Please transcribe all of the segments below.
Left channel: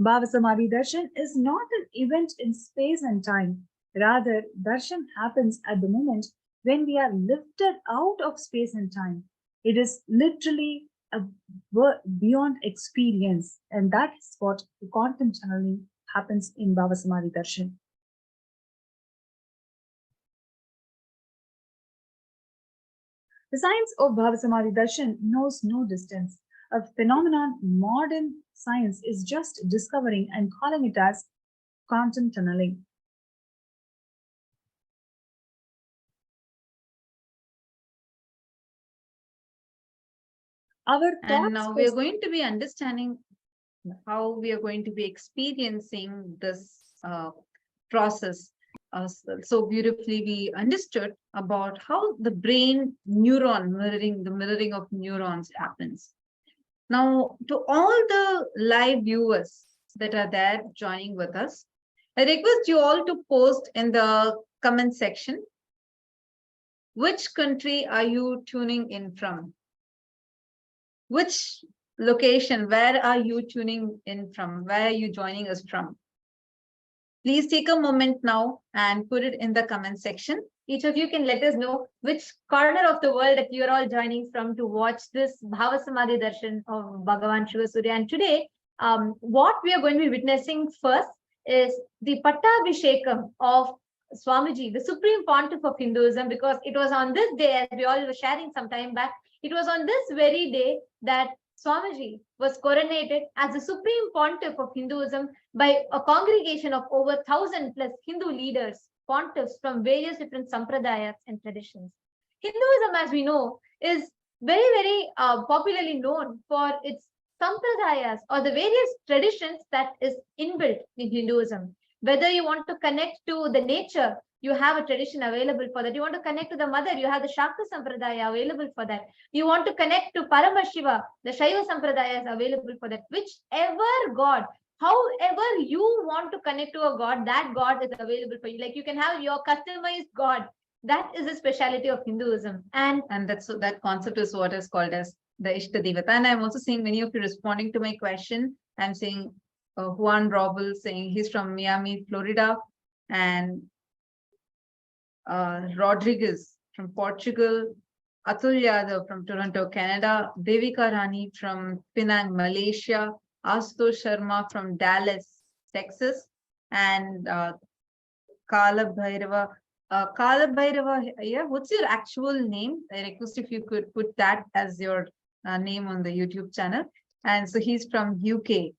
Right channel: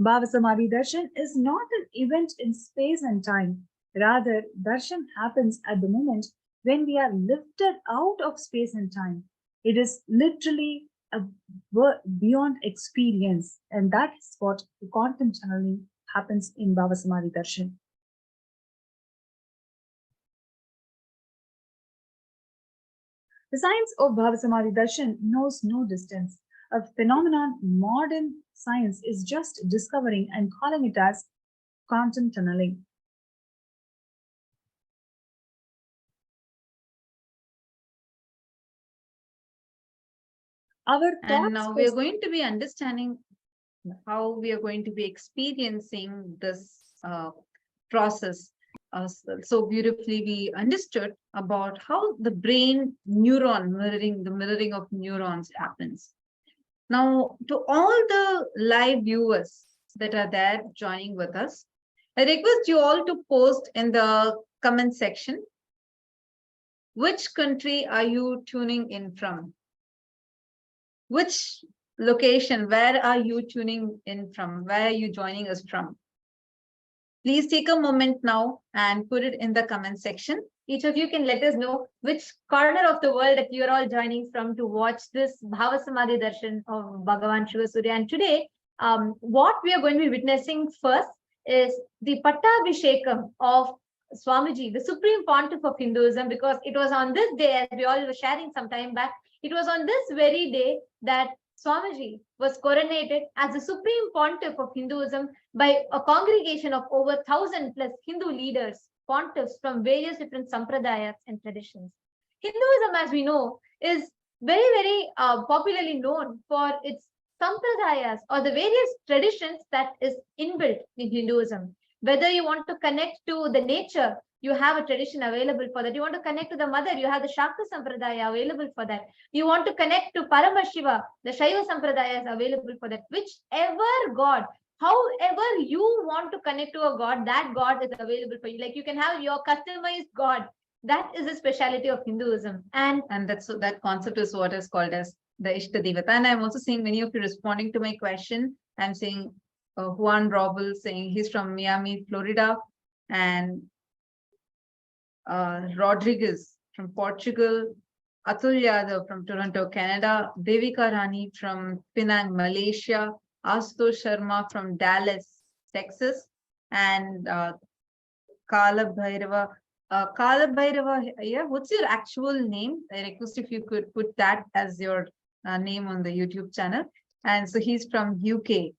Bhava Samadhi Darshan is not an event in space and time. Rather, Darshan happens at the moment when we are lifted out of space and time. It is literally a beyond experience, and that is what the quantum channeling happens in Bhava Samadhi Darshan. The science of Bhava Samadhi Darshan knows no distance, a phenomenon modern science is just discovering and calling it as quantum tunneling. And now we are going to be understanding how we are going to be experiencing this process. So beautifully we understood about how the brain neuron mirroring, the mirroring of neurons happens. Now, to all the live viewers that are there joining with us, I request you all to post in the comment section, which country are you tuning in from? Which location, where are you tuning in from? Where are you joining us from? Please take a moment now and put it in the comment section. Each of you can let us know which corner of the world that you're all joining from to watch this Bhava Samadhi Darshan of Bhagavan Shiva Surya. And today, what we are going to be witnessing first is the Pattabhishekam of Swamiji, the Supreme Pontiff of Hinduism, because it was on this day, as we all were sharing some time back, it was on this very day that Swamiji was coronated as the Supreme Pontiff of Hinduism by a congregation of over 1,000 plus Hindu leaders, pontiffs from various different sampradayas and traditions. Hinduism, as we know, is very popularly known for its sampradayas or the various traditions that is inbuilt in Hinduism. Whether you want to connect to the nature, you have a tradition available for that. You want to connect to the mother, you have the Shakta Sampradaya available for that. You want to connect to Paramashiva, the Shaiva Sampradaya is available for that. Whichever God, however you want to connect to a God, that God is available for you. Like you can have your customized God. That is the speciality of Hinduism. And that concept is what is called as the Ishtadevata. And I'm also seeing many of you responding to my question. I'm seeing Juan Robel saying he's from Miami, Florida, and Rodriguez from Portugal, Atul Yadav from Toronto, Canada, Devika Rani from Penang, Malaysia, Asto Sharma from Dallas, Texas, and Kala Bhairava. Kala Bhairava, yeah, what's your actual name? I request if you could put that as your name on the YouTube channel. And so he's from UK.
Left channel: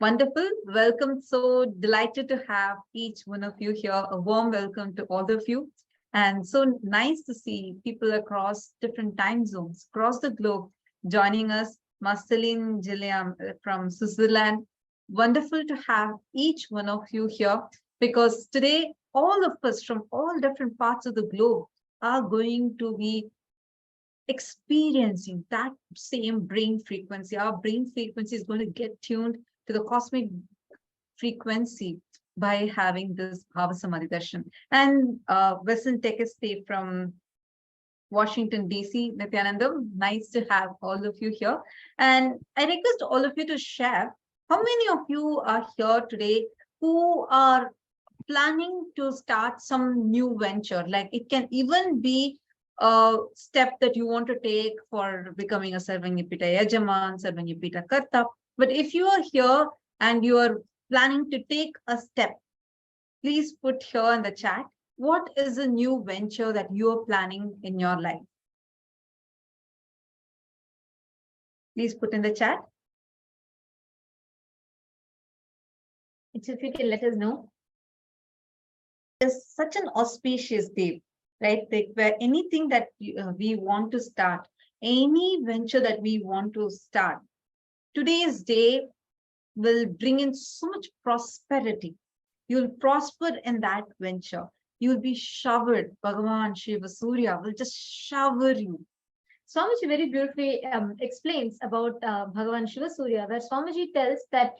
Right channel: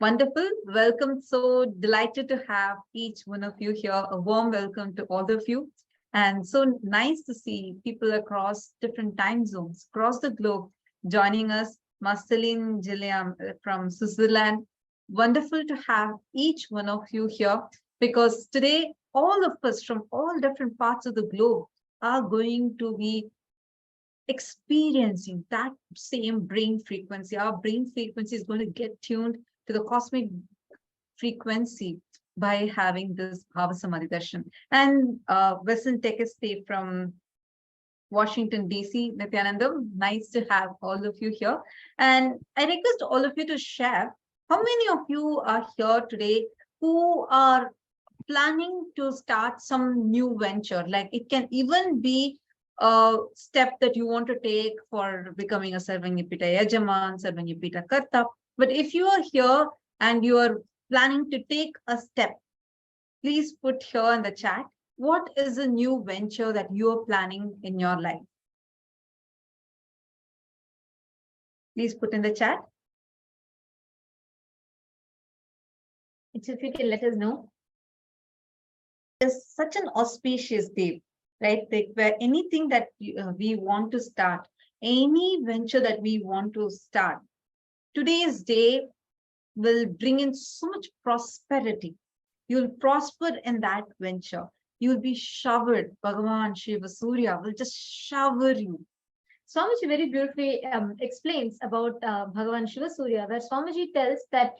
Wonderful. Welcome. So delighted to have each one of you here. A warm welcome to all of you. And so nice to see people across different time zones, across the globe, joining us. Marceline Gilliam from Switzerland. Wonderful to have each one of you here, because today, all of us from all different parts of the globe are going to be experiencing that same brain frequency. Our brain frequency is going to get tuned to the cosmic frequency by having this Bhava Samadhi Darshan. And Western Tekeste from Washington, D.C., Nityanandam, nice to have all of you here. And I request all of you to share how many of you are here today who are planning to start some new venture. Like it can even be a step that you want to take for becoming a Sarvanyapita Yajaman, Sarvanyapita Karta. But if you are here and you are planning to take a step, please put here in the chat, what is a new venture that you are planning in your life? Please put in the chat. If you can let us know. It's such an auspicious day, right? Like where anything that we want to start, any venture that we want to start, today's day will bring in so much prosperity. You'll prosper in that venture. You'll be showered. Bhagavan Shiva Surya will just shower you. Swamiji very beautifully explains about Bhagavan Shiva Surya, where Swamiji tells that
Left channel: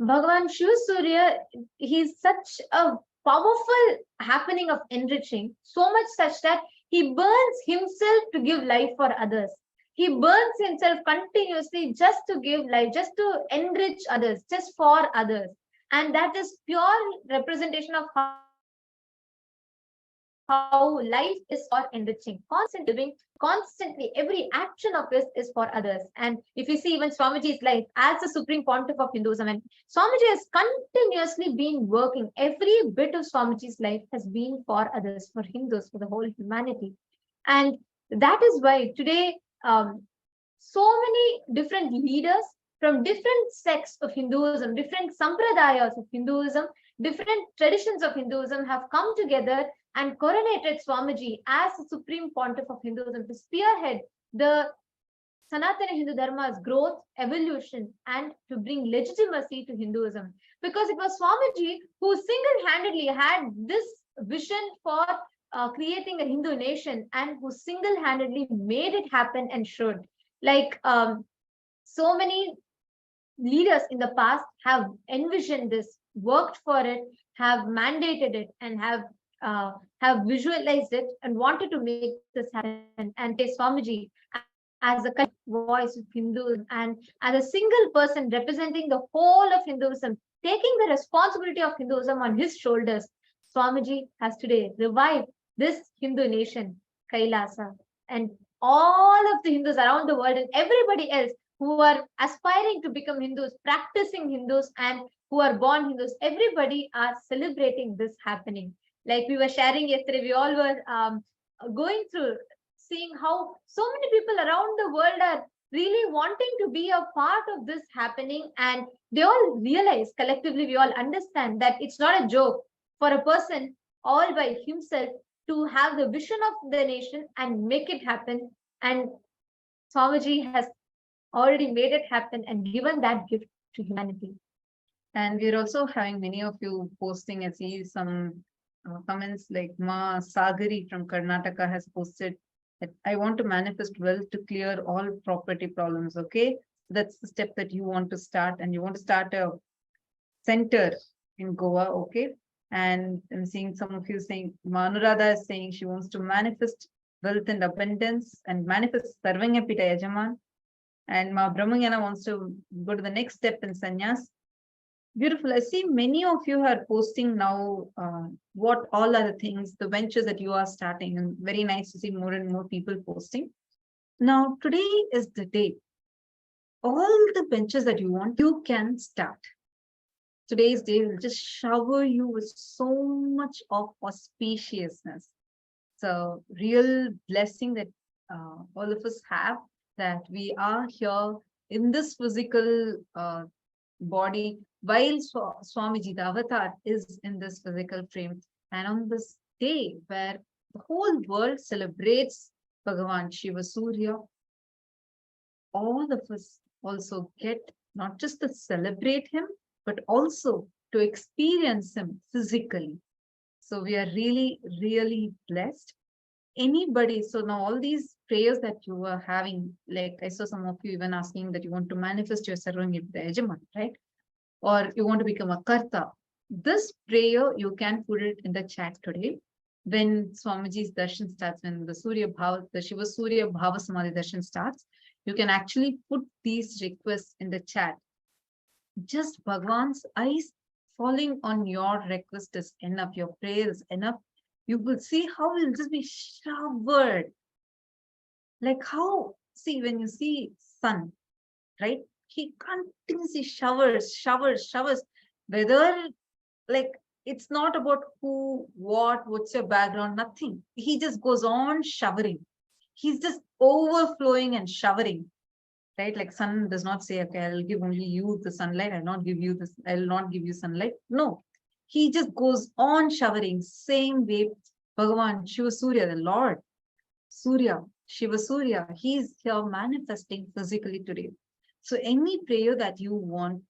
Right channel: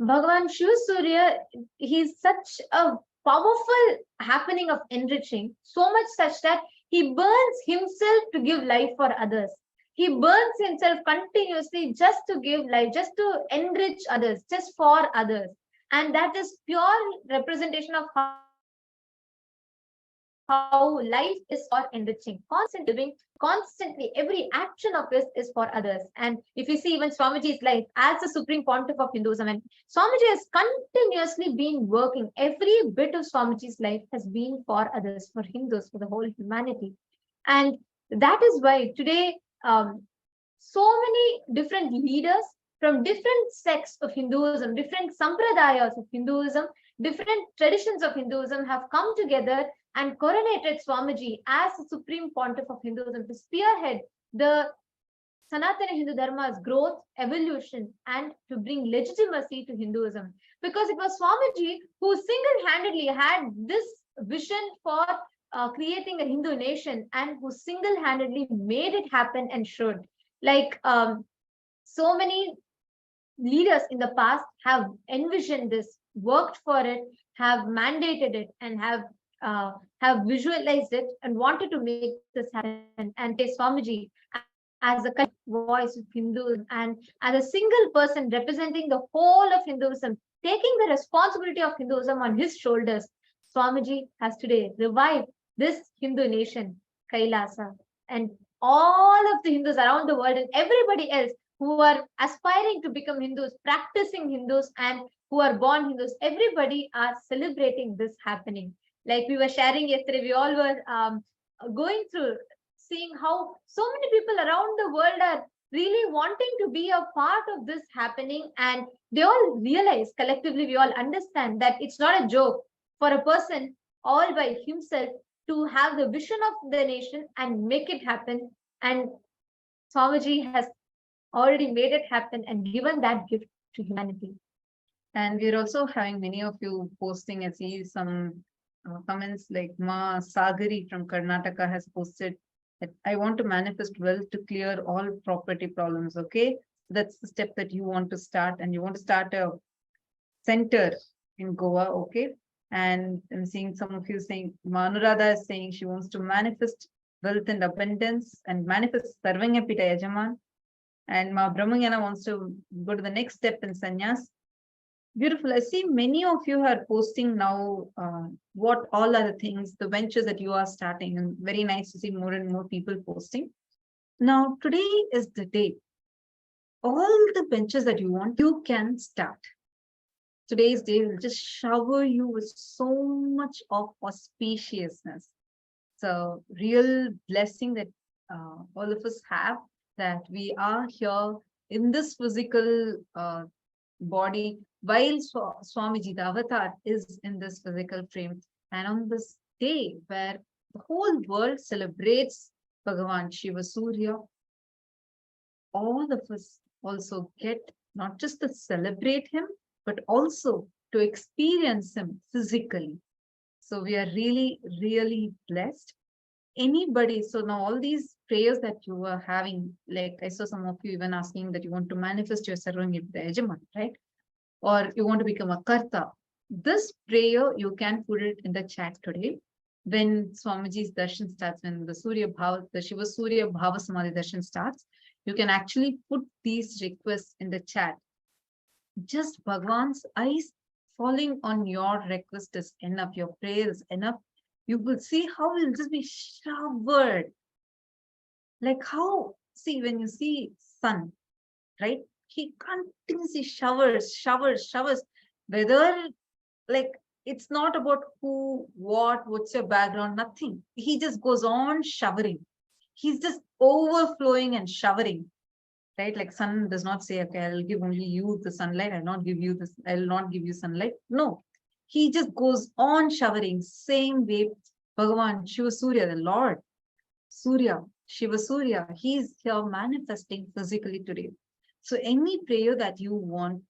Bhagavan Shiva Surya, he's such a powerful happening of enriching, so much such that he burns himself to give life for others. He burns himself continuously just to give life, just to enrich others, just for others. And that is pure representation of how life is for enriching, constantly living, constantly. Every action of his is for others. And if you see even Swamiji's life as the supreme pontiff of Hinduism, and Swamiji has continuously been working. Every bit of Swamiji's life has been for others, for Hindus, for the whole humanity. And that is why today, so many different leaders from different sects of Hinduism, different sampradayas of Hinduism, different traditions of Hinduism have come together and coronated Swamiji as the supreme pontiff of Hinduism to spearhead the Sanatana Hindu Dharma's growth, evolution, and to bring legitimacy to Hinduism. Because it was Swamiji who single handedly had this vision for creating a Hindu nation and who single handedly made it happen and showed. Like so many leaders in the past have envisioned this, worked for it, have mandated it, and have visualized it and wanted to make this happen. And today, Swamiji, as a voice of Hinduism and as a single person representing the whole of Hinduism, taking the responsibility of Hinduism on his shoulders, Swamiji has today revived this Hindu nation, Kailasa, and all of the Hindus around the world and everybody else who are aspiring to become Hindus, practicing Hindus, and who are born Hindus, everybody are celebrating this happening. Like we were sharing yesterday, we all were going through seeing how so many people around the world are really wanting to be a part of this happening. And they all realize collectively, we all understand that it's not a joke for a person all by himself to have the vision of the nation and make it happen. And Swamiji has already made it happen and given that gift to humanity. And we're also having many of you posting. I see some comments like Ma Sagari from Karnataka has posted that I want to manifest wealth to clear all property problems. Okay, that's the step that you want to start, and you want to start a center in Goa. Okay, and I'm seeing some of you saying, Manurada is saying she wants to manifest wealth and abundance and manifest Sarvangapita Yajaman. And Ma Brahmanyana wants to go to the next step in sannyas. Beautiful. I see many of you are posting now what all are the things, the ventures that you are starting, and very nice to see more and more people posting. Now, today is the day. All the ventures that you want, you can start. Today's day will just shower you with so much of auspiciousness. So, real blessing that all of us have, that we are here in this physical body, while Swamiji, the avatar, is in this physical frame. And on this day where the whole world celebrates Bhagavan Shiva Surya, all of us also get not just to celebrate him, but also to experience him physically. So we are really, really blessed. Anybody, so now all these prayers that you are having, like I saw some of you even asking that you want to manifest your Sarvangapita Yajaman, right? Or you want to become a Karta. This prayer, you can put it in the chat today. When Swamiji's darshan starts, when the Shiva Surya Bhava Samadhi darshan starts, you can actually put these requests in the chat. Just Bhagwan's eyes falling on your request is enough, your prayer is enough. You will see how it will just be showered. Like how, see, when you see sun, right? He continuously showers. Whether, like, it's not about who, what's your background, nothing. He just goes on showering. He's just overflowing and showering, right? Like sun does not say, okay, I'll give only you the sunlight. I'll not give you sunlight. No, he just goes on showering. Same way, Bhagavan Shiva Surya, the Lord Surya, Shiva Surya, he's here manifesting physically today. So any prayer that you want,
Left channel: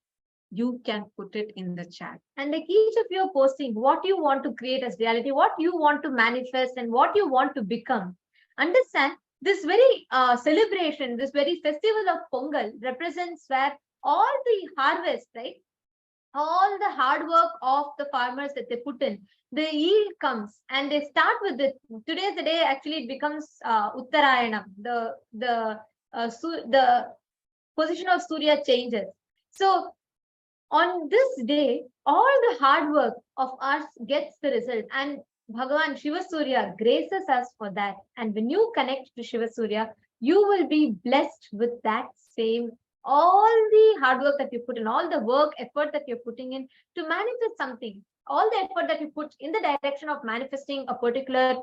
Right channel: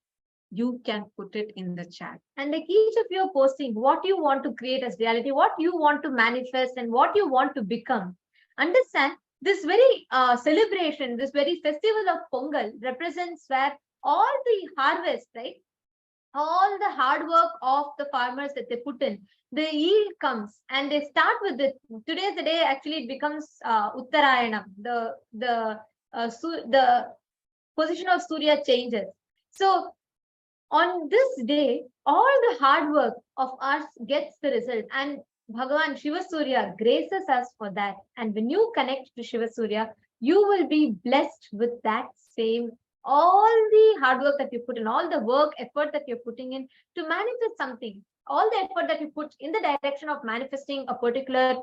you can put it in the chat. And like each of you are posting what you want to create as reality, what you want to manifest, and what you want to become. Understand this very celebration, this very festival of Pongal represents where all the harvest, right? All the hard work of the farmers that they put in, the yield comes, and they start with it. Today's the day actually it becomes Uttarayanam, the the position of Surya changes. So on this day, all the hard work of us gets the result, and Bhagavan Shiva Surya graces us for that. And when you connect to Shiva Surya, you will be blessed with that same, all the hard work that you put in, all the work, effort that you're putting in to manifest something, all the effort that you put in the direction of manifesting a particular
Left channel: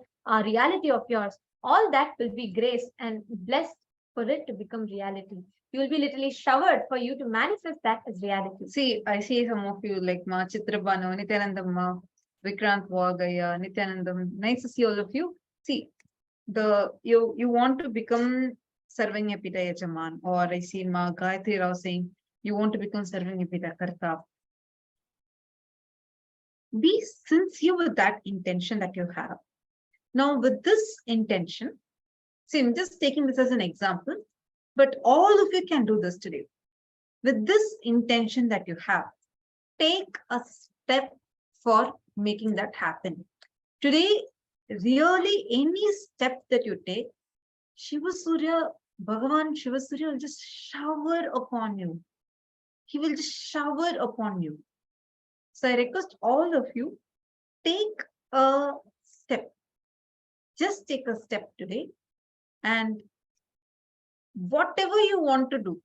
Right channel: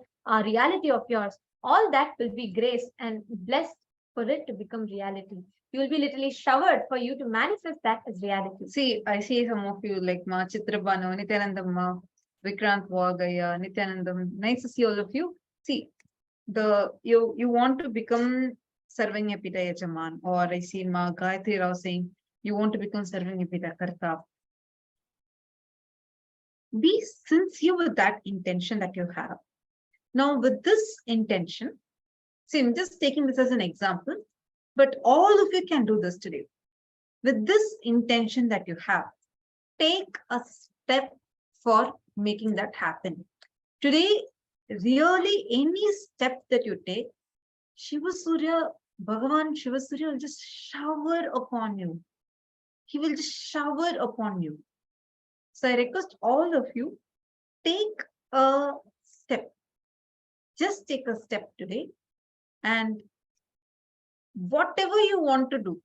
reality of yours, all that will be graced and blessed for it to become reality. You will be literally showered for you to manifest that as reality. See, I see some of you like Ma Chitrabhanu, Nityanandam Ma, Vikrant Vagaya, Nityanandam. Nice to see all of you. See, you want to become Sarvanyapita Yajaman, or I see Ma Gayatri Rao saying you want to become Sarvanyapita Karta. Be sincere with that intention that you have. Now, with this intention, see, I'm just taking this as an example, but all of you can do this today. With this intention that you have, take a step for making that happen. Today, really any step that you take, Shiva Surya, Bhagavan Shiva Surya will just shower upon you. He will just shower upon you. So I request all of you, take a step. Just take a step today, and whatever you want to do,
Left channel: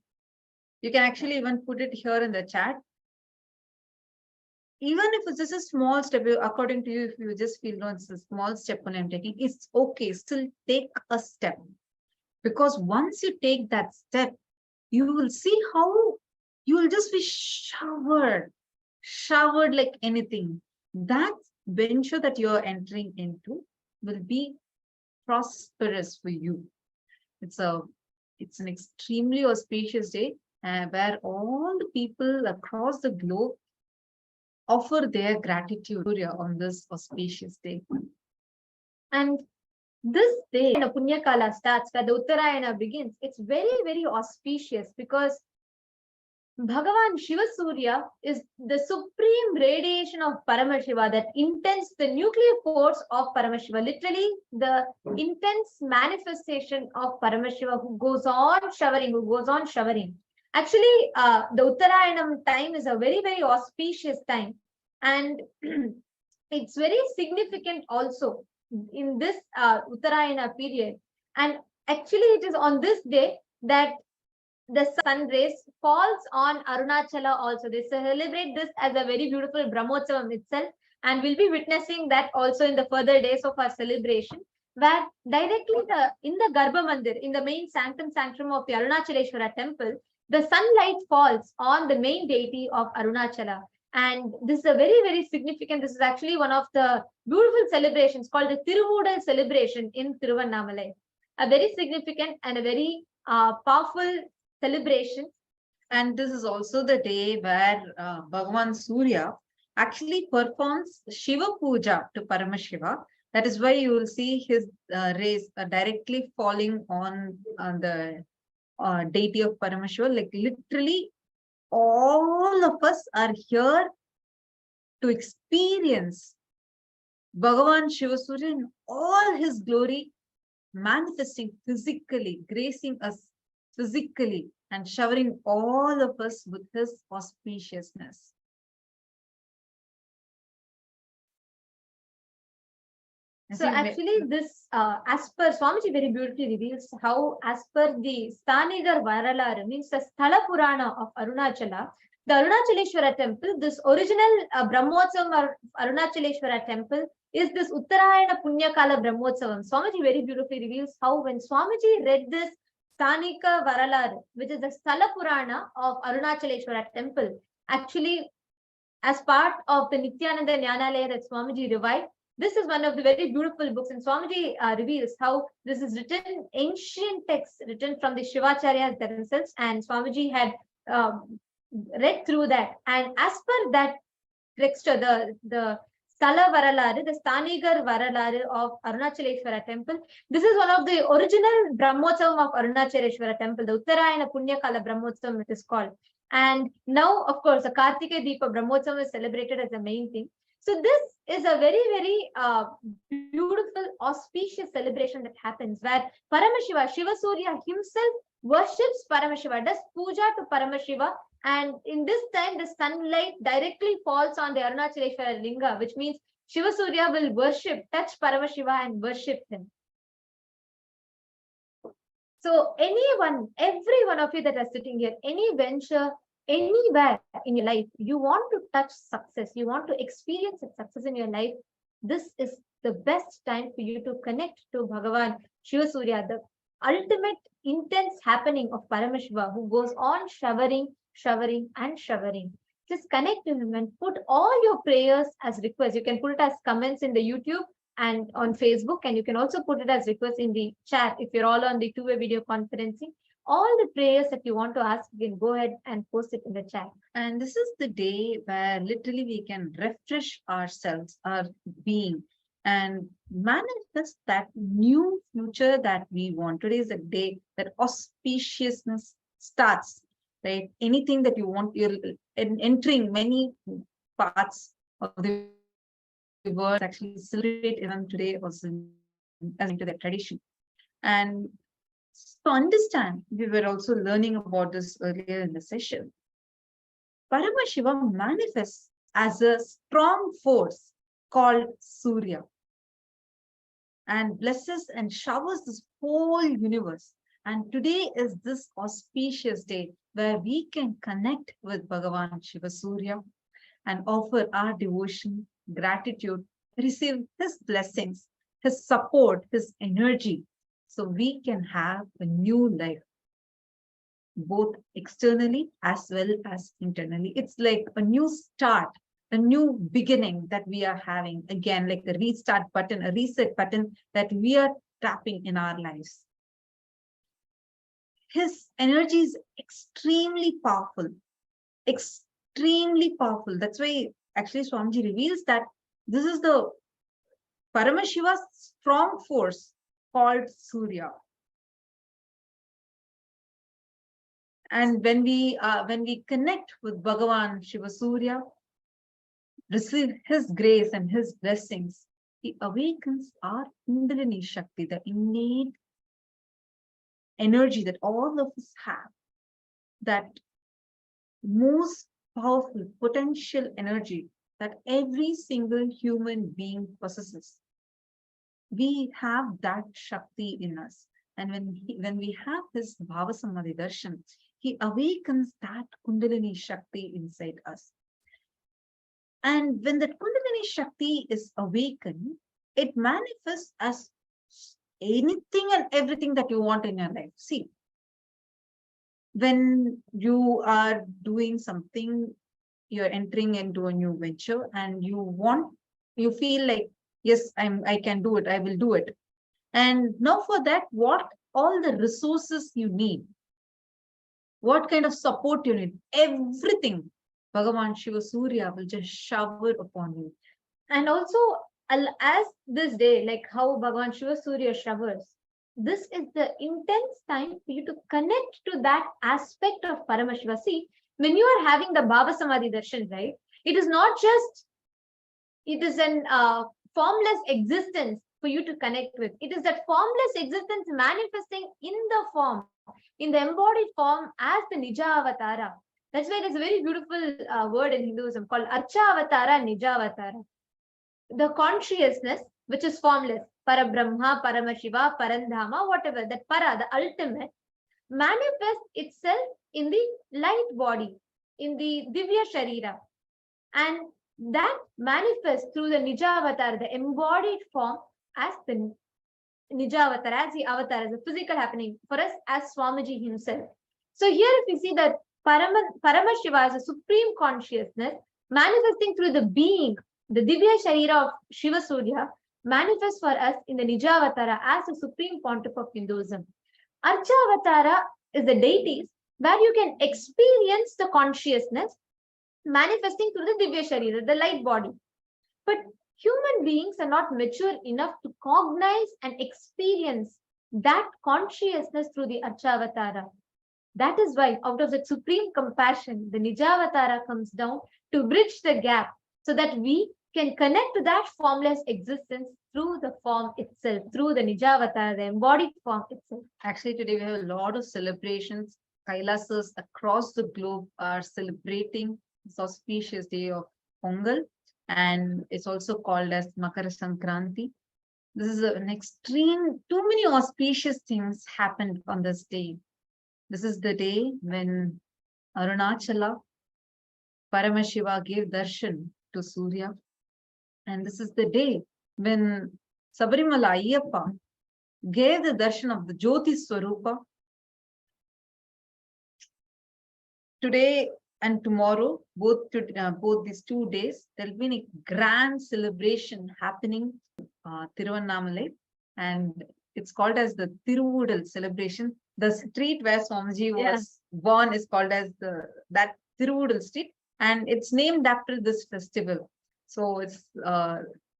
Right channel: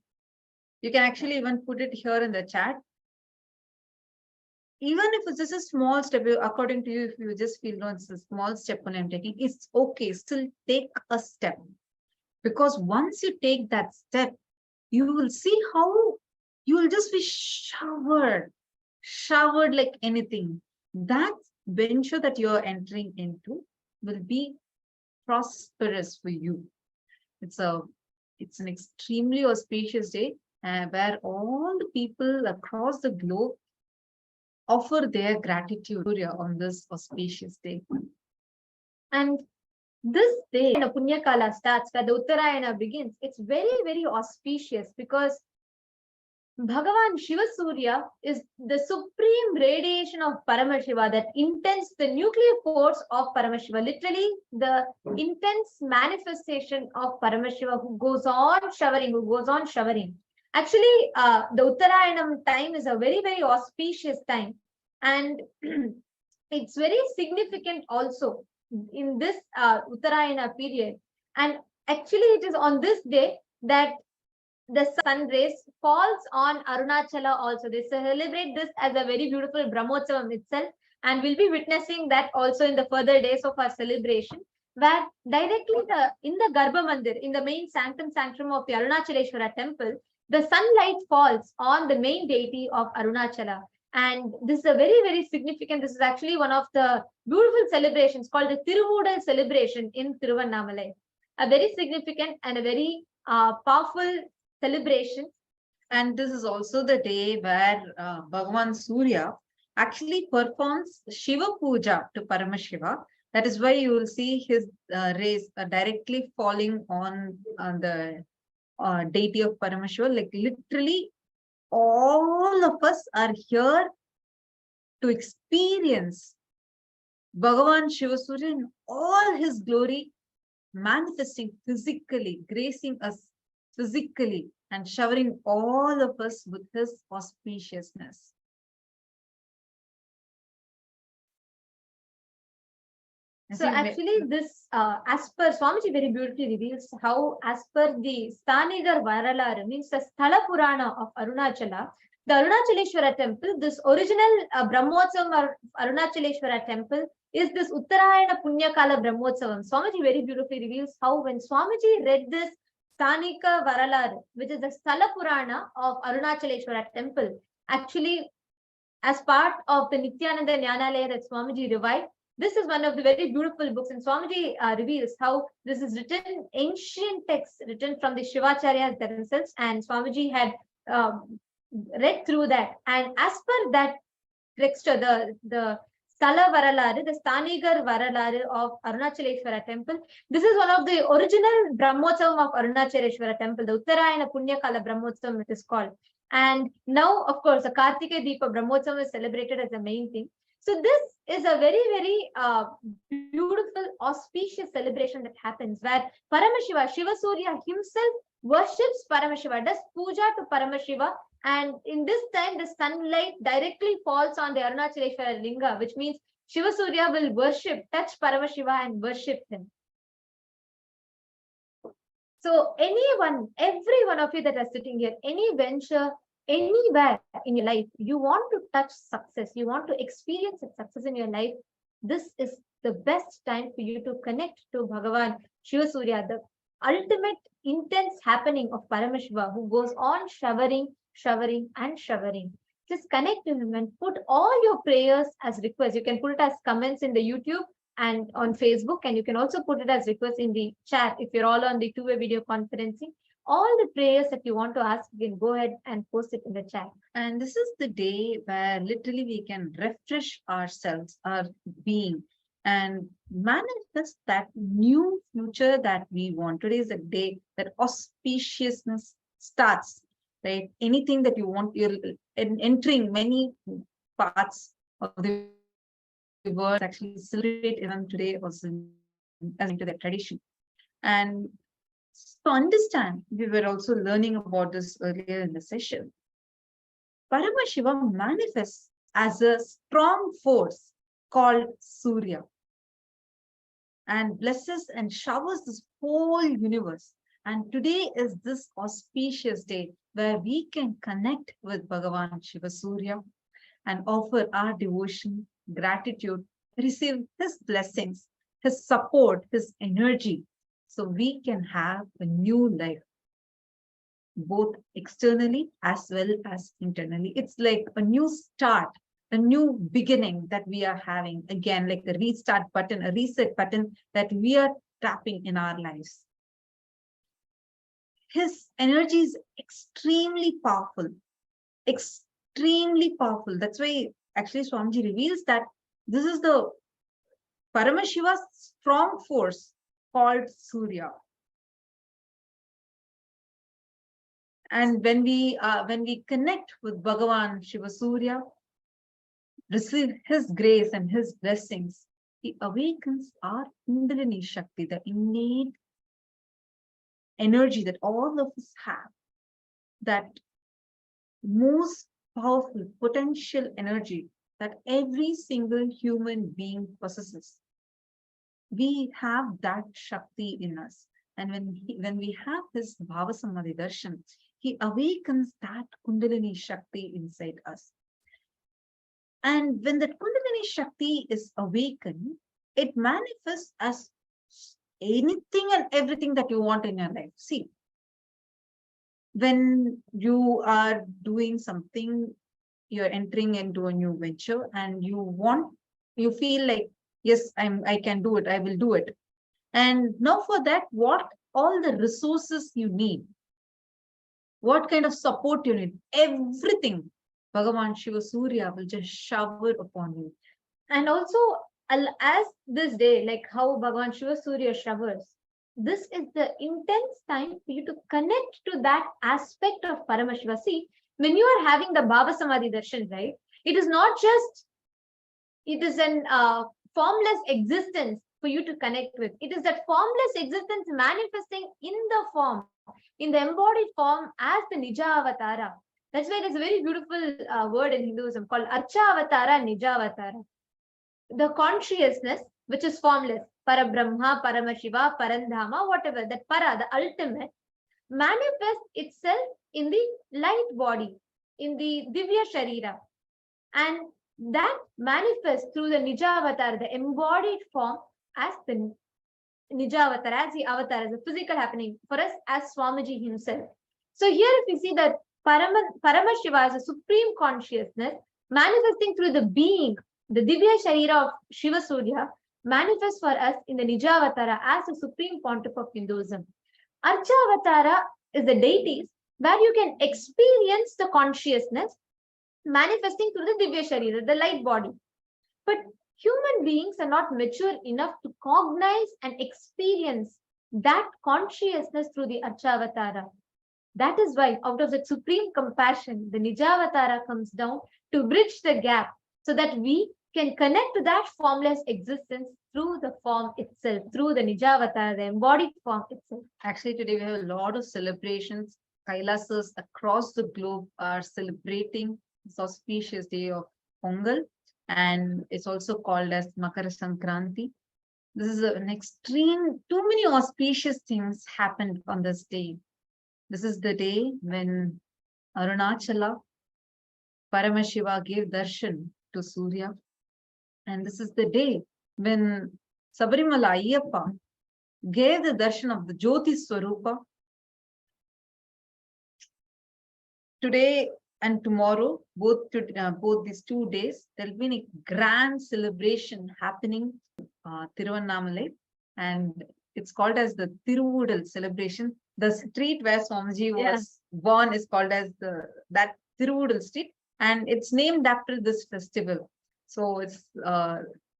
you can actually even put it here in the chat. Even if it's just a small step, according to you, if you just feel no, it's a small step when I'm taking, it's okay. Still take a step. Because once you take that step, you will see how you will just be showered like anything. That venture that you're entering into will be prosperous for you. It's an extremely auspicious day where all the people across the globe offer their gratitude on this auspicious day. And this day, when the Punya Kala starts, where the Uttarayana begins, it's very, very auspicious because Bhagavan Shiva Surya is the supreme radiation of Paramashiva that intends the nuclear force of Paramashiva, literally the intense manifestation of Paramashiva who goes on showering. Actually, the Uttarayanam time is a very, very auspicious time, and it's very significant also in this Uttarayana period. And actually, it is on this day that the sun rays falls on Arunachala also. They celebrate this as a very beautiful Brahmotsavam itself, and we'll be witnessing that also in the further days of our celebration, where directly in the Garbha Mandir, in the main sanctum of the Arunachaleshwara temple, the sunlight falls on the main deity of Arunachala. And this is a very, very significant, this is actually one of the beautiful celebrations called the Tiruvudal celebration in Tiruvannamalai. A very significant and a very powerful celebration. And this is also the day where Bhagavan Surya actually performs Shiva Puja to Paramashiva. That is why you will see his rays directly falling on the deity of Paramashiva. Like literally all of us are here to experience Bhagavan Shiva Surya in all his glory, manifesting physically, gracing us physically, and showering all of us with his auspiciousness. So actually this, as per Swamiji very beautifully reveals how, as per the Stanigar Varalar, means the Sthala Purana of Arunachala, the Arunachaleshwara temple, this original Brahmotsavam Arunachaleshwara temple is this Uttarayana Punyakala Brahmotsavam. Swamiji very beautifully reveals how when Swamiji read this Stanika Varalar, which is the Sthala Purana of Arunachaleshwara temple, actually as part of the Nityananda Jnanalaya that Swamiji revived, this is one of the very beautiful books, and Swamiji reveals how this is written, ancient texts written from the Shivacharyas themselves, and Swamiji had read through that. And as per that texture, the Sthala Varalare, the Stanigar Varalare of Arunachaleshwara temple, this is one of the original Brahmotsavam of Arunachaleshwara temple, the Uttarayana Punyakala Brahmotsavam it is called. And now, of course, the Kartika Deepa Brahmotsavam is celebrated as the main thing. So this is a very, very beautiful, auspicious celebration that happens where Paramashiva, Shiva Surya himself worships Paramashiva, does puja to Paramashiva. And in this time, the sunlight directly falls on the Arunachaleshwara Linga, which means Shiva Surya will worship, touch Paramashiva and worship him. So anyone, every one of you that are sitting here, any venture, anywhere in your life, you want to touch success, you want to experience success in your life, this is the best time for you to connect to Bhagavan Shiva Surya, the ultimate intense happening of Paramashiva, who goes on showering, showering and showering. Just connect to him and put all your prayers as requests. You can put it as comments in the YouTube and on Facebook, and you can also put it as requests in the chat if you're all on the two-way video conferencing. All the prayers that you want to ask, you can go ahead and post it in the chat. And this is the day where literally we can refresh ourselves, our being, and manifest that new future that we want. Today is the day that auspiciousness starts, right? Anything that you want, you're entering many parts of the world actually celebrate even today also as into their tradition. And to understand, we were also learning about this earlier in the session. Paramashiva manifests as a strong force called Surya and blesses and showers this whole universe. And today is this auspicious day where we can connect with Bhagavan Shiva Surya and offer our devotion, gratitude, receive his blessings, his support, his energy, so we can have a new life, both externally as well as internally. It's like a new start, a new beginning that we are having, again, like a restart button, a reset button that we are tapping in our lives. His energy is extremely powerful, extremely powerful. That's why actually Swamiji reveals that this is the Paramashiva's strong force called Surya. And when we connect with Bhagavan Shiva Surya, receive his grace and his blessings, he awakens our Kundalini Shakti, the innate energy that all of us have, that most powerful potential energy that every single human being possesses. We have that Shakti in us. And when we have this Bhava Samadhi Darshan, he awakens that Kundalini Shakti inside us. And when that Kundalini Shakti is awakened, it manifests as anything and everything that you want in your life. See, when you are doing something, you're entering into a new venture and you feel like, yes, I can do it, I will do it. And now for that, what all the resources you need, what kind of support you need, everything, Bhagavan Shiva Surya will just shower upon you. And also, as this day, like how Bhagavan Shiva Surya showers, this is the intense time for you to connect to that aspect of Paramashiva. See, when you are having the Bhava Samadhi Darshan, right, it is not just, it is an formless existence for you to connect with. It is that formless existence manifesting in the form, in the embodied form as the Nija Avatara. That's why there's a very beautiful word in Hinduism called Archa Avatara, Nija Avatara. The consciousness, which is formless, Parabrahma, Paramashiva, Parandhama, whatever, that Para, the ultimate, manifests itself in the light body, in the Divya Sharira. And that manifests through the Nija Avatar, the embodied form, as the Nija Avatar, as the avatar, as a physical happening for us as Swamiji himself. So here if we see that Paramashiva is a supreme consciousness manifesting through the being, the Divya Sharira of Shiva Surya, manifests for us in the Nija Avatara as a supreme pontiff of Hinduism. Archa Avatara is the deities where you can experience the consciousness manifesting through the Divya Sharira, the light body. But human beings are not mature enough to cognize and experience that consciousness through the Archavatara. That is why, out of that supreme compassion, the Nijavatara comes down to bridge the gap so that we can connect to that formless existence through the form itself, through the Nijavatar, the embodied form itself. Actually, today we have a lot of celebrations. Kailasas across the globe are celebrating this auspicious day of Pongal, and it's also called as Makara Sankranti. This is an extreme, too many auspicious things happened on this day. This is the day when Arunachala, Paramashiva gave darshan to Surya. And this is the day when Sabarimala Ayyappa gave the darshan of the Jyoti Swarupa. Today and tomorrow, both these 2 days, there'll be a grand celebration happening Tiruvannamalai, and it's called as the Tiruvudal celebration. The street where Swamiji was born is called as that Tiruvudal street, and it's named after this festival. So it's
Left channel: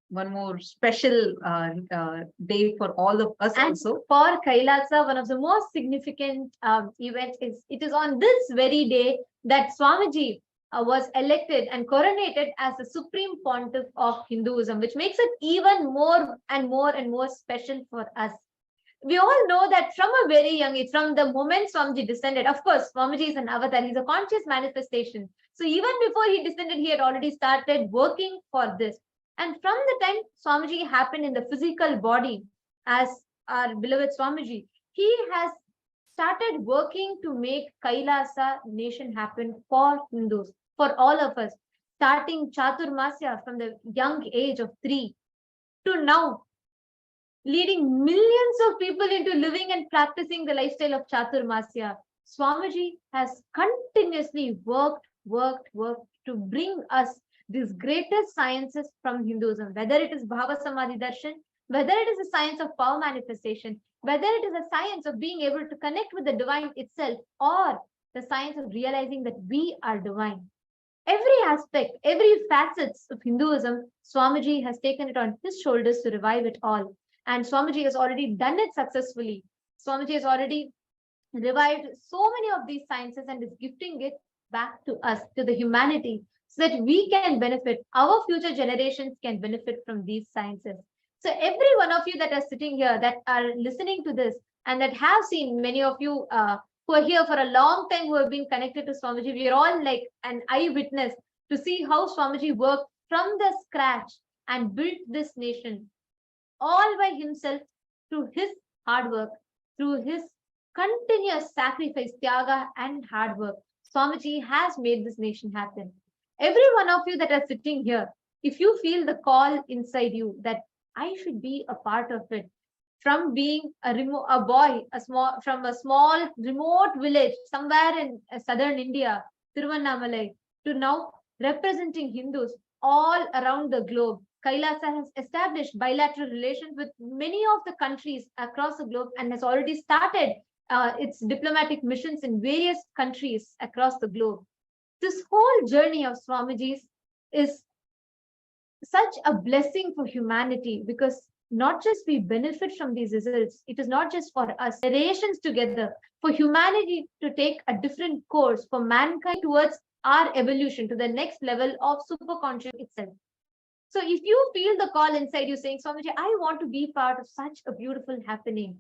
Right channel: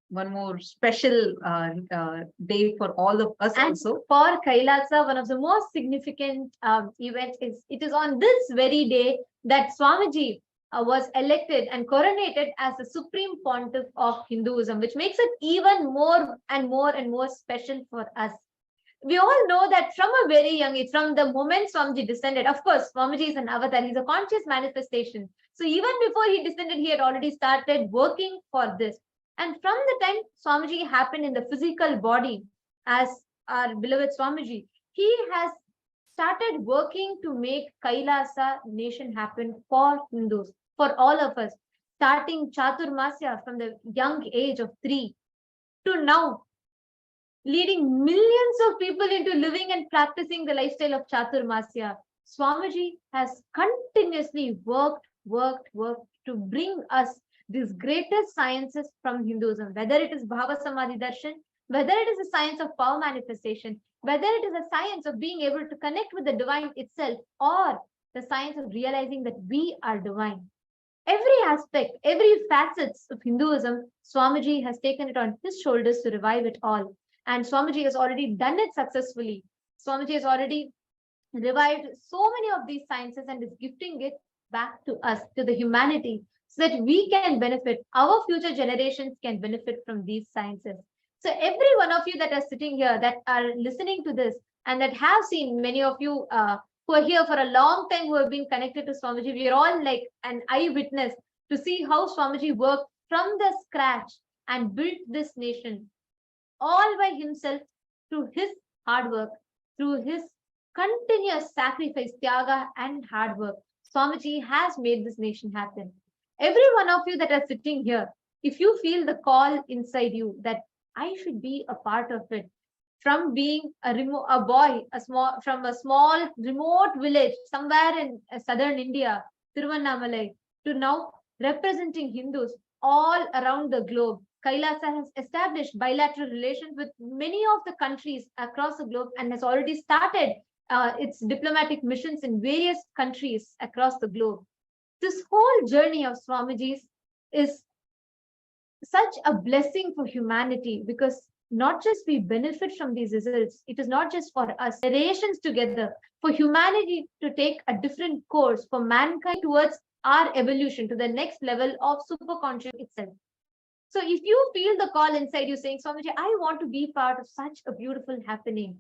one more special day for all of us. And also for Kailasa, one of the most significant events is it is on this very day that Swamiji was elected and coronated as the Supreme Pontiff of Hinduism, which makes it even more and more special for us. We all know that from a very young age, from the moment Swamiji descended, of course, Swamiji is an avatar, he's a conscious manifestation. So even before he descended, he had already started working for this. And from the time Swamiji happened in the physical body as our beloved Swamiji, he has started working to make Kailasa nation happen for Hindus, for all of us, starting Chaturmasya from the young age of 3 to now, leading millions of people into living and practicing the lifestyle of Chaturmasya. Swamiji has continuously worked to bring us these greatest sciences from Hinduism, whether it is Bhava Samadhi Darshan, whether it is a science of power manifestation, whether it is a science of being able to connect with the divine itself, or the science of realizing that we are divine. Every aspect, every facets of Hinduism, Swamiji has taken it on his shoulders to revive it all. And Swamiji has already done it successfully. Swamiji has already revived so many of these sciences and is gifting it back to us, to the humanity, so that we can benefit, our future generations can benefit from these sciences. So every one of you that are sitting here, that are listening to this, and that have seen, many of you who are here for a long time, who have been connected to Swamiji, we are all like an eyewitness to see how Swamiji worked from the scratch and built this nation all by himself through his hard work, through his continuous sacrifice, tyaga, and hard work. Swamiji has made this nation happen. Every one of you that are sitting here, if you feel the call inside you that I should be a part of it, from being a boy, from a small remote village somewhere in southern India, Tiruvannamalai, to now representing Hindus all around the globe. Kailasa has established bilateral relations with many of the countries across the globe and has already started its diplomatic missions in various countries across the globe. This whole journey of Swamiji's is such a blessing for humanity, because not just we benefit from these results, it is not just for us, generations together, for humanity to take a different course, for mankind towards our evolution to the next level of superconscious itself. So if you feel the call inside you saying, Swamiji, I want to be part of such a beautiful happening,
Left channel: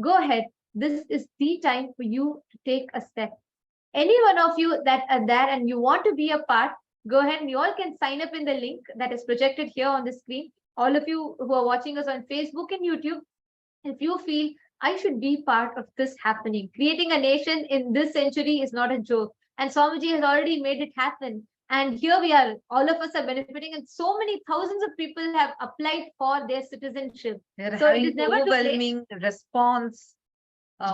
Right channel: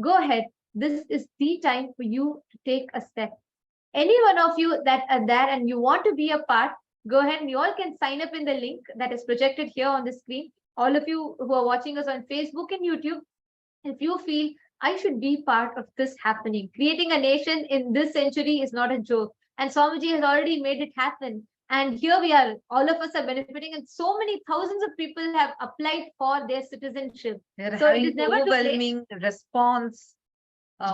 go ahead. This is the time for you to take a step. Any one of you that are there and you want to be a part, go ahead and you all can sign up in the link that is projected here on the screen. All of you who are watching us on Facebook and YouTube, if you feel I should be part of this happening, creating a nation in this century is not a joke. And Swamiji has already made it happen. And here we are, all of us are benefiting, and so many thousands of people have applied for their citizenship. So it is never overwhelming response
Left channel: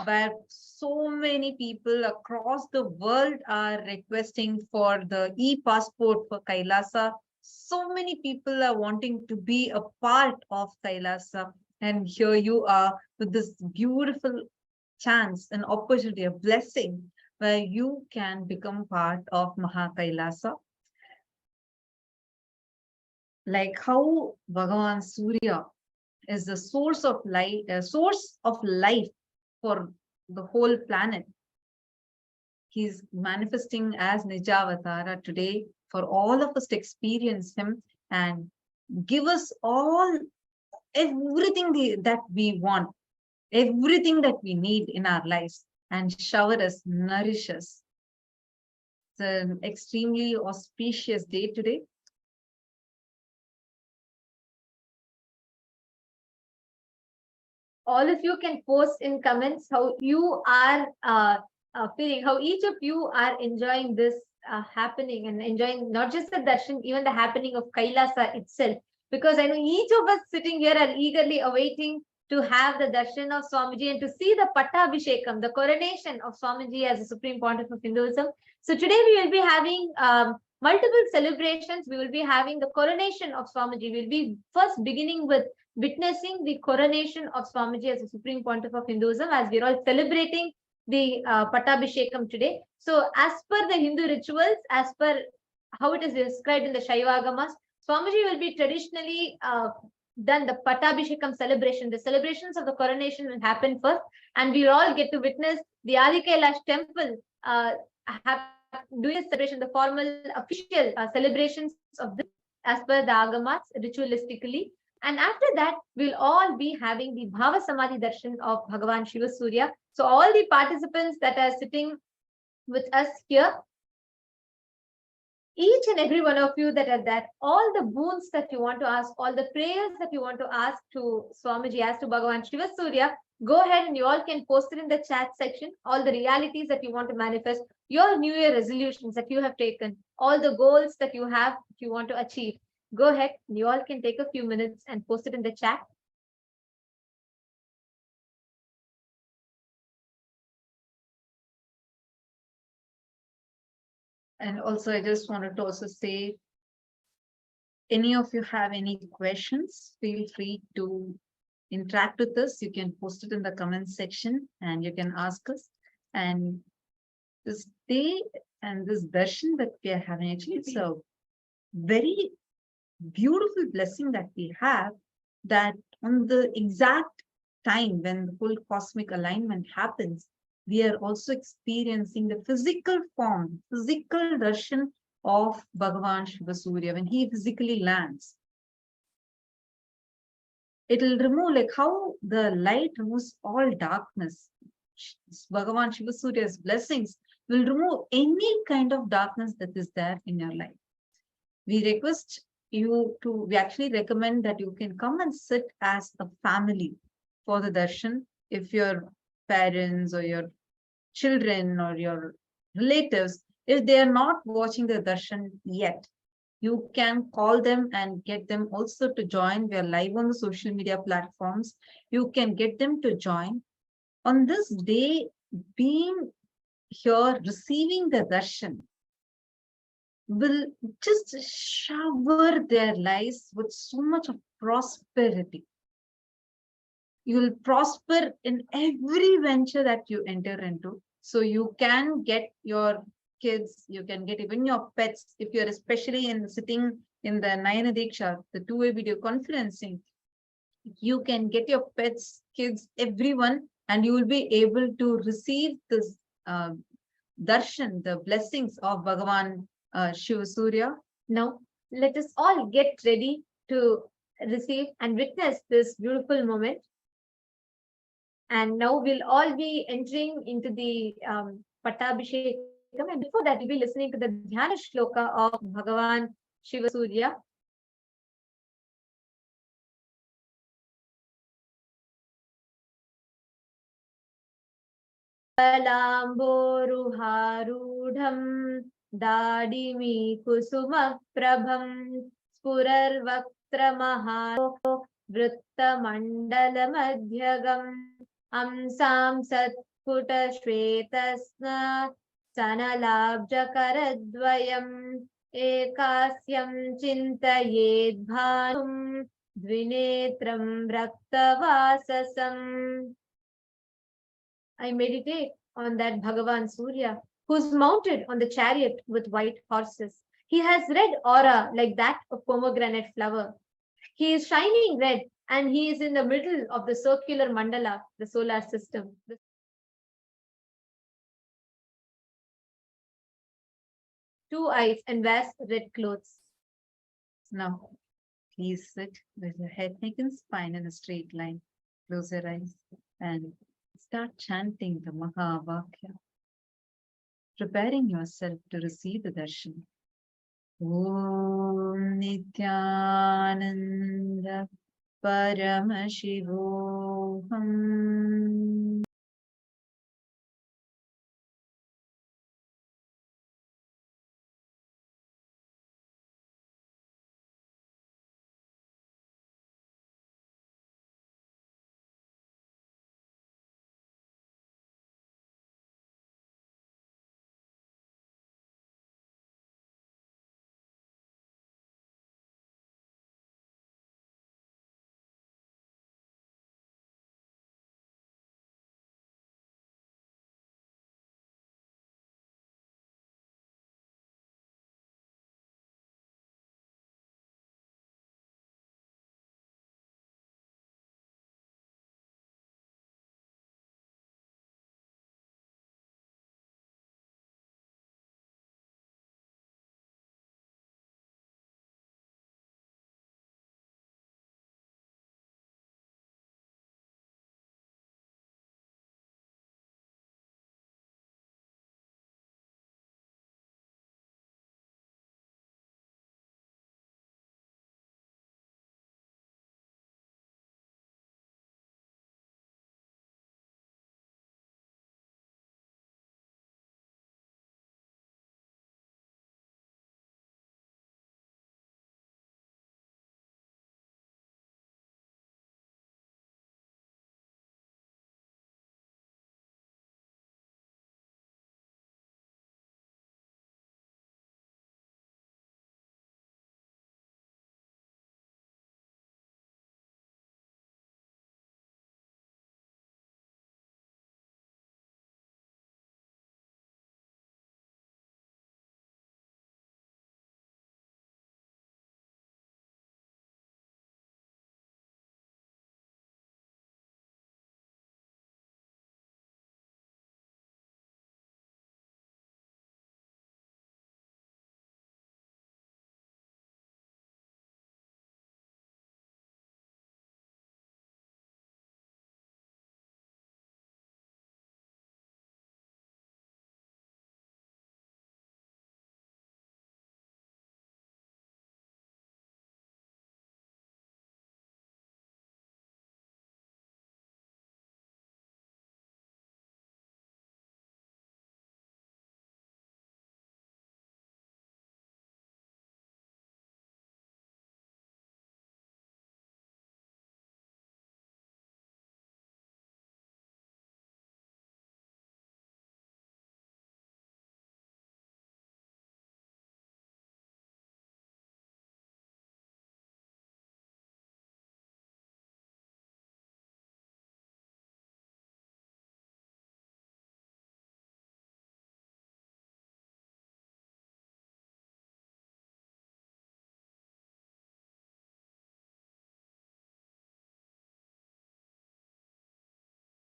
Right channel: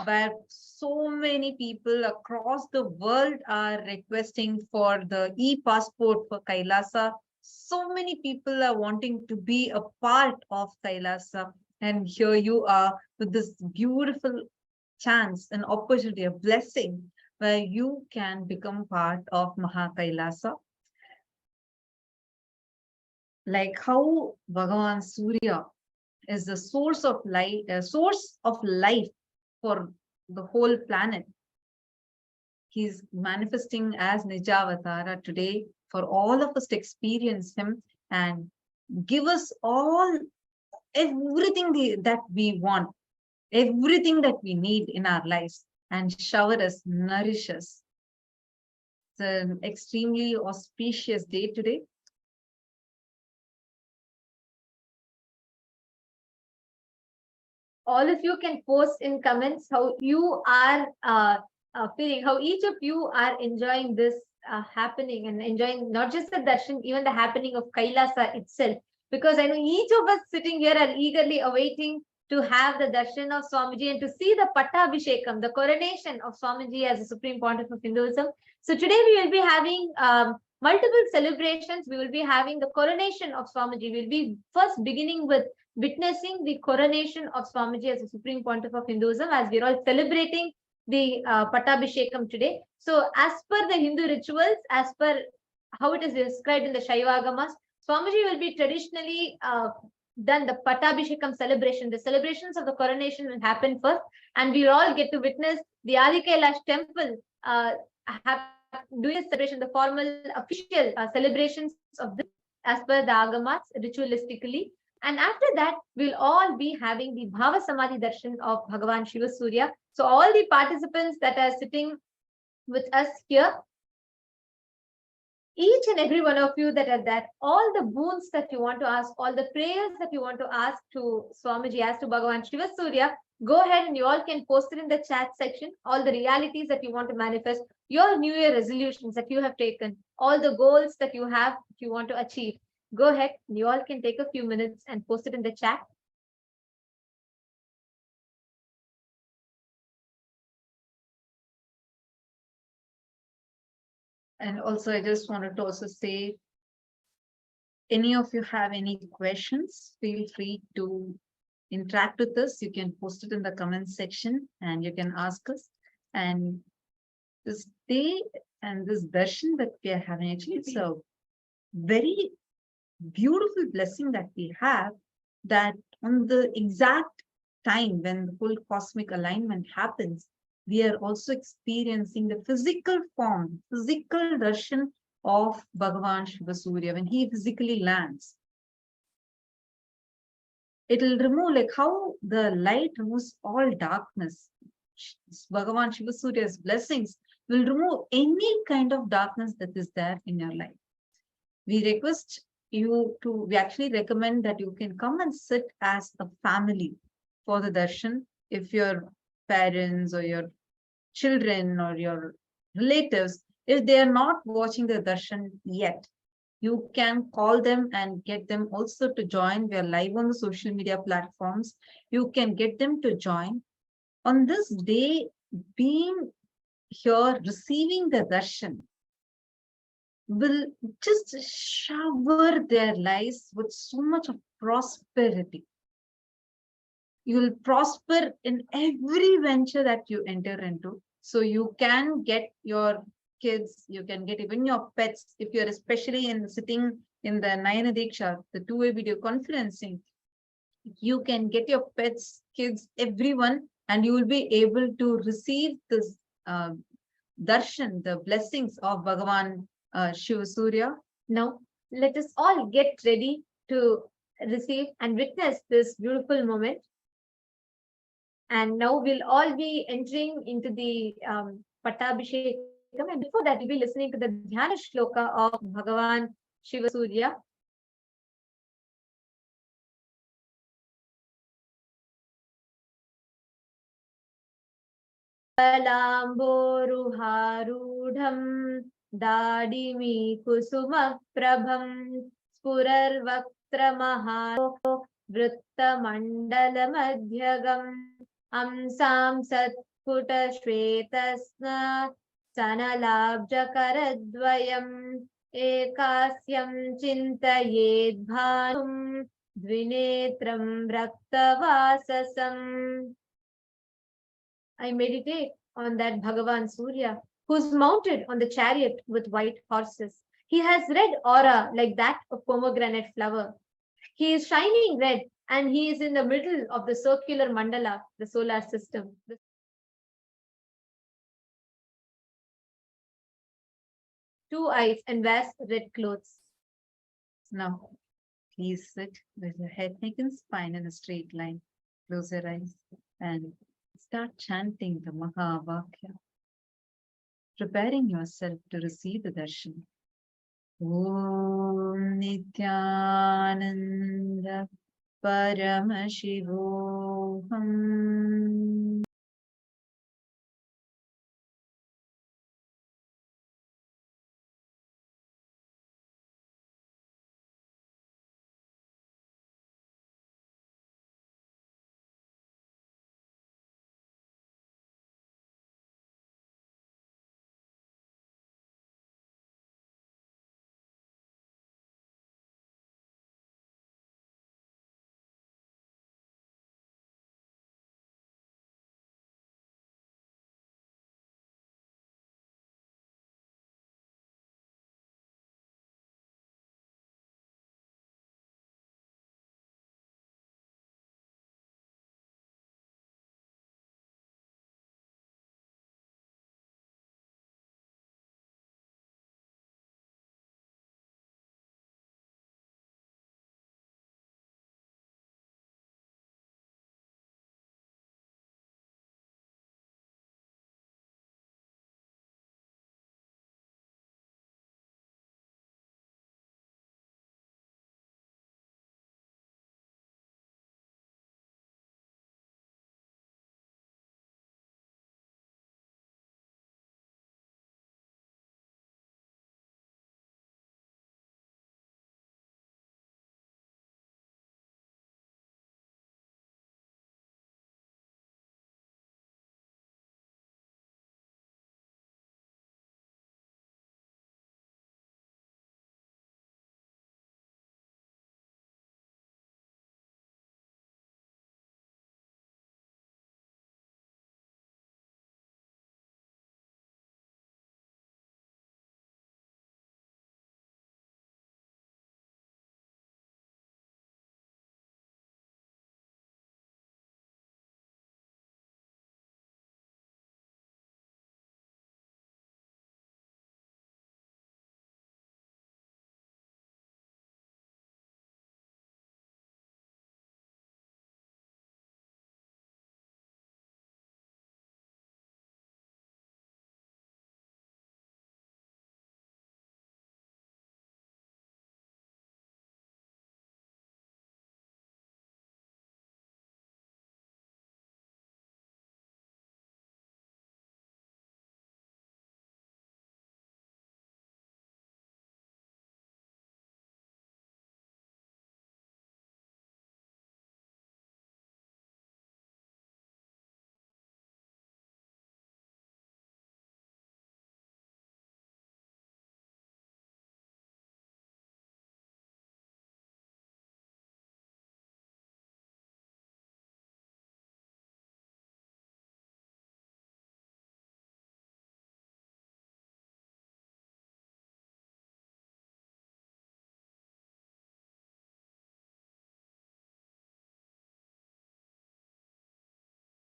where so many people across the world are requesting for the e-passport for Kailasa. So many people are wanting to be a part of Kailasa. And here you are with this beautiful chance, an opportunity, a blessing, where you can become part of Maha Kailasa. Like how Bhagavan Surya is the source of life for the whole planet. He's manifesting as Nijavatara today for all of us to experience him, and give us everything that we want, everything that we need in our lives, and shower us, nourish us. It's an extremely auspicious day today. All of you can post in comments how you are feeling, how each of you are enjoying this happening and enjoying not just the darshan, even the happening of Kailasa itself. Because I know each of us sitting here are eagerly awaiting to have the darshan of Swamiji and to see the Pattabhishekam, the coronation of Swamiji as the Supreme Pontiff of Hinduism. So today we will be having multiple celebrations. We will be having the coronation of Swamiji. We'll be first beginning with witnessing the coronation of Swamiji as the Supreme Pontiff of Hinduism, as we're all celebrating the Pattabhishekam today. So as per the Hindu rituals, as per how it is described in the Shaivagamas, Swamiji will be traditionally done the Pattabhishekam celebration. The celebrations of the coronation will happen first, and we all get to witness the Adi Kailash temple doing the celebration, the formal official celebrations of this as per the Agamas ritualistically. And after that, we'll all be having the Bhava Samadhi Darshan of Bhagavan Shiva Surya. So all the participants that are sitting with us here, each and every one of you that are that, all the boons that you want to ask, all the prayers that you want to ask to Swamiji as to Bhagavan Shiva Surya, go ahead and you all can post it in the chat section. All the realities that you want to manifest, your New Year resolutions that you have taken, all the goals that you have, if you want to achieve, go ahead. You all can take a few minutes and post it in the chat. And also, I just wanted to also say, any of you have any questions, feel free to interact with us. You can post it in the comment section and you can ask us. And this day and this darshan that we are having, actually, it's a very beautiful blessing that we have, that on the exact time when the full cosmic alignment happens, we are also experiencing the physical form, physical darshan of Bhagavan Shiva Surya when he physically lands. It will remove, like how the light removes all darkness. Bhagavan Shiva Surya's blessings will remove any kind of darkness that is there in your life. We request you to, we actually recommend that you can come and sit as a family for the darshan. If your parents or your children or your relatives, if they are not watching the darshan yet, you can call them and get them also to join. We are live on the social media platforms. You can get them to join. On this day, being here, receiving the darshan will just shower their lives with so much of prosperity. You will prosper in every venture that you enter into. So you can get your kids, you can get even your pets, if you're especially sitting in the Nayana Diksha, the two-way video conferencing, you can get your pets, kids, everyone, and you will be able to receive this darshan, the blessings of Bhagavan Shiva Surya. Now, let us all get ready to receive and witness this beautiful moment. And now we'll all be entering into the Pattabhishekam. And before that, we'll be listening to the Dhyana Shloka of Bhagavan Shiva Surya. Palamboruharudham Dadimi Kusumaprabham Spurarvaktramaha Vrittamandalamedhyagam Amsam Satputa Shvetasna Sanalabjakaradvayam Ekasyam Chintayed Bhanum Dvinetram Raktavasasam. I meditate on that Bhagavan Surya, who's mounted on the chariot with white horses. He has red aura like that of pomegranate flower. He is shining red, and he is in the middle of the circular mandala, the solar system. Two eyes and wears red clothes. Now, Please sit with your head, neck, and spine in a straight line. Close your eyes and start chanting the Mahavakya, preparing yourself to receive the darshan. Om Nityananda Paramashivoham.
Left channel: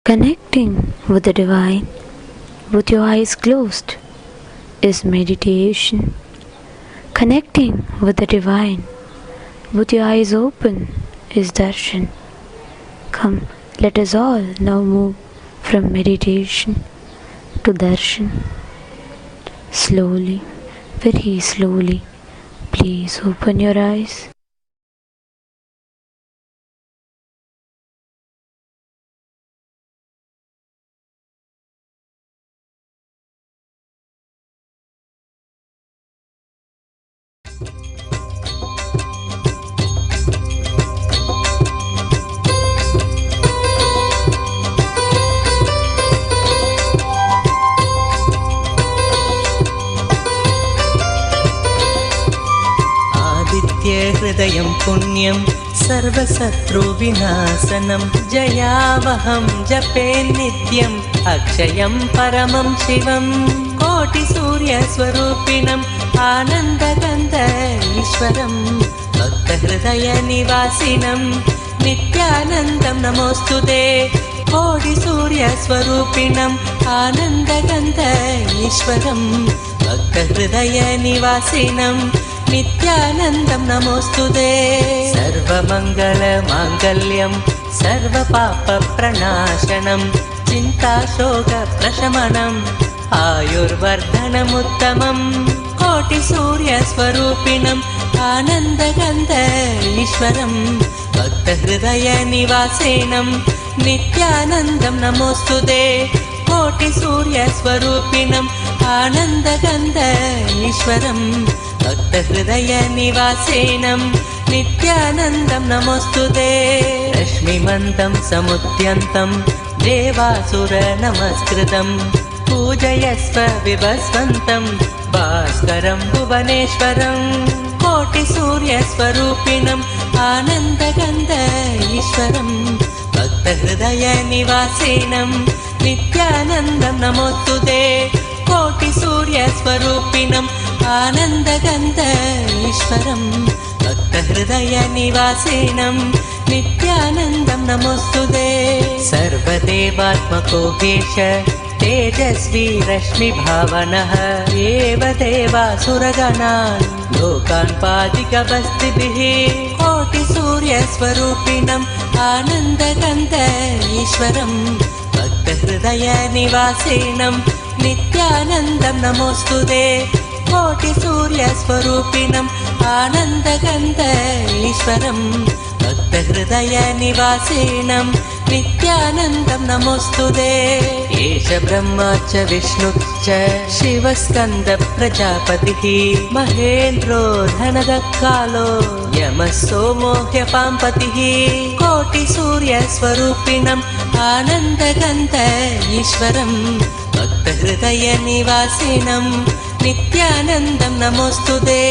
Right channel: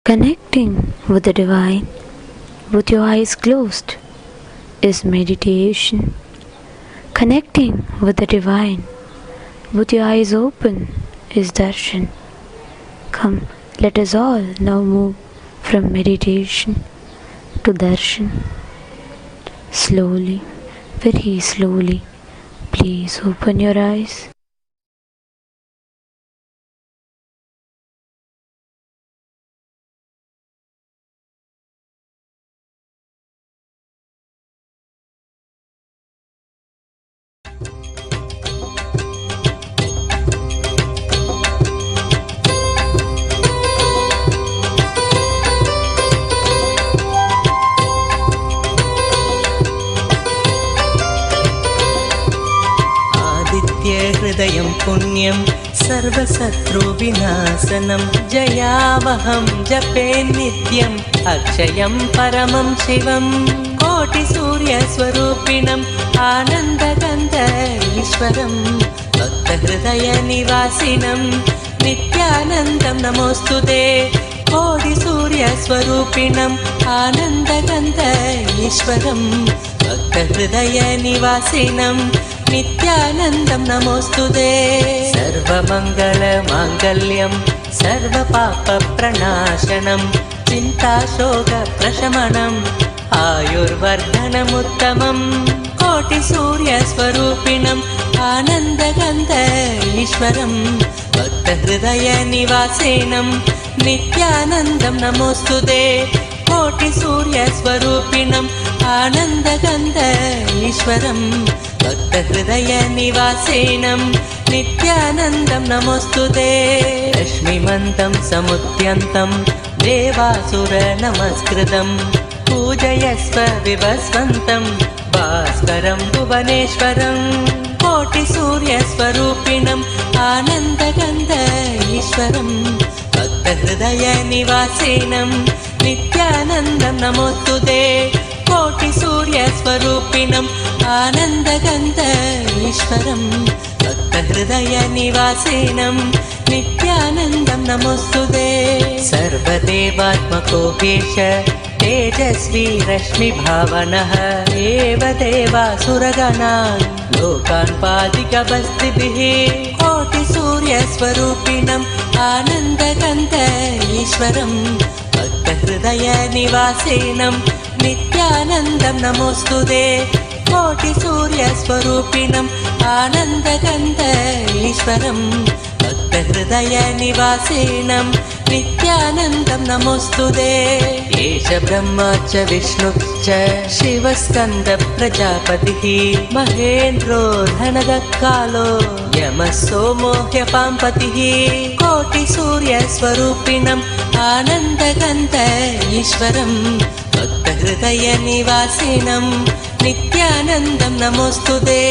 Connecting with the divine with your eyes closed is meditation. Connecting with the divine with your eyes open is darshan. Come, let us all now move from meditation to darshan. Slowly, very slowly, please open your eyes. हृदयं पुण्यं सर्वशत्रुविनाशनं जयावहं जपे नित्यम् अक्षयं परमं शिवं कोटिसूर्यस्वरूपिणम् आनन्दगन्ध ईश्वरं भक्तहृदयनिवासिनं नित्यानन्दं नमोऽस्तुते कोटिसूर्यस्वरूपिणम् आनन्दगन्ध ईश्वरं भक्तहृदयनिवासिनं नित्यानन्दं नमोऽस्तुते। सर्वमङ्गलमाङ्गल्यं सर्वपापप्रणाशनं चिन्ताशोकप्रशमनम् आयुर्वर्धनमुत्तमम् कोटिसूर्यस्वरूपिणम् आनन्दगन्ध ईश्वरम् भक्तहृदयनिवासेनम् नित्यानन्दं नमोऽस्तुते कोटिसूर्यस्वरूपिणम् आनन्दगन्ध ईश्वरम् भक्तहृदयनिवासेनम् नित्यानन्दं नमोऽस्तुते रश्मिमन्तं समुद्यन्तं देवासुरनमस्कृतम् पूजयस्व विभस्वन्तं भास्करं भुवनेश्वरं कोटिसूर्यस्वरूपिणम् आनन्दगन्ध ईश्वरम् भक्तहृदयनिवासेनम् नित्यानन्दं नमोऽस्तुते कोटिसूर्यस्वरूपिणम् आनन्दगन्ध ईश्वरम् भक्तहृदयनिवासेनम् नित्यानन्दं नमोऽस्तुते सर्वदेवात्मको हेश तेजस्वी रश्मिभावनः एव देवासुरगणान् लोकान् पादिकबस्तिभिः कोटिसूर्यस्वरूपिणम् आनन्दगन्ध ईश्वरम् भक्तहृदयनिवासेनम् नित्यानन्दं नमोऽस्तुते कोटिसूर्यस्वरूपिणम् आनन्दगन्ध ईश्वरम् भक्तहृदयनिवासेनम् नित्यानन्दं नमोऽस्तुते एष ब्रह्मा च विष्णुश्च शिवस्कन्द प्रजापतिः महेन्द्रो धनदः कालो यमः सोमो ह्यपाम्पतिः कोटिसूर्यस्वरूपिणम् आनन्दगन्ध ईश्वरम् भक्तहृदयनिवासिनम् नित्यानन्दं नमोऽस्तुते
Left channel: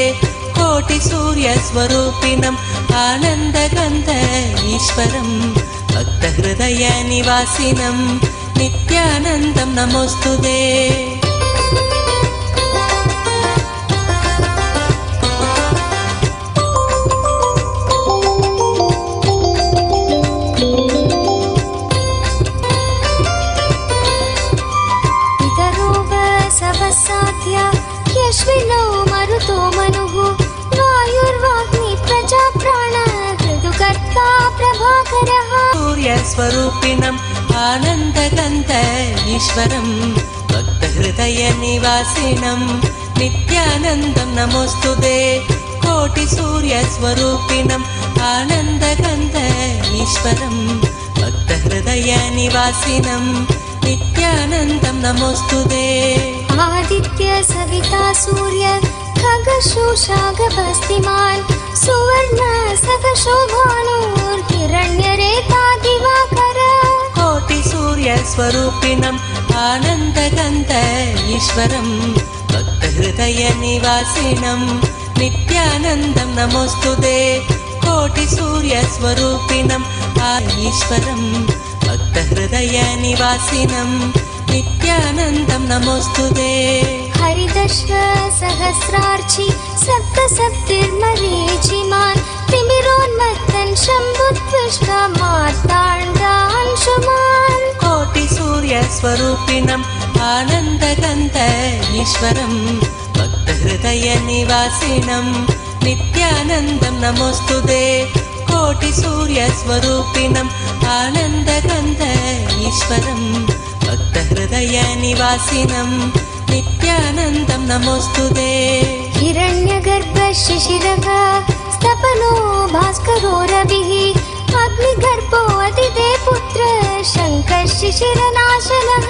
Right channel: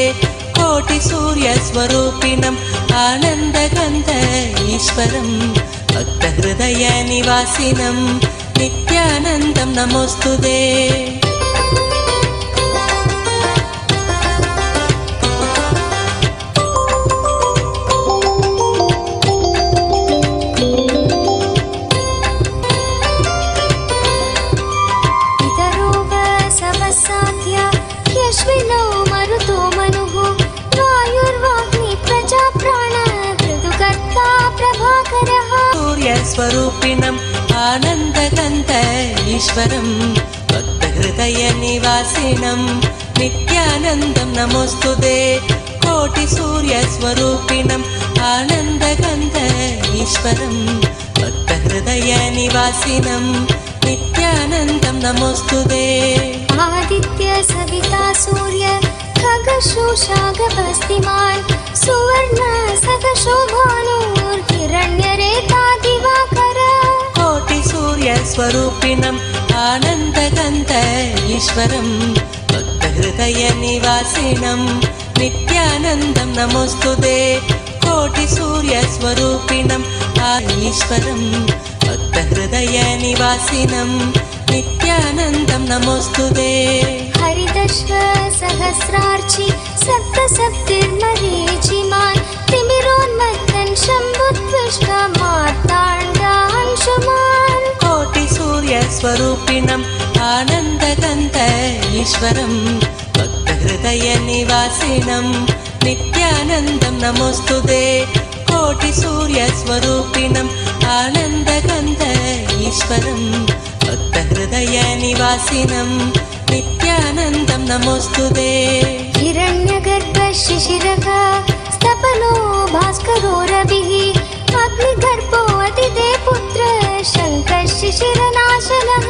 कोटिसूर्यस्वरूपिणम् आनन्दगन्ध ईश्वरम् भक्तहृदयनिवासिनम् नित्यानन्दं नमोऽस्तुते यश्विनो मरुतो मनुः वायुर्वाग्नि प्रजा प्राण कृतुकर्ता प्रभाकरः सूर्यस्वरूपिणम् आनन्दगन्ध ईश्वरम् भक्तहृदयनिवासिनम् नित्यानन्दं नमोऽस्तुते कोटिसूर्यस्वरूपिणम् आनन्दगन्ध ईश्वरम् भक्तहृदयनिवासिनम् नित्यानन्दं नमोऽस्तुते आदित्य सविता सूर्य खगशोषागभस्तिमान् सुवर्ण सखशोभानुर्हिरण्यरेता दिवाकर कोटिसूर्यस्वरूपिणम् आनन्दगन्ध ईश्वरम् भक्तहृदयनिवासिनम् नित्यानन्दं नमोऽस्तुते कोटिसूर्यस्वरूपिणम् ईश्वरम् भक्तहृदयनिवासिनम् नित्यानन्दं नमोऽस्तुते हरिदश्व सहस्रार्चि सप्तसप्तिर्मरीचिमान् तिमिरोन्मत्तन् शम्भुत्विष्टमार्ताण्डांशुमान् कोटिसूर्यस्वरूपिणम् आनन्दगन्ध ईश्वरम् भक्तहृदयनिवासिनम् नित्यानन्दं नमोऽस्तुते कोटिसूर्यस्वरूपिणम् आनन्दगन्ध ईश्वरम् भक्तहृदयनिवासिनम् नित्यानन्दं नमोऽस्तुते हिरण्यगर्भ शिशिरः स्तपनो भास्करो रविः अग्निगर्भो अतिदे पुत्र शङ्कः शिशिरनाशनः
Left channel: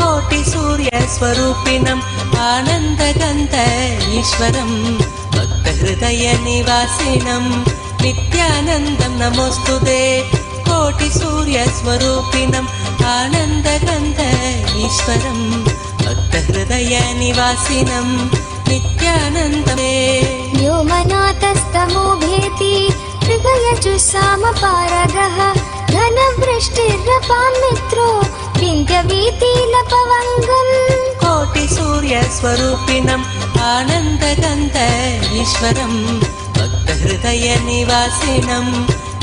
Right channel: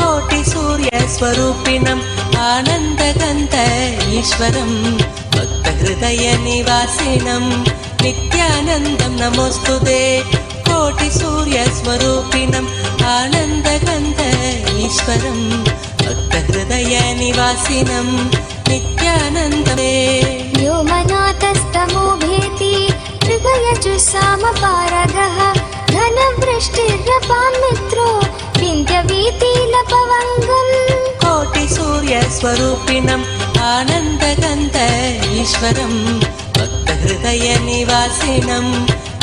कोटिसूर्यस्वरूपिणम् आनन्दगन्ध ईश्वरम् भक्तहृदयनिवासिनम् नित्यानन्दं नमोऽस्तुते कोटिसूर्यस्वरूपिणम् आनन्दगन्ध ईश्वरम् भक्तहृदयनिवासिनम् नित्यानन्दमे व्योमनाथस्तमो भेति मृगयजुस्सामपारगः घनवृष्टिरपान् मित्रो विन्ध्यवीतिलपवङ्गम् कोटिसूर्यस्वरूपिणम् आनन्दगन्ध ईश्वरम् भक्तहृदयनिवासिनम्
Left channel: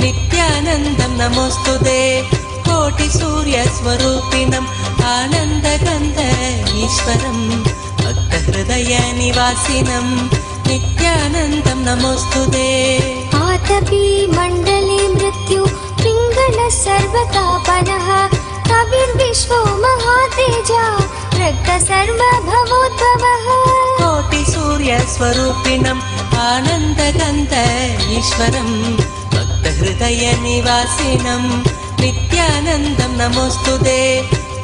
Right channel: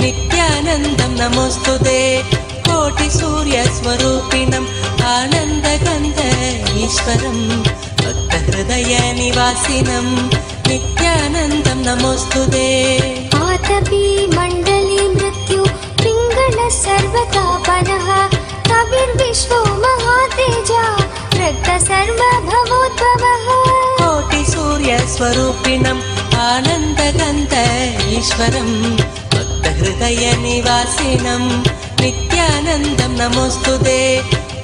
नित्यानन्दं नमोऽस्तुते कोटिसूर्यस्वरूपिणम् आनन्दगन्ध ईश्वरम् भक्तहृदयनिवासिनम् नित्यानन्दं नमोऽस्तुते आतपी मण्डले मृत्यु पिङ्गलः सर्वतापनः कविर्विश्वो महातेजा रक्त सर्वभवोद्भवः कोटि सूर्य स्वरूपिणम् आनन्दगन्ध ईश्वरम् भक्त हृदय निवासिनम् नित्यानन्दम् नमोऽस्तुते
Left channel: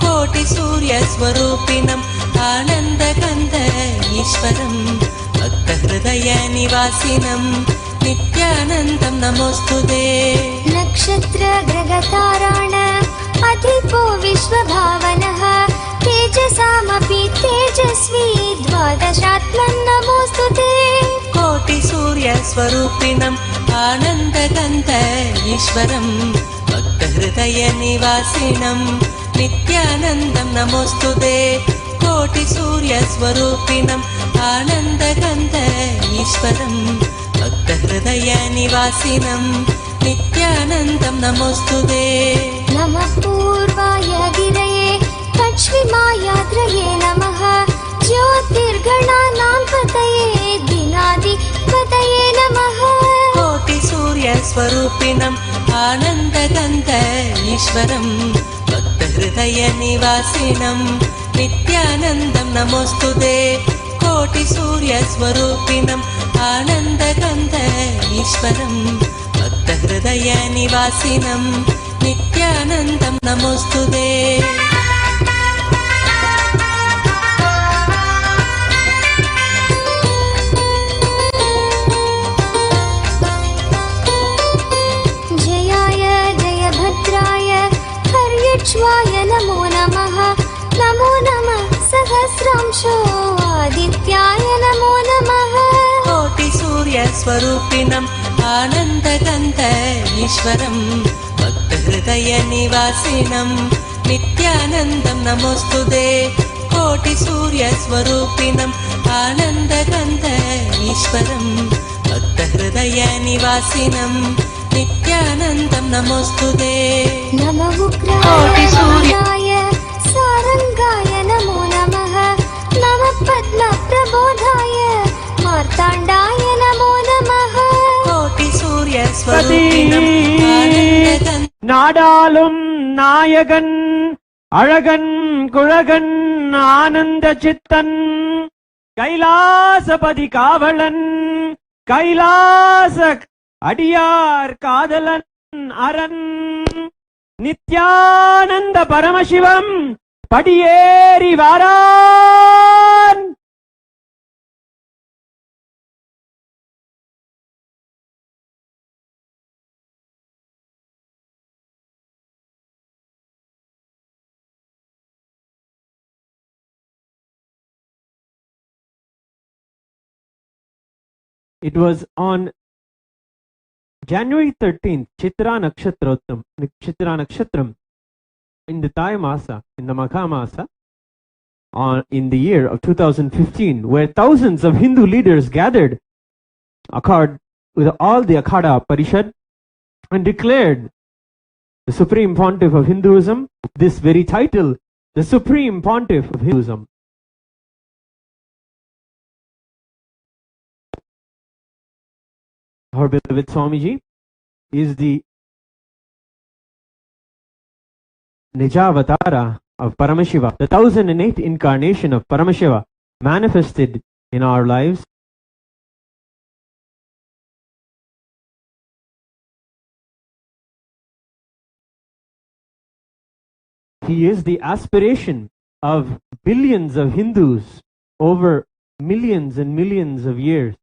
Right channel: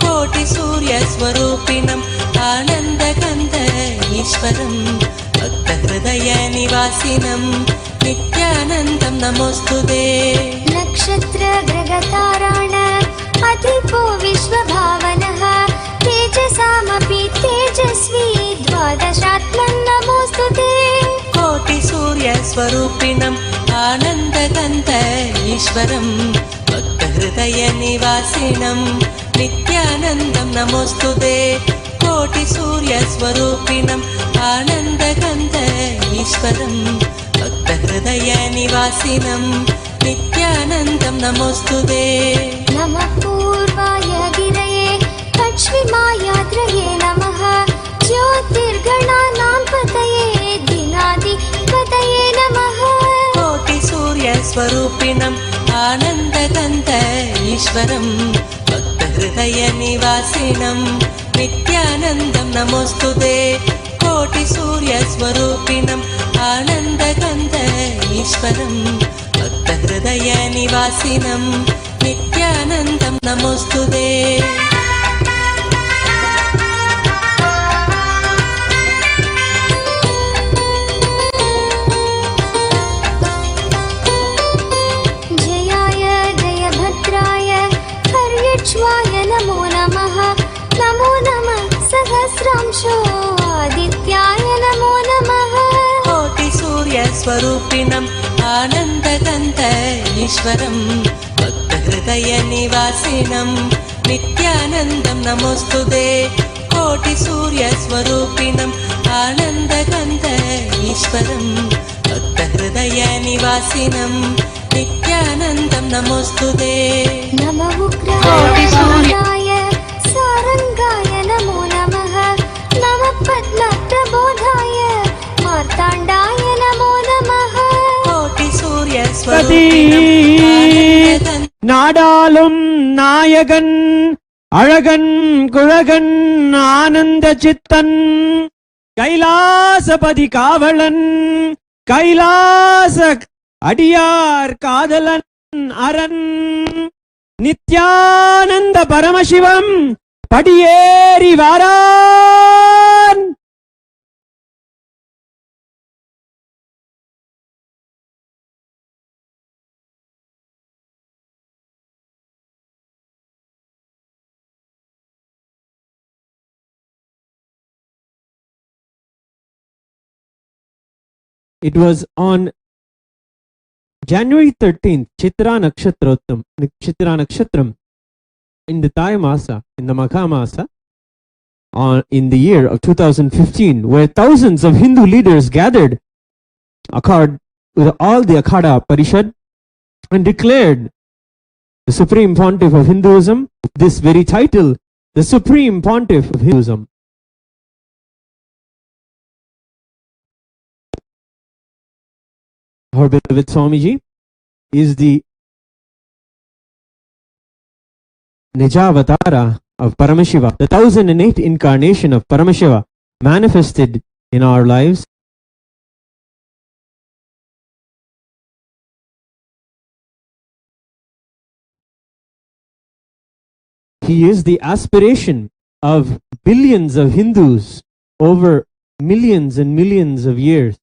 कोटि सूर्य स्वरूपिणम् आनन्दगन्ध ईश्वरम् भक्त हृदय निवासिनम् नित्यानन्दम् नमोऽस्तुते नक्षत्र ग्रगताराण अधिपो विश्वभावनः तेजसामपि तेजस्वी द्वादशात्मन् नमोऽस्तुते कोटि सूर्य स्वरूपिणम् आनन्दगन्ध ईश्वरम् भक्त हृदय निवासिनम् नित्यानन्दम् नमोऽस्तुते कोटि सूर्य स्वरूपिणम् आनन्दगन्ध ईश्वरम् भक्त हृदय निवासिनम् नित्यानन्दम् नमोऽस्तुते नमः पूर्वाय गिरये पश्चिमायाद्रये नमः ज्योतिर्गणानां पतये दिनाधिपतये नमः कोटि सूर्य स्वरूपिणम् आनन्दगन्ध ईश्वरम् भक्त हृदय निवासिनम् नित्यानन्दम् नमोऽस्तुते कोटि सूर्य स्वरूपिणम् आनन्दगन्ध ईश्वरम् भक्त हृदय निवासिनम् नित्यानन्दम् नमोऽस्तुते जयाय जयभद्राय हर्यक्ष्वाय नमो नमः नमो नमः सहस्रांशो आदित्याय नमो नमः कोटि सूर्य स्वरूपिणम् आनन्दगन्ध ईश्वरम् भक्त हृदय निवासिनम् नित्यानन्दम् नमोऽस्तुते कोटि सूर्य स्वरूपिणम् आनन्दगन्ध ईश्वरम् भक्त हृदय निवासिनम् नित्यानन्दम् नमोऽस्तुते नमः कोटि सूर्य उग्राय सारङ्गाय नमो नमः नमः पद्मप्रबोधाय मार्ताण्डाय नमो नमः कोटि सूर्य स्वरूपिणम् आनन्दगन्ध நாடாளும் நாயகன் அழகன் குழகன் ஆனந்த சித்தன் கைலாசபதி காவலன் கைலாச அடியார் காதலன் அரண் நித்யானந்த பரமசிவம் படியேறி வாரான். It was on January 13th, Chitra Nakshatram, in the Thai Masa, in the Magha Masa, in the year of 2015, where thousands of Hindu leaders gathered with all the Akhada Parishad and declared the Supreme Pontiff of Hinduism, this very title, the Supreme Pontiff of Hinduism. Our beloved Swamiji is the Nijavatara of Paramashiva, the 1008 incarnation of Paramashiva manifested in our lives. He is the aspiration of billions of Hindus over millions and millions of years.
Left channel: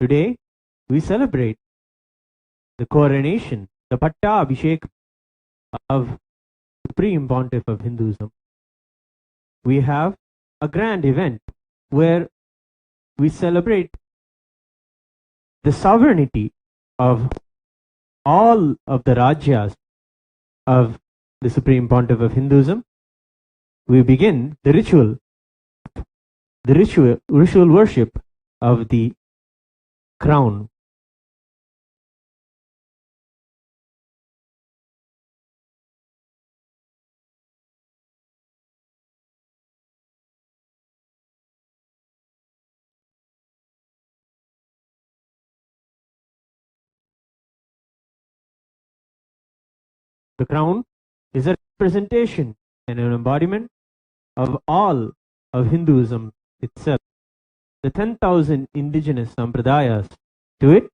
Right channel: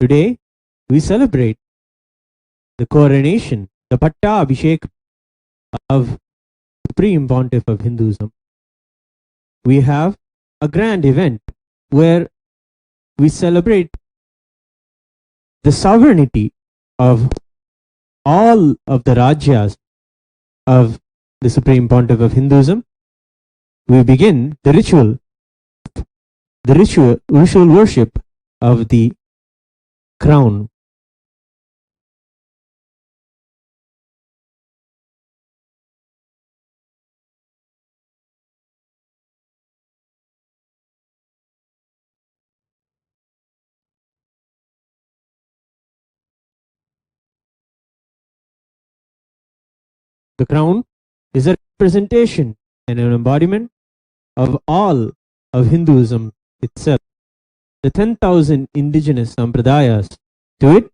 Today, we celebrate the coronation, the Pattabhishekam of the Supreme Pontiff of Hinduism. We have a grand event where we celebrate the sovereignty of all of the Rajyas of the Supreme Pontiff of Hinduism. We begin the ritual worship of the crown. The crown is a representation and an embodiment of all of Hinduism itself. The 10,000 indigenous sampradayas. To it,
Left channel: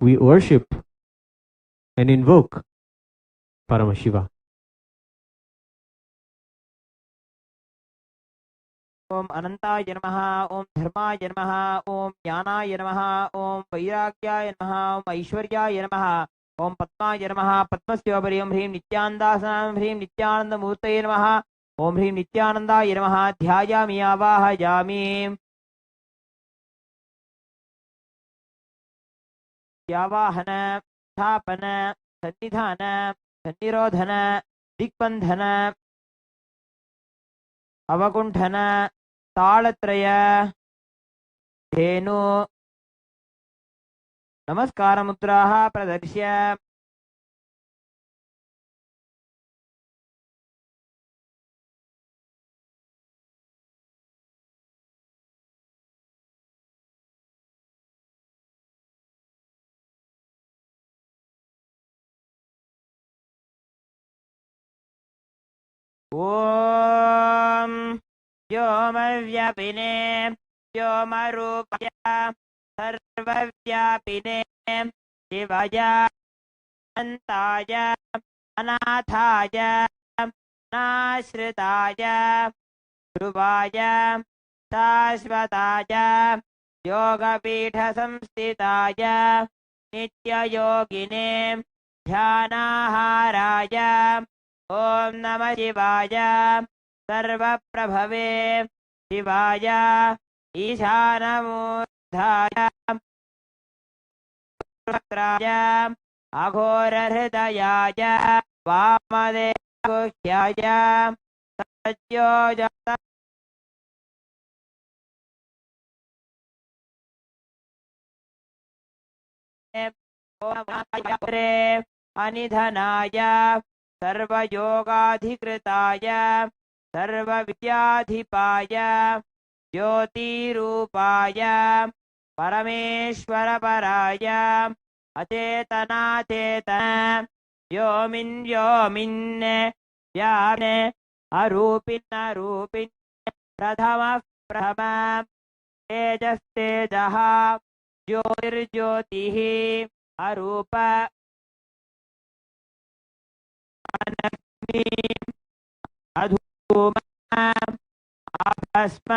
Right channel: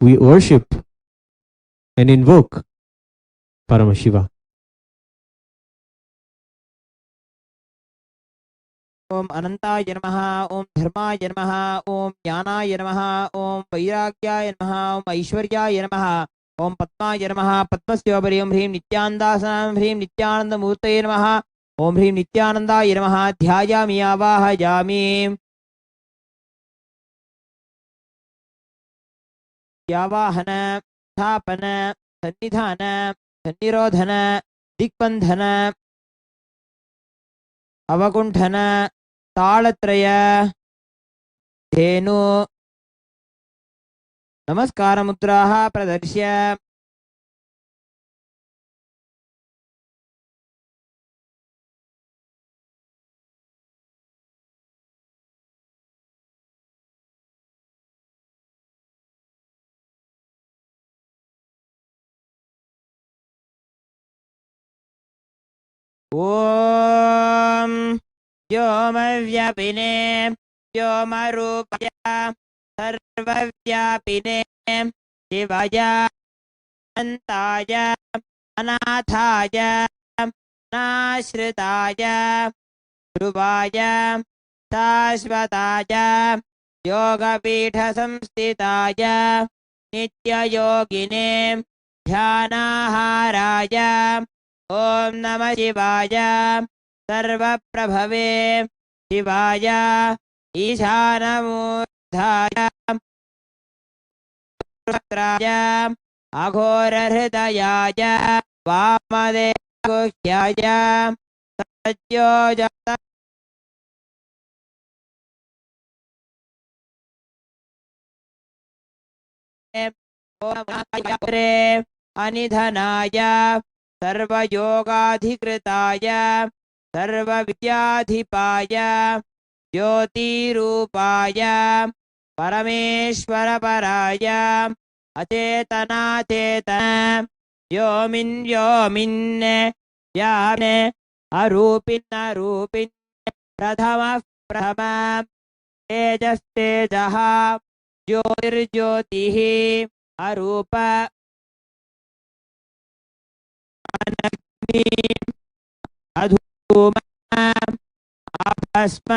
we worship and invoke Paramashiva. ओम अनंताय नमः, ओम धर्माय नमः, ओम ज्ञानाय नमः, ओम वैराग्याय नमः, ओम ऐश्वर्याय नमः, ओम पद्माय नमः, पद्मस्योपरि ओम ह्रीं नित्यानन्दासनं ह्रीं नित्यानन्दमूर्तये नमः, ओम ह्रीं नित्यानन्दाय नमः। ध्यायामि आवाहयामि। व्यावाहन, स्थापन, सन्निधान, सन्निरोधन, दिग्बन्धन, अवकुण्ठन, तालत्रय, धेनु, नमस्कार मुद्राः प्रदर्श्य। ओम व्योमव्यापिने व्योमरूपाय सर्वव्यापिने शिवाय अनन्ताय अनाथाय नाश्रिताय ध्रुवाय शाश्वताय योगपीठसंस्थिताय नित्ययोगिने ध्यानाहाराय ओम नमः शिवाय सर्वप्रभवे शिवाय ईशानमूर्धाय वक्त्राय अघोरहृदयाय वामदेवगुह्याय सत्योजात अनिधनाय सर्वयोगाधिकृताय सर्वविद्याधिपाय ज्योतिरूपाय परमेश्वरपराय अचेतनाचेतन व्योमिन् व्योमिन् व्याप्न अरूपिन् अरूपिन् प्रथमः प्रथम तेजस्तेजः ज्योतिर्ज्योतिः अरूप अग्नि अधूम भस्म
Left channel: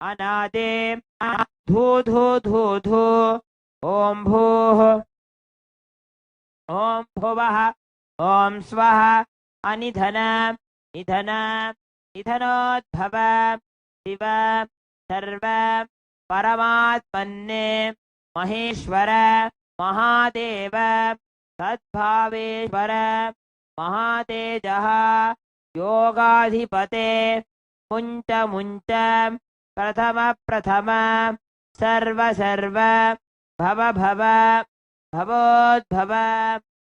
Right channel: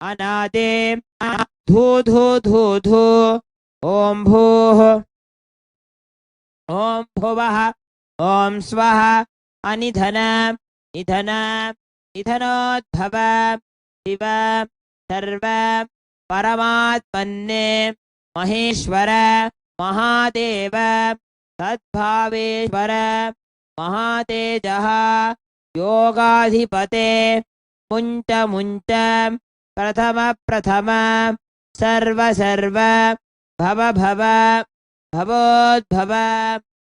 अनादे धू धू धू धू ओम भूः ओम भुवः ओम स्वः अनिधन निधन निधनोद्भव शिव सर्व परमात्मने महेश्वर महादेव सद्भावेश्वर महातेजः योगाधिपते मुञ्च मुञ्च प्रथम प्रथम सर्व सर्व भव भव भवोद्भव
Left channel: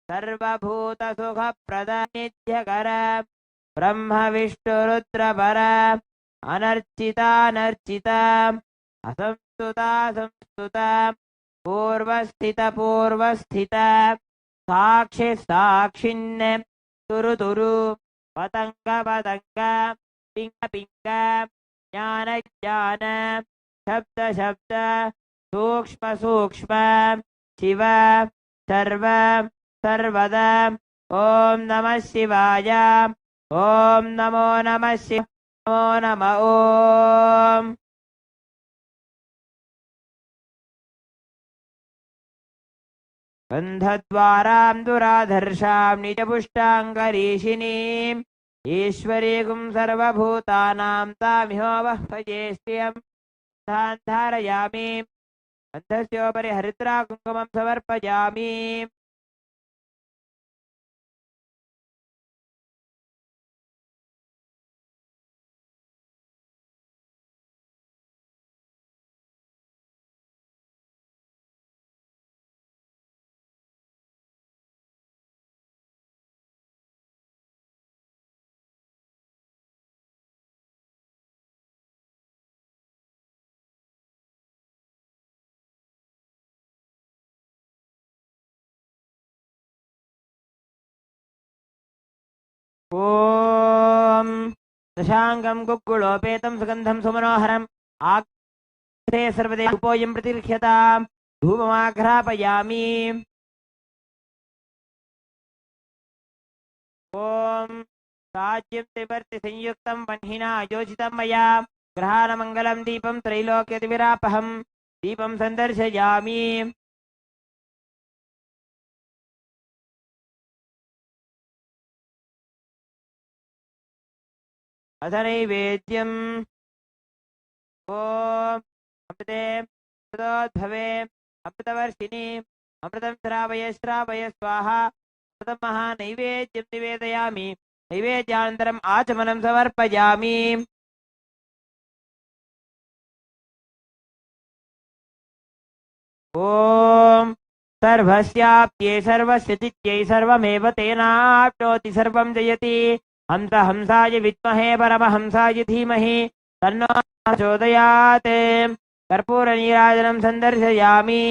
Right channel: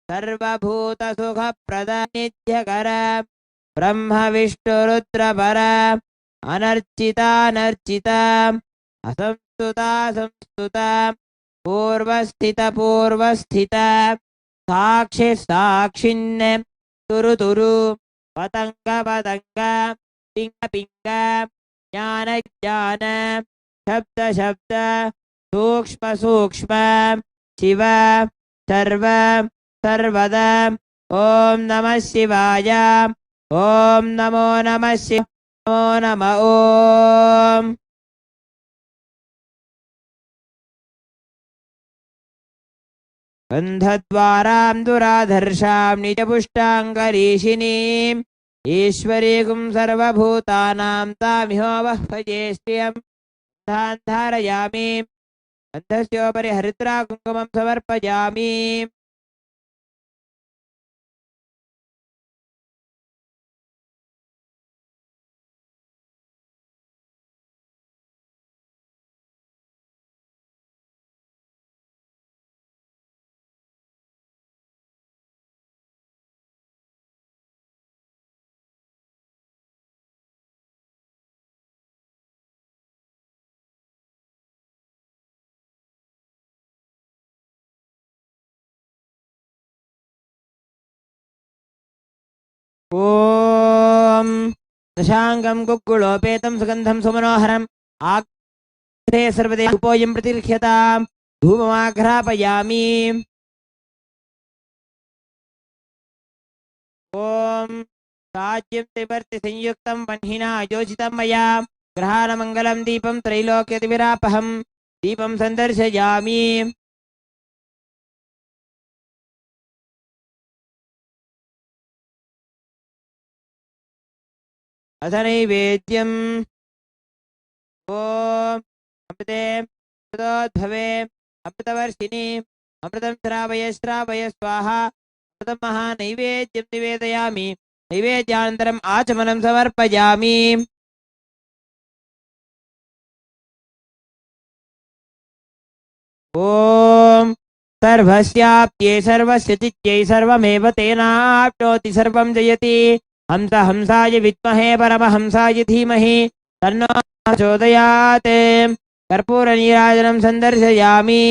सर्वभूतसुखप्रद नित्यकर ब्रह्म विष्णुरुद्रपर अनर्चितानर्चित असंस्तुता संस्तुत पूर्वस्थित पूर्वस्थित साक्षि साक्षिन् तुरु तुरु पतंग पतंग पिंग पिंग ज्ञान ज्ञान शब्द शब्द सूक्ष्म सूक्ष्म शिव सर्व सर्वद ओम नमः शिवाय ओम नमो नमः शिवाय नमो नमः ओम गन्धद्वारां दुराधर्षां निजपुष्टाङ्गरीषिणीम् ईश्वरीकुं सर्वभूतानां तामिहोवह्वये श्रियं धारयामि गन्धस्योपरि हरिद्रा कुङ्कुमं समर्पयामि। दशाङ्गं कुक्कुलोपेतं सुगन्धं सुमनोहरम् आग्रे सर्वदेवोऽयं प्रतिर्ह्यताम् धूममाघ्रापयामि ॐ साज्यं त्रिवर्ति संयुक्तं वह्निना योजितं मया ग्रहाणमङ्गलं दीपं त्रैलोक्यतिविरापहं दीपं सन्दर्शयामि अथ नैवेद्यम् ॐ अमृते अमृतोद्भवे अमृतवर्षिणि अमृतं श्रावय श्रावय स्वाहा अमृतं महानैवेद्यं निवेदयामि नैवेद्यानन्तरम् आचमनं समर्पयामि ॐ सर्वस्याप्त्यै सर्वस्य चित्यै सर्वमेव तेनाप्नोति सर्वं जयति हंस हंसाय विद्महे परमहंसाय धीमहि तन्नो प्रचोदयात् कर्पूरनीराजनं सन्दर्शयामि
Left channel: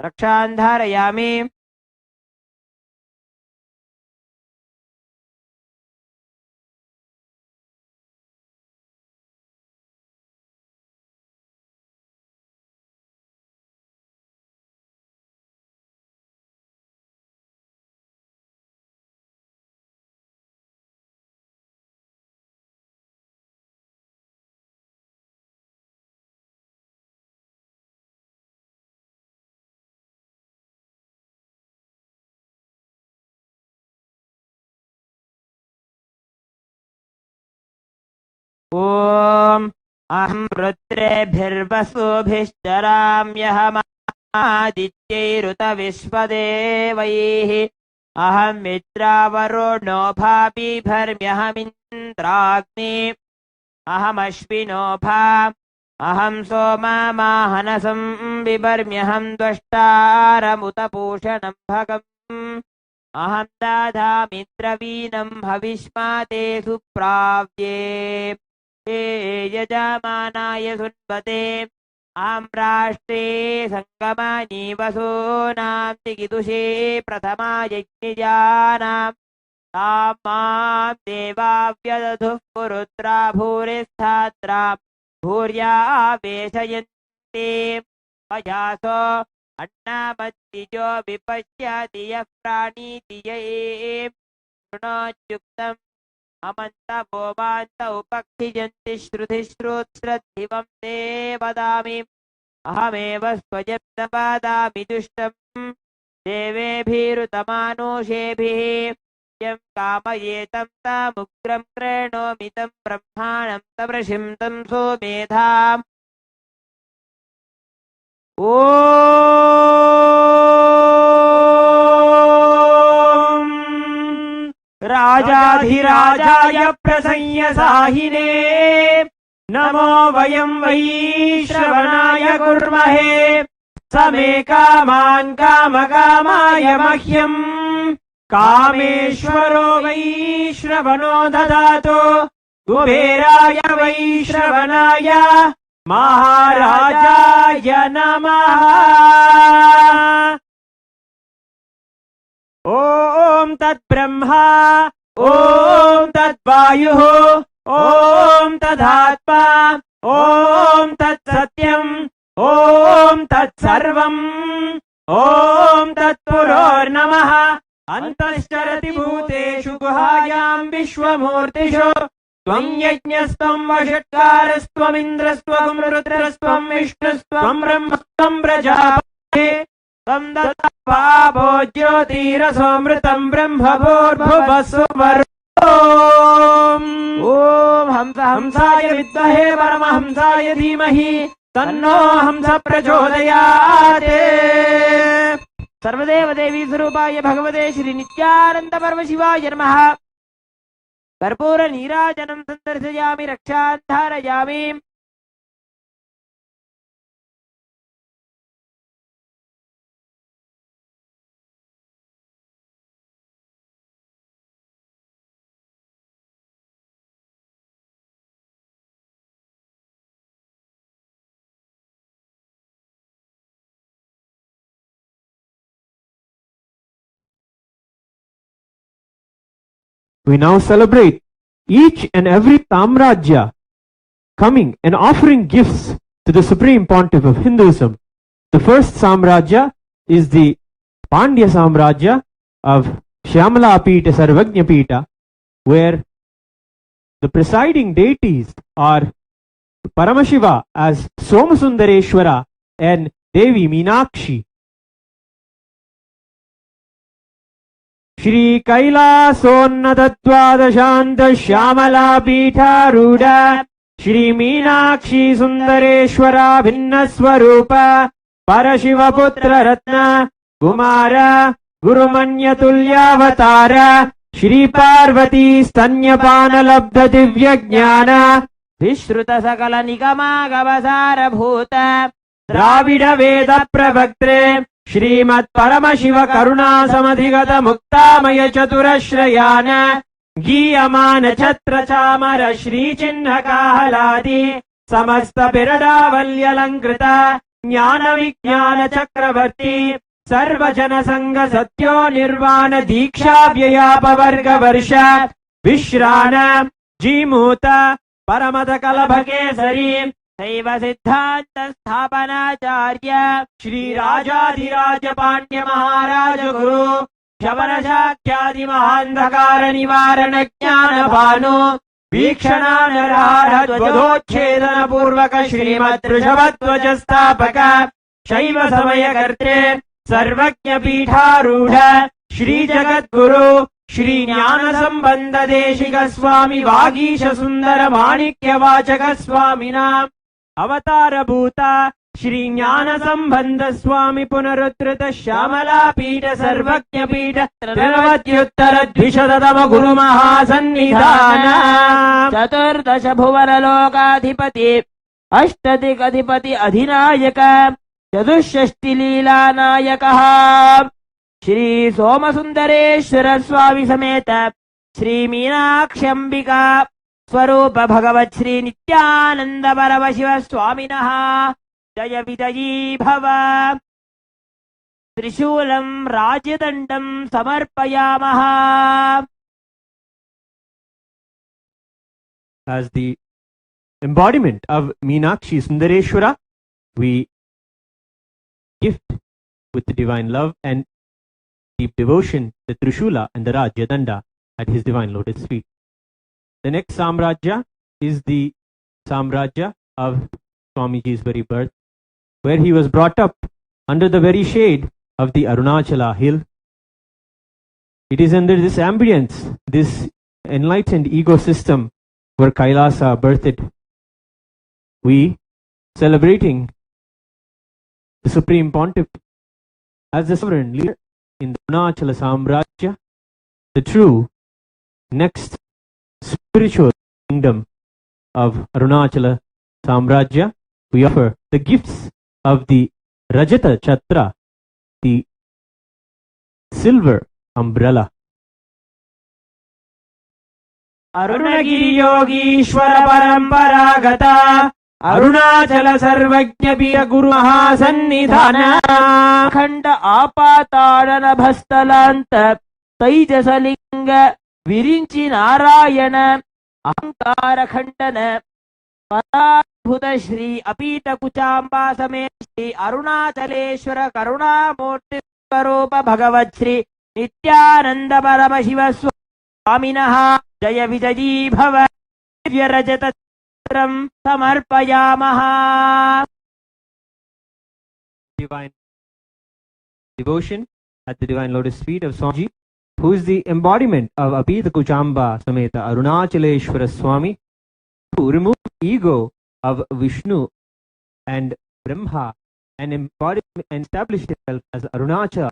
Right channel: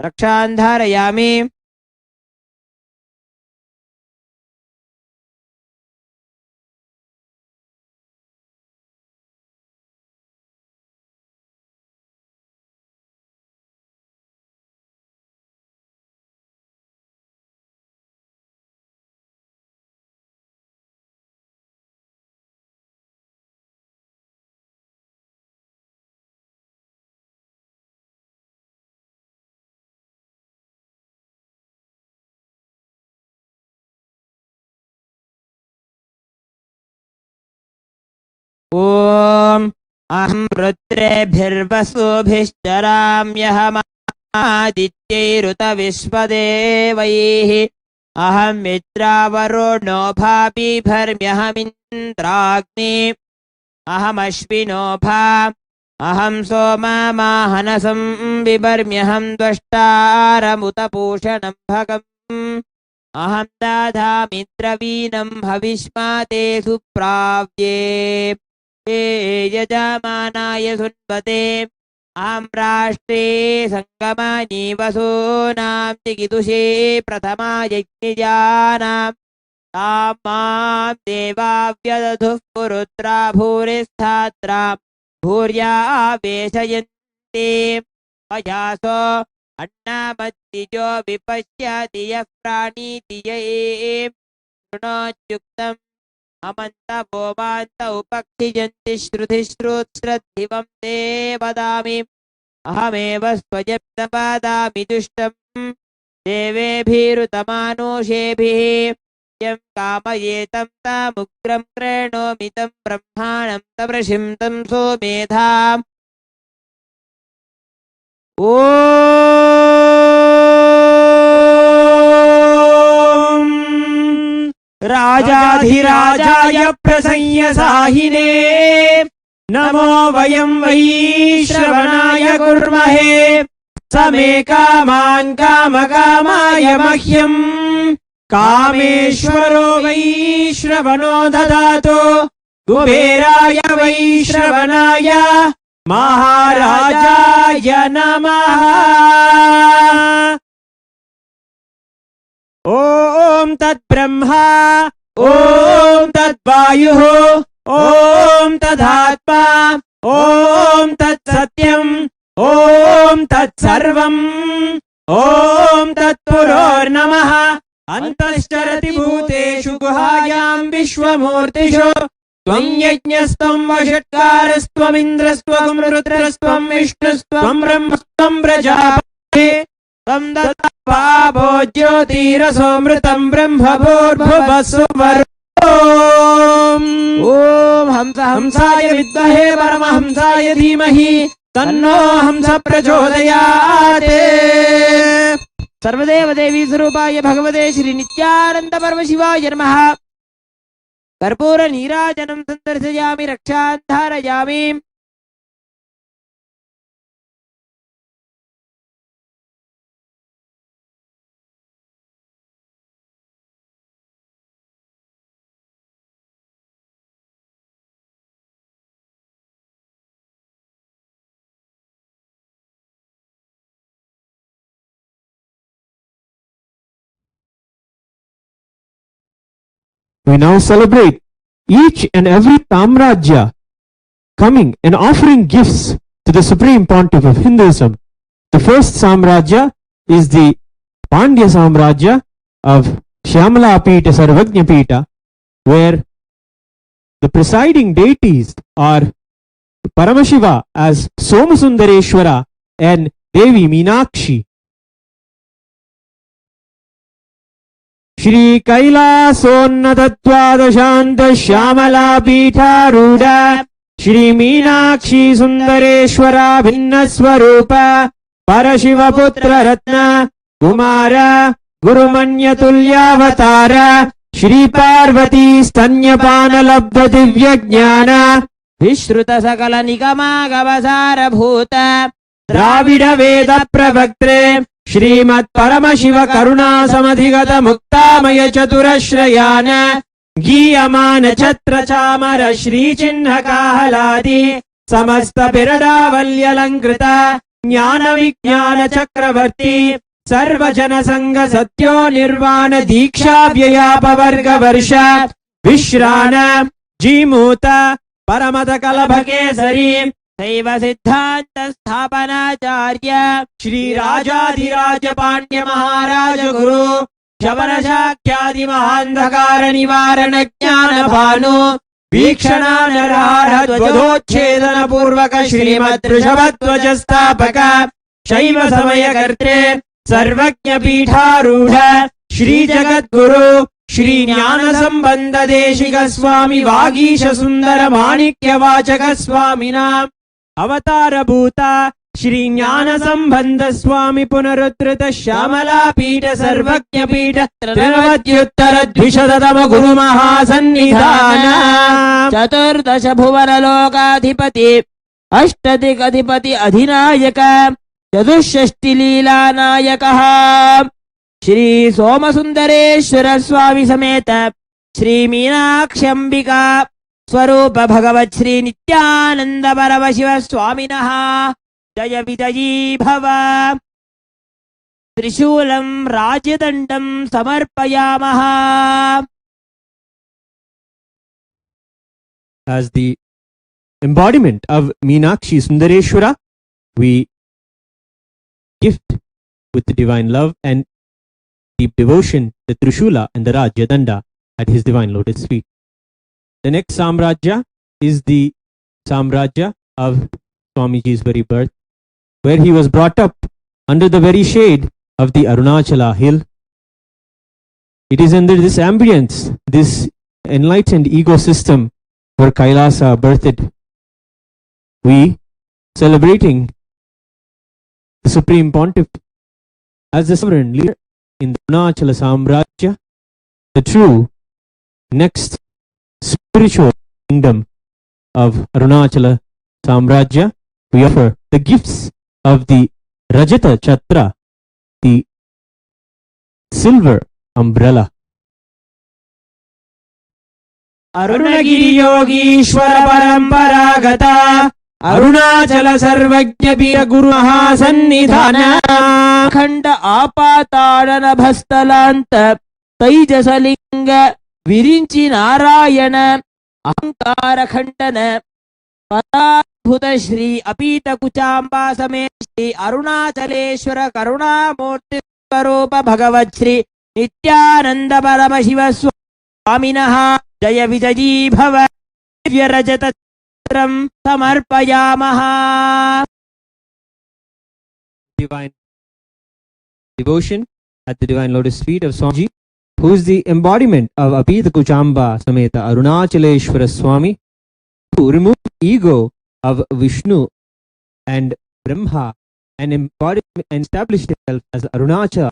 रक्षां धारयामि ॐ अहं रुद्रेभिर्वसुभिश्चराम्यहमादित्यैरुतविश्वदेवैः अहं मित्रावरुणो भापिभर्म्यहमिन्द्राग्नि अहमश्विनो भा अहं सोममाहनसं बिभर्म्यहं त्वष्टारमुतपूषणं भगम् अहं दधामि द्रवीणं हविष्माते सुप्राव्ये हे यजमानाय सुन्वते अहं राष्ट्रे सङ्गमानि वसूनां चिकितुषे प्रथमा यज्ञजानां तां मां देवा व्यदधुः पुरुत्रा भूरिस्थात्रा भूर्या वेशयन्ते अयासो अन्नमत्तिजो विपश्यति यः प्राणीति य शृणोत्युक्तम् अमन्तभोमान्त उपक्षिजन्ति श्रुतिश्रुतश्रद्धिवं ते वदामि अहमेव स्वयं न वदामि दुष्टम् देवेभिरुतमानुषेभिः यं कामयेतं तामुग्रं कृणोमि तं ब्रह्माणं तमृषिं तं सोमेधाम् ॐ राजाधिराजाय प्रसंयसाहिने नमो वयं वै श्रवणाय कुर्महे समे कामान् कामकामाय मह्यम् कामेश्वरो वै श्रवणो ददातु कुबेराय वै श्रवणाय महाराजाय नमः ॐ तद्ब्रह्मा ॐ तद्वायुः ॐ तदात्मा ॐ तत्सत्यम् ॐ तत्सर्वम् ॐ तत्पुरोर्नमः अन्तश्चरति भूतेषु गुहायां विश्वमूर्तिषु त्वं यज्ञस्त्वं वषट्कारस्त्वमिन्द्रस्त्वं रुद्रस्त्वं विष्णुस्त्वं ब्रह्मस्त्वं प्रजापतिः त्वं दत्त्वा ज्योतिरसोऽमृतं ब्रह्मभूर्भुवस्सुवर् ॐ हंस हंसाय विद्महे परमहंसाय धीमहि तन्नो हंस प्रचोदयात् सर्वदेव देवी स्वरूपाय भगवते श्री नित्यानंद परमशिवाय नमः कर्पूर नीराजनं सन्दर्शयामि रक्षां धारयामि we now celebrate each and every Samrajya coming and offering gifts to the Supreme Pontiff of Hinduism. The first Samrajya is the Pandya Samrajya of Shyamala Pita Sarvajna Pita, where the presiding deities are Paramashiva as Somasundareshwara and Devi Meenakshi. Shri Kailasonnatadvadashanta Shyamala Pita Ruda Shri Meenakshi Sundareshwara Bhinnaswarupa Parashiva Putra Ratna Kumara Gurumanya Tulyavatara Shri Parvati Stanyapana Labdha Divya Jnana Vishruta Sakala Nikama Gavasara Bhuta Dravida Veda Pravaktre Shrimad Paramashiva Karuna Samadhigata Muktamaya Chaturashrayana Giyamana Chatra Chamara Shri Chinha Kahaladi Samasta Pirada Valyalankrita Jnana Vijnana Chakravarti Sarva Jana Sangha Satyo Nirvana Diksha Vyayapa Varga Varsha Vishrana Jimuta Paramata Kalabhakesari Saiva Siddhanta Sthapanacharya Shri Rajadhiraja Pandya Maharaja Guru Shavana Shakyadi Mahandhakara Nivarana Jnana Bhanu Vikshana Narara Dvadochedana Purvaka Shrimad Rishabhadvaja Sthapaka Shaiva Samaya Kartre Sarvajna Pitharudha Shri Jagat Guru Shri Jnana Sambandha Deshika Swami Vagisha Sundara Manikya Vachaka Swamina Avatara Bhuta Shri Jnana Sambandha Swami Punarudrita Shyamala Pita Sarvajna Pita Trinavadyuttara Dvishadadama Guru Mahasannidhana Chaturdasha Bhuvana Lokadhipati Ashtadikadhipati Adhinayaka Chadushashti Leela Nayakaha Shri Somasundareshwara Swami Sameta Shri Meenakshambika Swarupa Bhagavat Shri Nityananda Paravashiva Swaminaha Jaya Vijayi Bhava Trishulam Rajadandam Samarpayamaha. As the embodiment of Meenakshi Sundareshwara, we gift with the divine love and deep devotion the Trishula and the Rajyadanda at his divine lotus feet. The next Samrajya is the Samrajya of Swamiji's very birth, where he was brought up under the very shade of the Arunachala hill. It is under this ambience, this enlightened ecosystem where Kailasa birthed. We celebrating the Supreme Pontiff as the sovereign leader in the Arunachala Samrajya, the true next spiritual kingdom of Arunachala Samrajya. We offer the gifts of the Rajata Chatra, the silver umbrella. Arunagiri Yogishwara Paramparagata Arunachala Sarvajna Pita Guru Mahasannidhana Khanda Apatadana Bhastalanta Taijasalinga Virinchi Narayana Ahankara Khandana Paradbhuta Shri Apita Kuchamba Same Shri Arunachaleshwara Karuna Murti Swarupa Bhagavat Shri Nityananda Paramashiva Swaminaha Jaya Vijayi Bhava Divya Rajata Chitram Samarpayamaha. Divine devotion at the divine lotus feet of Swamiji, who is the embodiment of Apita Kuchamba Sameta Arunachaleshwara Swami, who removed ego of Vishnu and Brahma and embodied and established himself as Arunachala,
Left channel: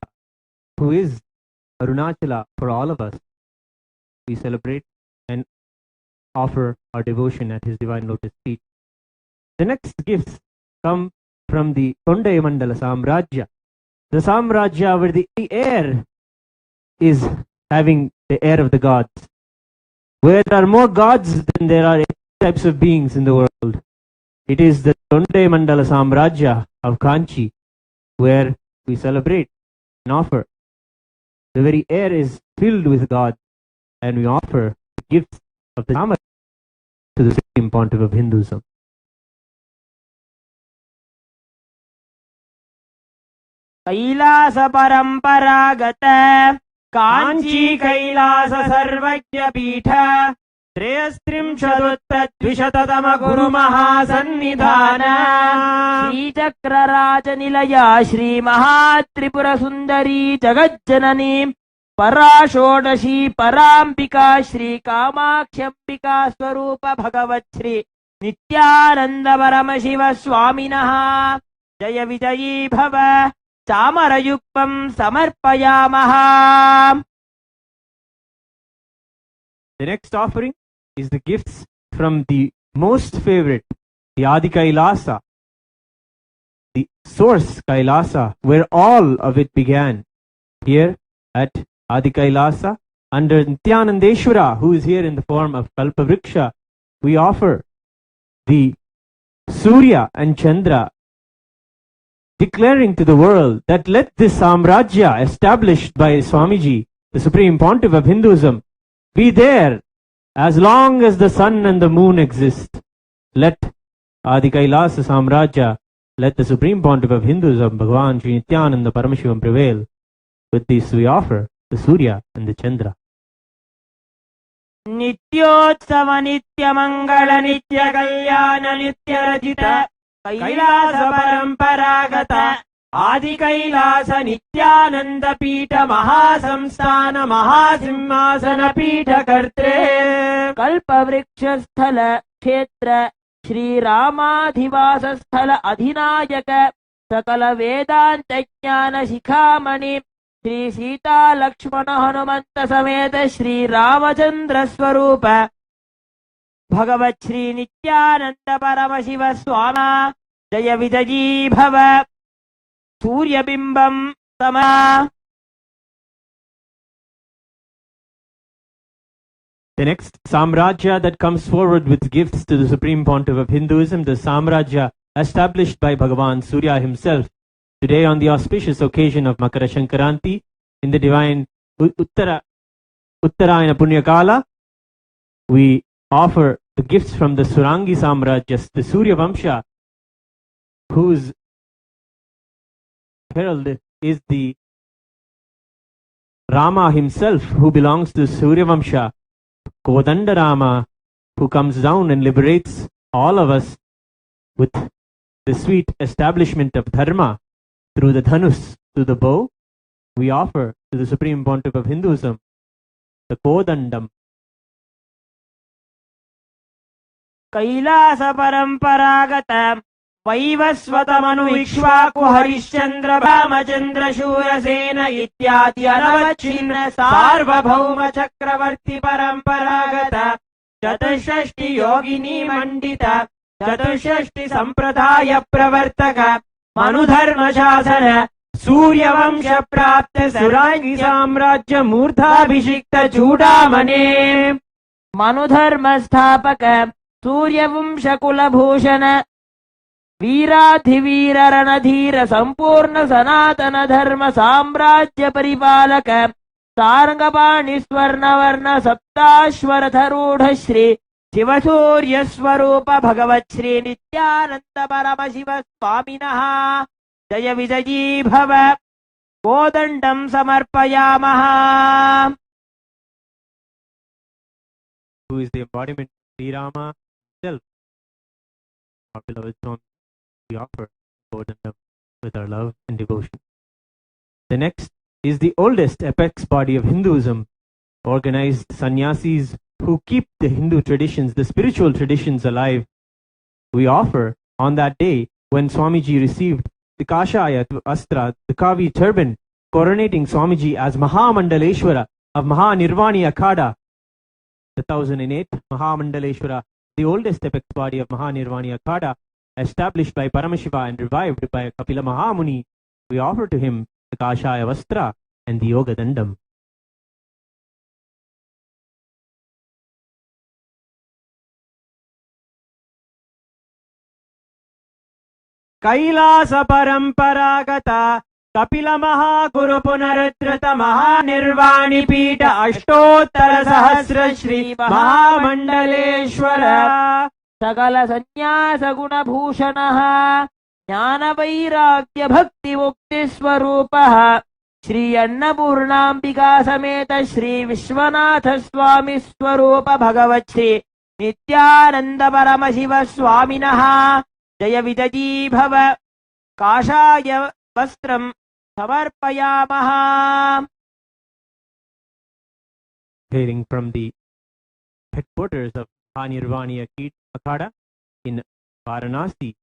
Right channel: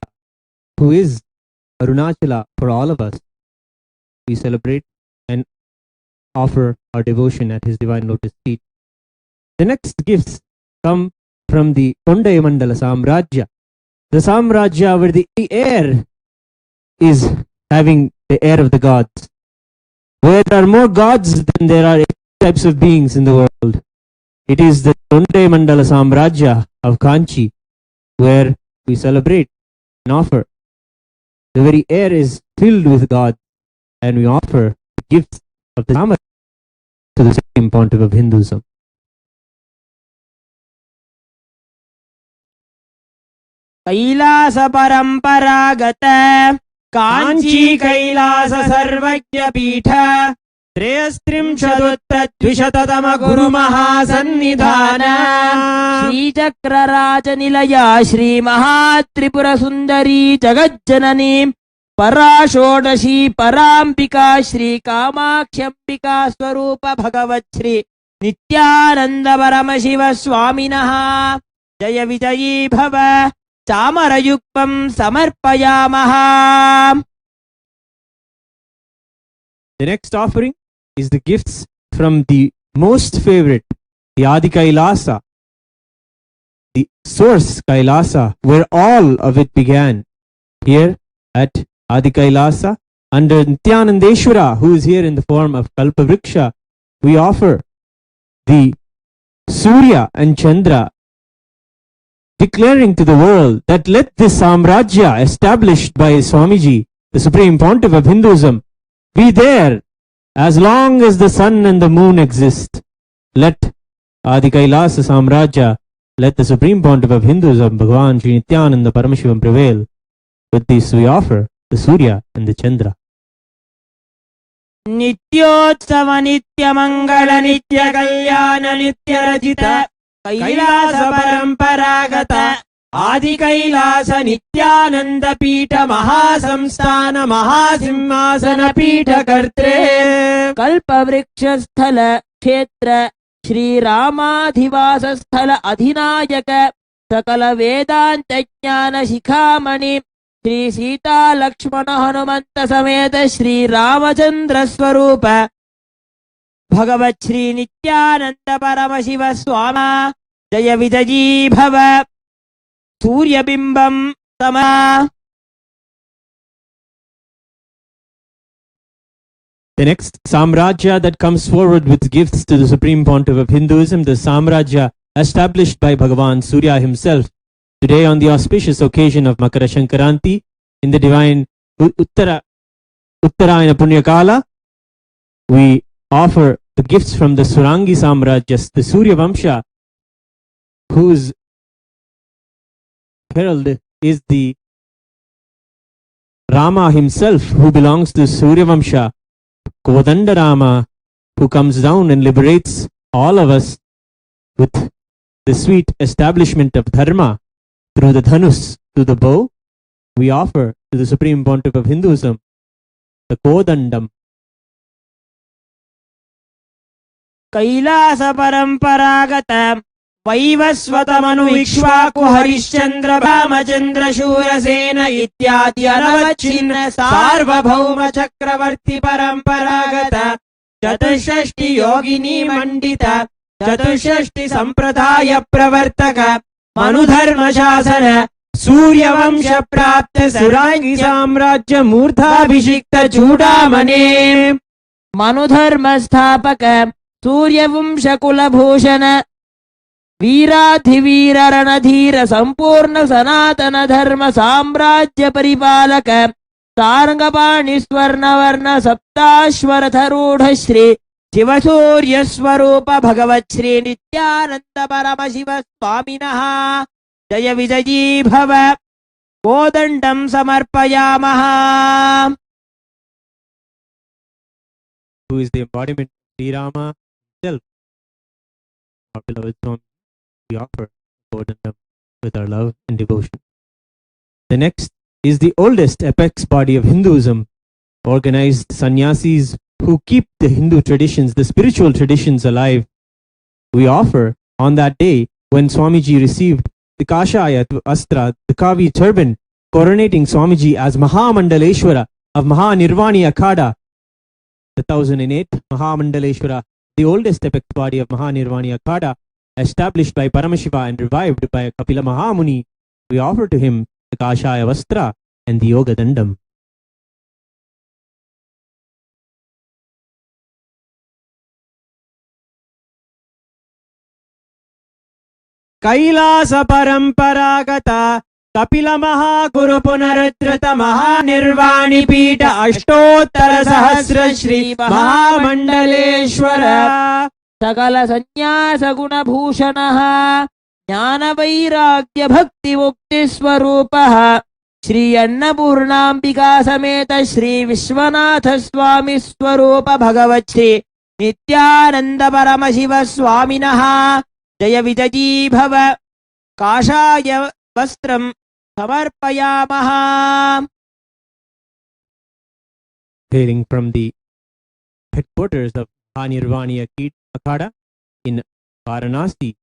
who is Arunachala for all of us. We celebrate and offer our devotion at his divine lotus feet. The next gifts come from the Tondai Mandala Samrajya, the Samrajya where the air is having the air of the gods, where there are more gods than there are types of beings in the world. It is the Tondai Mandala Samrajya of Kanchi, where we celebrate and offer. The very air is filled with God. and we offer the gifts of the Samadhi to the Supreme Pontiff of Hinduism. Kailash परंपरागत कांची कैलास सर्वज्ञ पीठ त्रयस्त्रिंशदुत्तरद्विशततम गुरु महासन्निधान श्रीचक्रराज निलया श्री महात्रिपुर सुंदरी जगज्जननी पराषोडशी परांबिका श्री कामाक्ष्यंबिका स्वरूप भगवत् श्री नित्यानंद परम शिव स्वामिनः जय विजयी भव चामरयुक्तं समर्पयामः. The next offering is the gifts from the most favorite, the Adi Kailasa, the source Kailasa, where all of it began. Here at Adi Kailasa, under Nityanandeshwara, who is here in the form of Kalpavriksha, we offer the Surya and Chandra, declaring to the world that let this Samrajya established by Swamiji, the Supreme Pontiff of Hinduism, be there as long as the sun and the moon exist. Let Adi Kailasa Samrajya, let the Supreme Pontiff of Hinduism, Bhagavan Sri Nityananda Paramashivam prevail. With this we offer the Surya and the Chandra. नित्योत्सव नित्य मंगल नित्य कल्याण नित्य रचित कैलास परंपरागत आदि कैलास नित्यानंद पीठ महासंस्थान महासिंहासन पीठ कर्त्रे कल्पवृक्ष स्थल क्षेत्र श्री रामाधिवास स्थल अधिनायक सकल वेदांत ज्ञान शिखामणि श्री सीता लक्ष्मण हनुमंत समेत श्री रामचंद्र स्वरूप भगवत् श्री नित्यानंद परम शिव स्वामा जय विजयी भव सूर्यबिंबं समा. The next Samrajya that comes forward with gifts to the Supreme Pontiff of Hinduism, the Samrajya established by Bhagavan Surya himself. Today, on the auspicious occasion of Makara Shankaranti, in the divine Uttarayana Punyakala, we offer the gifts from the Surangi Samrajyas, the Surya Vamsha, whose herald is the Rama himself, who belongs to Surya Vamsha, Kodanda Rama, who comes down and liberates all of us with the sweet establishment of Dharma through the Dhanus, through the bow. We offer to the Supreme Pontiff of Hinduism the Kodandam. Kailash परंपरागत वैवस्वत मनु इक्ष्वाकु हरिश्चंद्र रामचंद्र शूरसेन इत्यादि अनवच्छिन्न सार्वभौम चक्रवर्ती परंपरागत चतुष्षष्टि योगिनी मंडित चतुष्षष्टि संप्रदाय प्रवर्तक मनुधर्म शासन सूर्यवंश प्राप्त सुरांगी साम्राज्य मूर्धाभिषिक्त चूडामणे मनुधर्म स्थापक सूर्यवंश कुलभूषण वीराधिवीर रणधीर संपूर्ण सनातन धर्म साम्राज्य परिपालक सारंगपाणि स्वर्ण वर्ण सप्ताश्वरथरूढ़ श्री शिवसूर्य स्वरूप भगवत् श्री नित्यानंद परम शिव स्वामिनः जय विजयी भव कोदंडं समर्पयामः. Who is the embodiment of Sri Rama himself? Our beloved Swami, we offer Kodandam with our love and devotion. The next is the oldest apex body of Hinduism, organized sannyasis who keep the Hindu traditions, the spiritual traditions alive. We offer on that day when Swamiji received the Kashaya Astra, the Kavi turban, coronating Swamiji as Mahamandaleshwara of Mahanirvani Akhada, the 1008 Mahamandaleshwara, the oldest apex body of Mahanirvani Akhada, established by Paramashiva and revived by Kapila Mahamuni. We offer to him the Kashaya Vastra and the Yoga Dandam. Kailash परंपरागत Kapila Mahaguru Punaruddhrita Mahanirvani Pita Ashtottara Sahasra Shri Mahamandaleshwara Sakala Sannyasa Guna Bhushanaha Jnana Vairagya Bhakti Mukti Swarupaha Shri Annapurnambika Sameta Shri Vishwanatha Swami Swarupa Bhagavat Shri Nityananda Paramashiva Swaminaha Jaya Vijaji Bhava Kashaya Vastram Samarpayamaha. Hailing from the headquarters of Anirvani Akhada in Varanasi,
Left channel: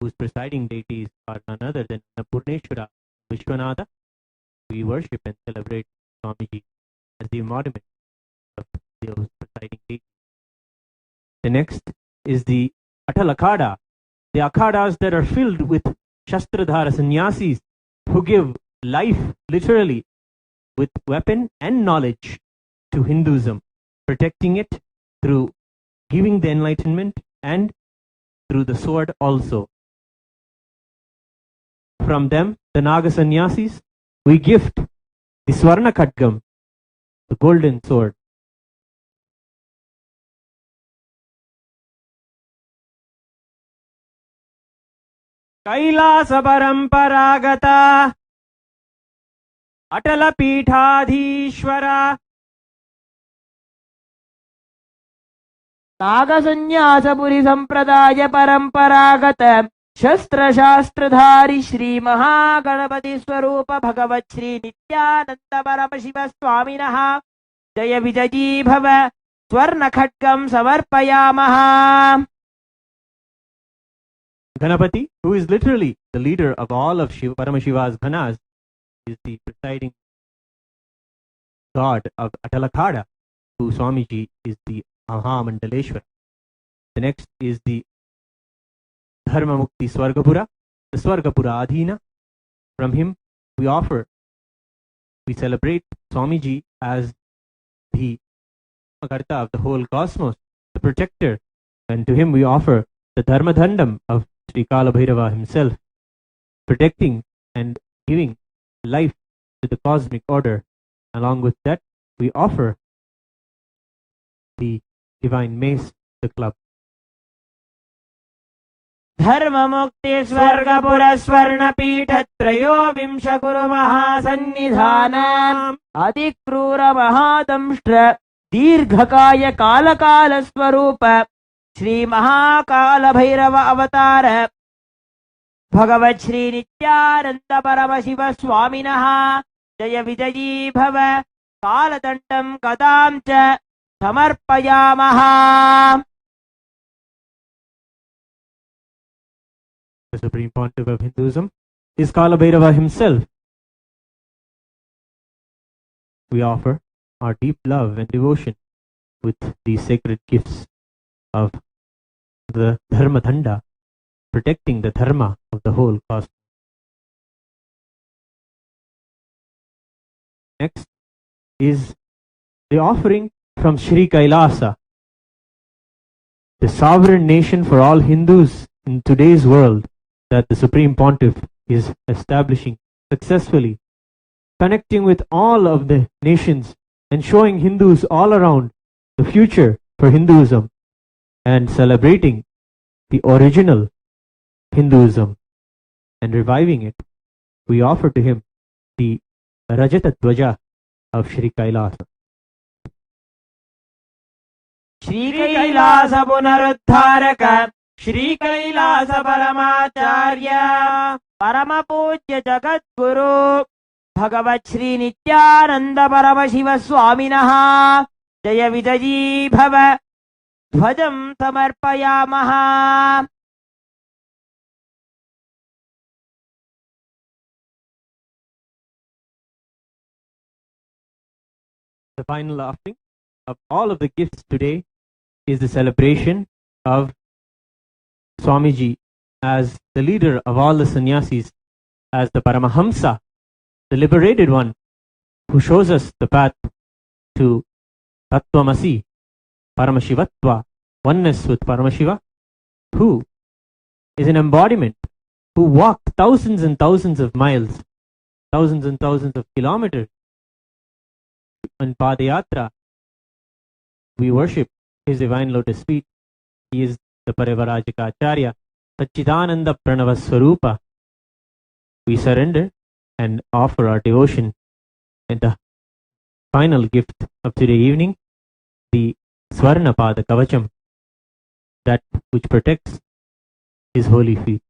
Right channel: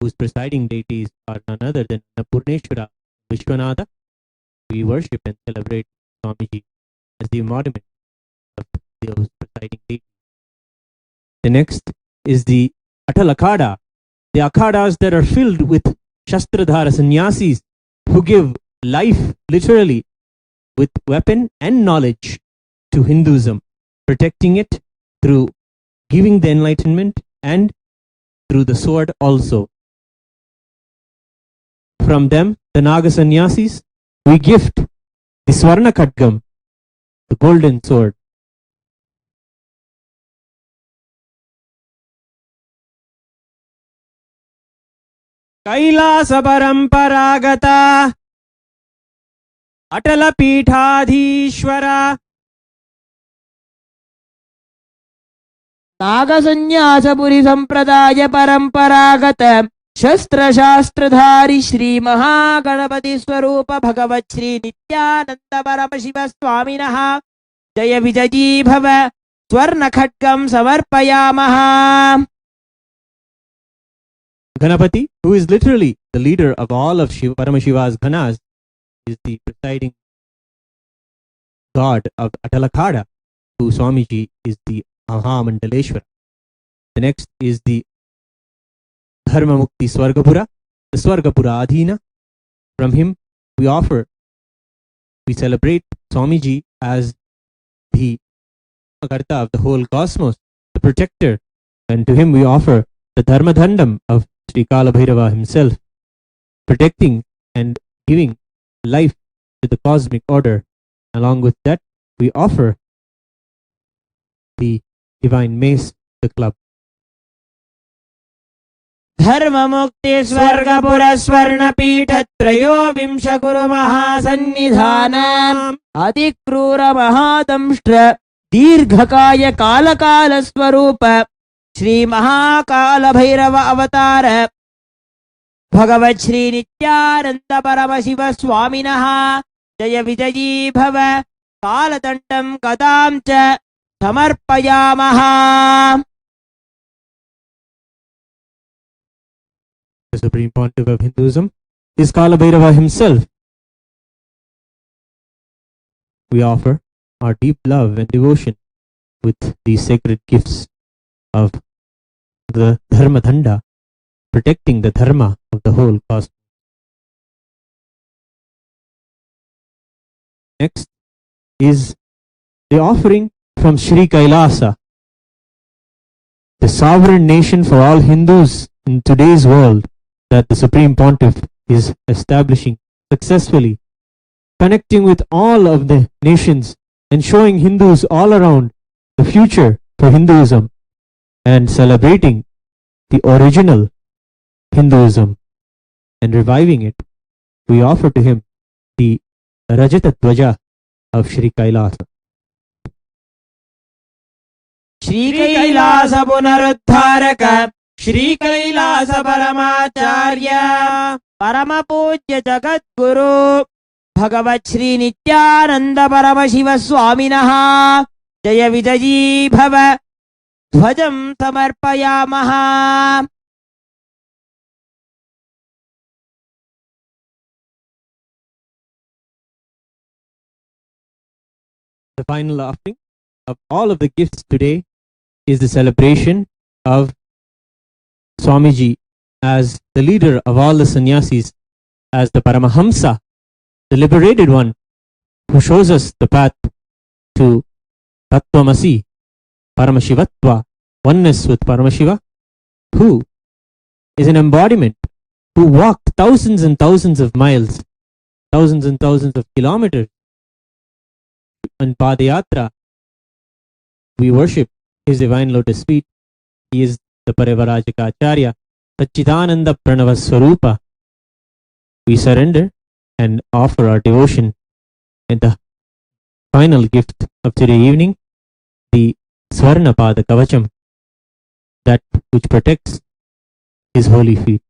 whose presiding deities are none other than Annapurneshwara Vishwanatha, we worship and celebrate Swamiji as the embodiment of those presiding deities. The next is the Atal Akhada, the akhadas that are filled with Shastradhara sannyasis who give life literally with weapon and knowledge to Hinduism, protecting it through giving the enlightenment and through the sword also. From them, the Naga sannyasis, we gift the Swarna Khatgam, the golden sword. Kailasa Paramparagata Atala Peethadhishwara Nagasanyasapuri Sampradaya Paramparagata Shastra Shastradhari Shri Mahaganapati Swarupa Bhagavat Shri Nityananda Paramashiva Swaminaha Jaya Vijaji Bhava Swarna Khatgam Samarpayamaha. Ganapati, who is literally the leader of all of Paramashiva's Ghanas, is the presiding god of Atalakada, who Swamiji is the Mahamandaleshwara. The next is the Dharma Mukti Swargapura, the Swargapura Adhina. From him we celebrate Swamiji as the Karta of the whole cosmos, the protector, and to him we offer the Dharma Dhandam of Sri Kala Bhairava himself, protecting and giving life to the cosmic order. Along with that, we offer the divine mace, the club. Dharma Mukti Swargapura Swarna Peetha Trayo Vimsha Guru Mahasannidhanam Adikrura Mahadamshtra Dirghakaya Kala Kala Swarupa Shri Mahakala Bhairava Avatar Bhagavat Shri Nityananda Paramashiva Swaminaha Jaya Vijaji Bhava Kaladandam Gadam Cha Samarpayamaha. The Supreme Pontiff of Hinduism is Kala Bhairava himself. We offer our deep love and devotion with these sacred gifts of the Dharma Dhanda, protecting the Dharma of the whole cosmos. Next is the offering from Sri Kailasa, the sovereign nation for all Hindus in today's world that the Supreme Pontiff is establishing successfully, connecting with all of the nations and showing Hindus all around the future for Hinduism and celebrating the original Hinduism and reviving it. We offer to him the Rajata Dwaja of Sri Kailasa. Shri Kailasa Punaruddharaka Shri Kailasa Paramacharya Parama Pujya Jagat Guru Bhagavat Shri Nityananda Paramashiva Swaminaha Jaya Vijaji Bhava Dhvajam Samarpayamaha. The final offering of all of the gifts today is the celebration of Swamiji as the leader of all the sannyasis, as the Paramahamsa, the liberated one, who shows us the path to Tattvamasi, Paramashivatva, oneness with Paramashiva, who is an embodiment who walked thousands and thousands of miles, thousands and thousands of kilometers on Padayatra. We worship His divine lotus feet. He is the Parivarajika Acharya, Satchidananda Pranava Swarupa. We surrender and offer our devotion in the final gift of today evening, the Swarna Pada Kavacham, that which protects His holy feet.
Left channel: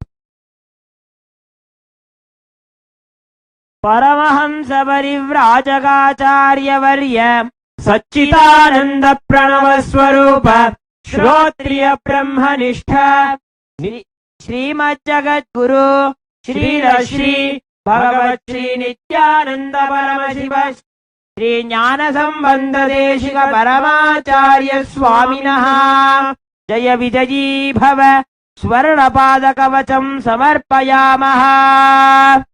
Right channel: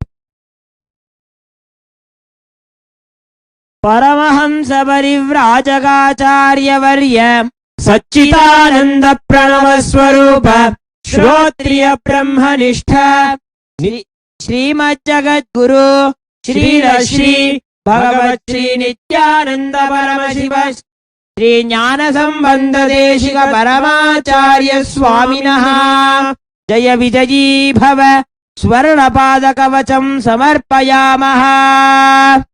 Paramahamsa Parivrajagacharya Varya Satchidananda Pranava Swarupa Shrotriya Brahmanistha Srimad Jagat Guru Shri Rashri Bhagavat Shri Nityananda Paramashiva Shri Jnana Sambandha Deshika Paramacharya Swaminaha Jaya Vijayi Bhava Swarna Pada Kavacham Samarpayamaha.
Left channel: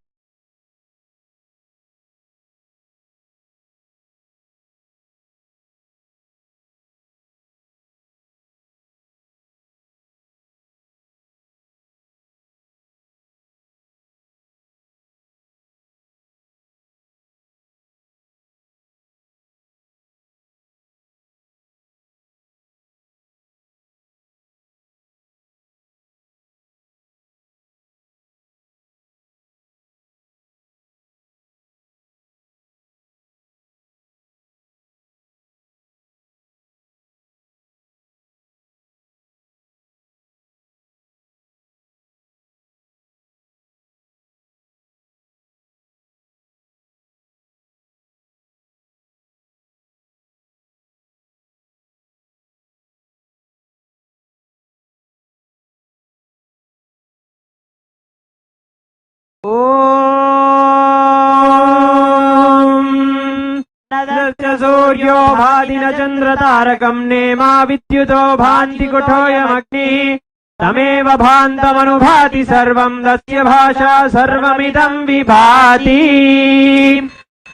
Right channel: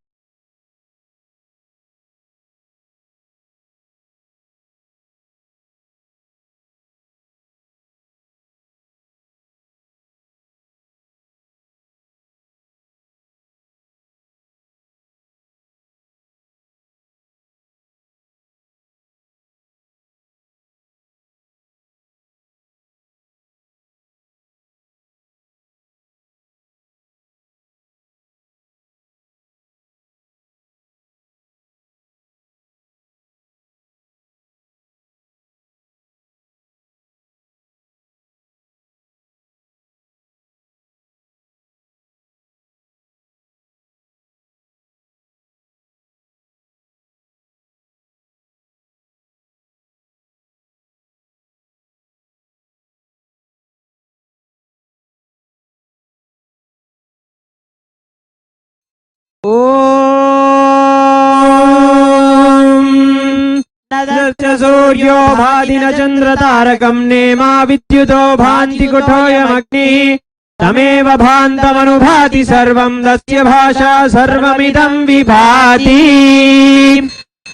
Suryo Bhadina Chandra Tarakam Nema Vidyuto Bhanti Kutoyamagni Tameva Bhantamanubhati Sarvam Dasya Bhasha Sarvamidam Vibhati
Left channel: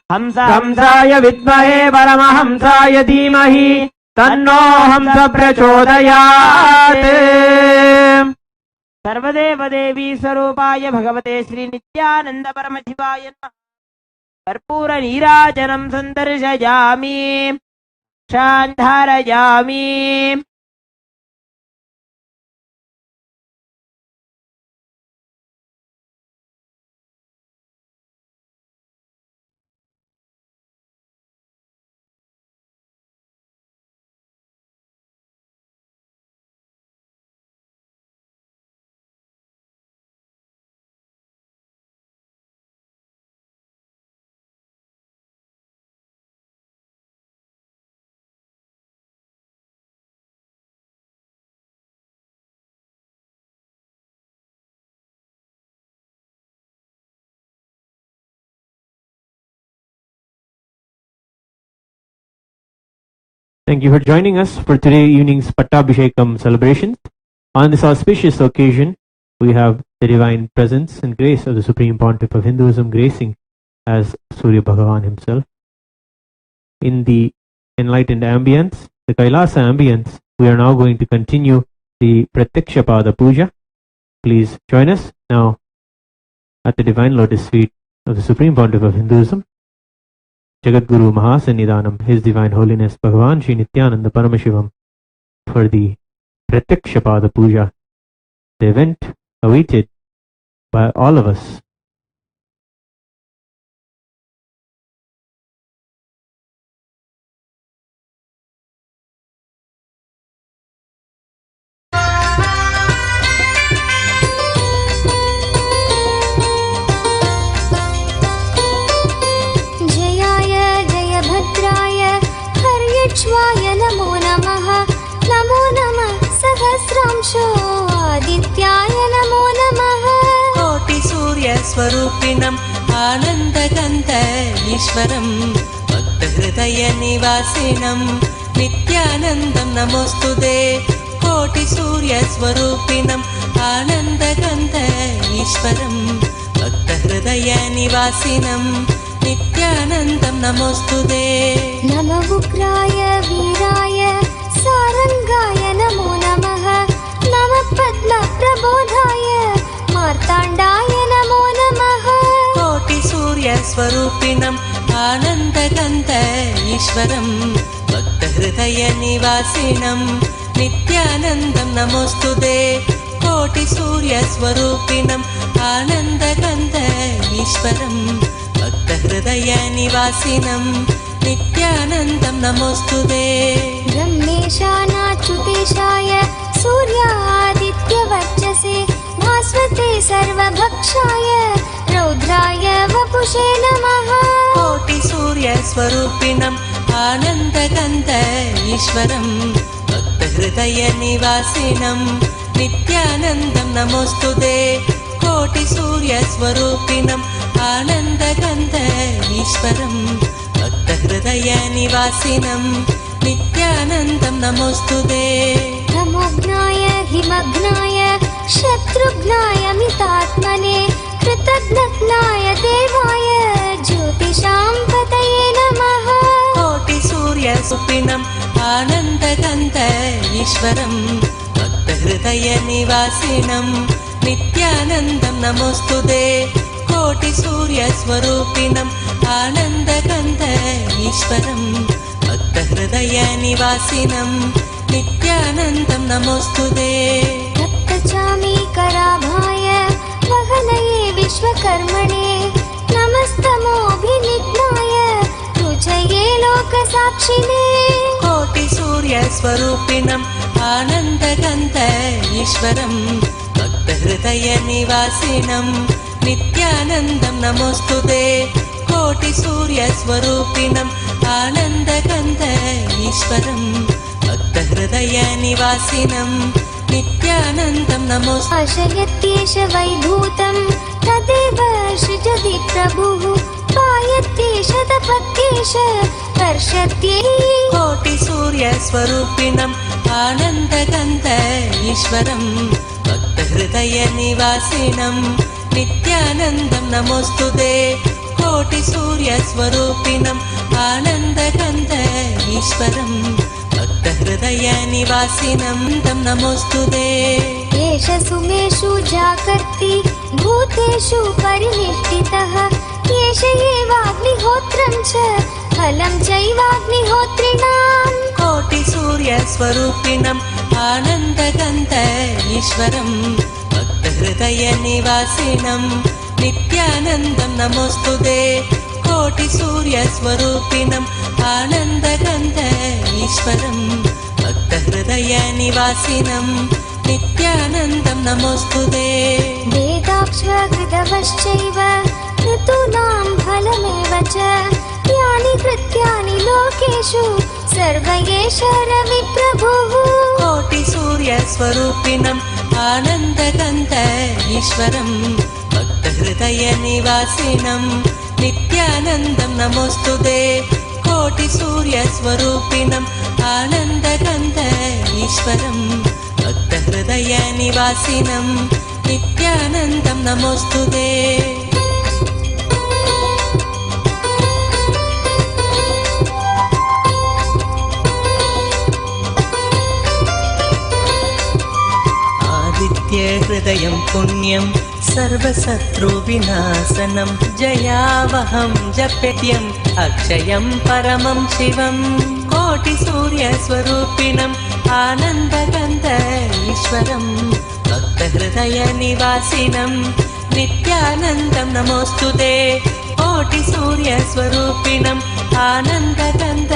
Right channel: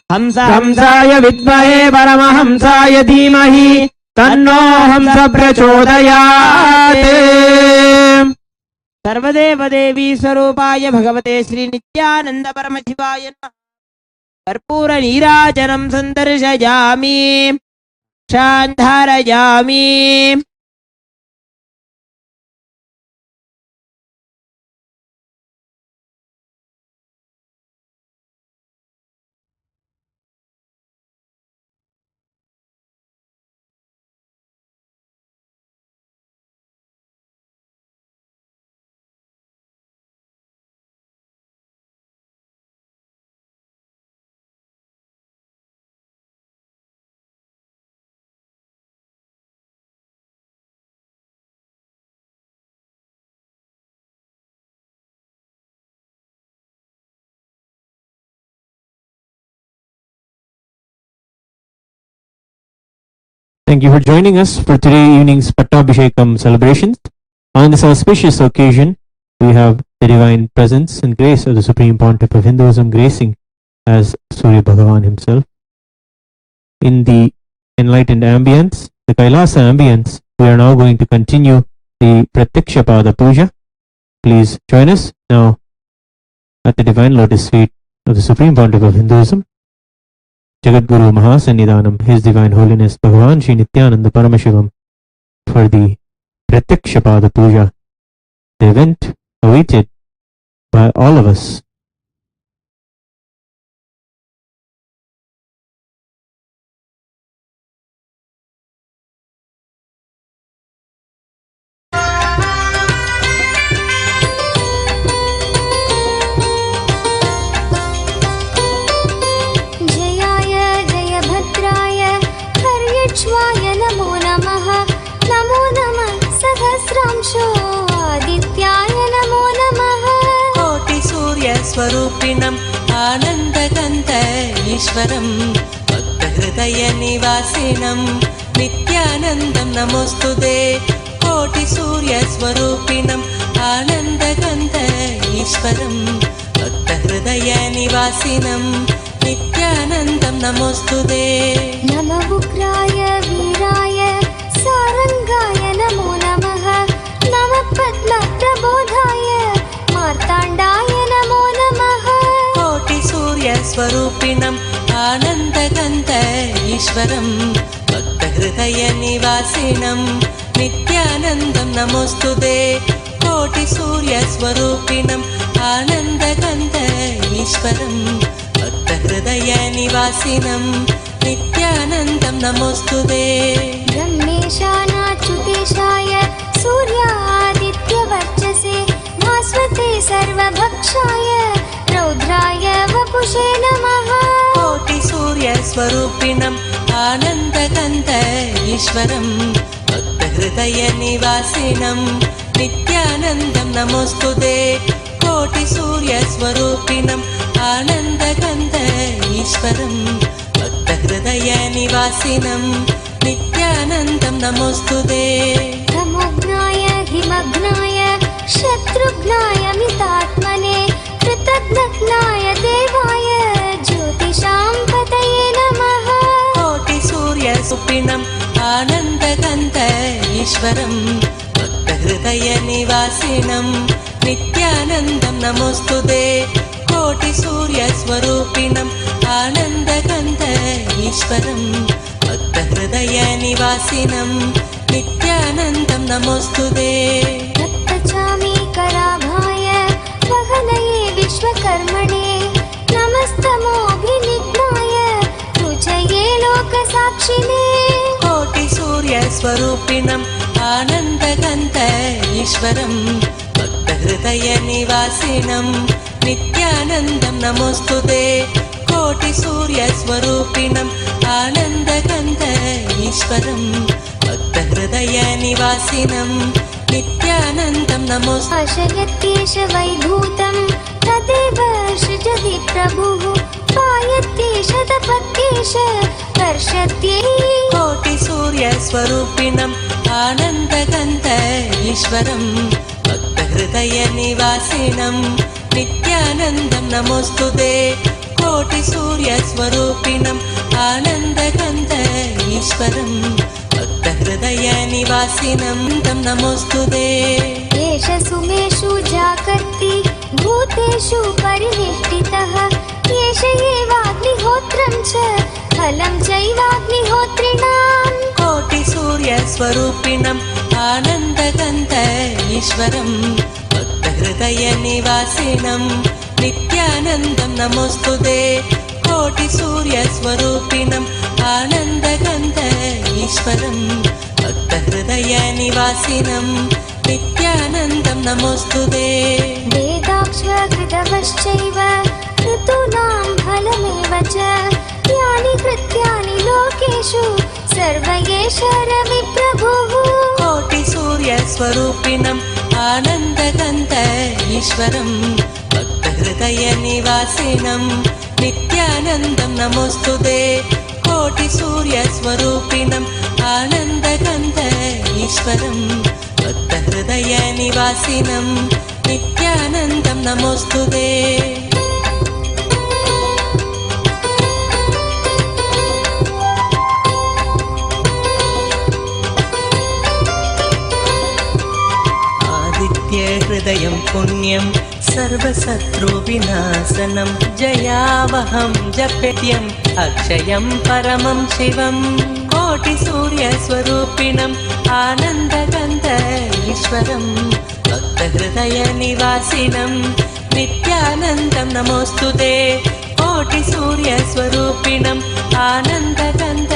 Hamsaya Vidmahe Paramahamsaya Dhimahi Tanno Hamsa Prachodayate Sarvadeva Devi Sarupaya Bhagavate Sri Nityananda Paramashivaya Karpura Nirajanam Sandarshayami Shandharayami. Thank you for joining us for today evening's Pattabhishekam celebrations. On this auspicious occasion, we have the divine presence and grace of the Supreme Pontiff of Hinduism gracing as Surya Bhagavan himself. In the enlightened ambience, the Kailasa ambience, we are now going to continue the Pratyaksha Pada Puja. Please join us now at the divine lotus feet of the Supreme Pontiff of Hinduism, Jagat Guru Mahasannidhanam, His Divine Holiness Bhagavan Shri Nityananda Paramashivam, for the Pratyaksha Pada Puja, the event awaited by all of us. हर्यक्ष्वाय नमो नमः नमो नमः सहस्रांशो आदित्याय नमो नमः कोटि सूर्य स्वरूपिणम् आनन्दगन्ध ईश्वरम् भक्तहृदय निवासिनम् नित्यानन्दम् नमोस्तुते कोटि सूर्य स्वरूपिणम् आनन्दगन्ध ईश्वरम् भक्तहृदय निवासिनम् नित्यानन्दं नमोस्तुते नमः उग्राय वीराय सारंगाय नमो नमः नमः पद्मप्रबोधाय मार्ताण्डाय सूर्यस्वरूपिणम् आनन्दगन्ध ईश्वरम् भक्तहृदयनिवासिनम् नित्यानन्दं नमोऽस्तुते कोटिसूर्यस्वरूपिणम् आनन्दगन्ध ईश्वरम् भक्तहृदयनिवासिनम् नित्यानन्दं नमोऽस्तुते ब्रह्मेशानाच्युतेशाय सूर्यादित्यवर्चसे भास्वते सर्वभक्षाय रौद्राय वपुषे नमः कोटिसूर्यस्वरूपिणम् आनन्दगन्ध ईश्वरम् भक्तहृदयनिवासिनम् नित्यानन्दं नमोऽस्तुते कोटिसूर्यस्वरूपिणम् आनन्दगन्ध ईश्वरम् भक्तहृदयनिवासिनम् नित्यानन्दं नमोऽस्तुते तमोघ्नाय हिमघ्नाय शत्रुघ्नाय मितात्मने कृतघ्नाय देवाय ज्योतिषां पतये नमः कोटिसूर्यरूपिणम् आनन्दगन्ध ईश्वरम् भक्तहृदयनिवासिनम् नित्यानन्दं नमोऽस्तुते कोटिसूर्यस्वरूपिणम् आनन्दगन्ध ईश्वरम् भक्तहृदयनिवासिनम् नित्यानन्दं नमोऽस्तुते दत्तचामीकराभाय वहनये विश्वकर्मणे नमस्तमोऽभिनिघ्नाय रुचये लोकसाक्षिणे कोटिसूर्यस्वरूपिणम् आनन्दगन्ध ईश्वरम् भक्तहृदयनिवासिनम् नित्यानन्दं नमोऽस्तुते कोटिसूर्यस्वरूपिणम् आनन्दगन्ध ईश्वरम् भक्तहृदयनिवासिनम् नित्यानन्दं नमोऽस्तुते आशयत्येष वैभूतं तदेव सृजति प्रभुः पायत्येष तपत्येष वर्षत्ये कोटिसूर्यस्वरूपिणम् आनन्दगन्ध ईश्वरम् भक्तहृदयनिवासिनम् नित्यानन्दं नमोऽस्तुते कोटिसूर्यस्वरूपिणम् आनन्दगन्ध ईश्वरम् भक्तहृदयनिवासिनम् तं नमोऽस्तुते एष सुमेषु जाकर्ति भूतेषु परिनिष्ठितः एष एवाग्निहोत्रं च फलं चैवाग्निहोत्रिणाम् कोटिसूर्यस्वरूपिणम् आनन्दगन्ध ईश्वरम् भक्तहृदयनिवासिनम् नित्यानन्दं नमोऽस्तुते कोटिसूर्यस्वरूपिणम् आनन्दगन्ध ईश्वरम् भक्तहृदयनिवासिनम् नित्यानन्दं नमोऽस्तुते वेदाक्षकृतवश्चैव ऋतूनां फलमेव च यानि कृत्यानि लोकेषु सर्व एष रविप्रभुः कोटिसूर्यस्वरूपिणम् आनन्दगन्ध ईश्वरम् भक्तहृदयनिवासिनम् नित्यानन्दं नमोऽस्तुते कोटिसूर्यस्वरूपिणम् आनन्दगन्ध ईश्वरम् भक्तहृदयनिवासिनम् नित्यानन्दं नमोऽस्तुते हृदयं पुण्यं सर्वशत्रुविनाशनं जयावहं जप्यम् अक्षयं परमं शिवं कोटिसूर्यस्वरूपिणम् आनन्दगन्ध ईश्वरं भक्तहृदयनिवासिनं नित्यानन्दं नमोऽस्तुते कोटिसूर्यस्वरूपिणम् आनन्दगन्ध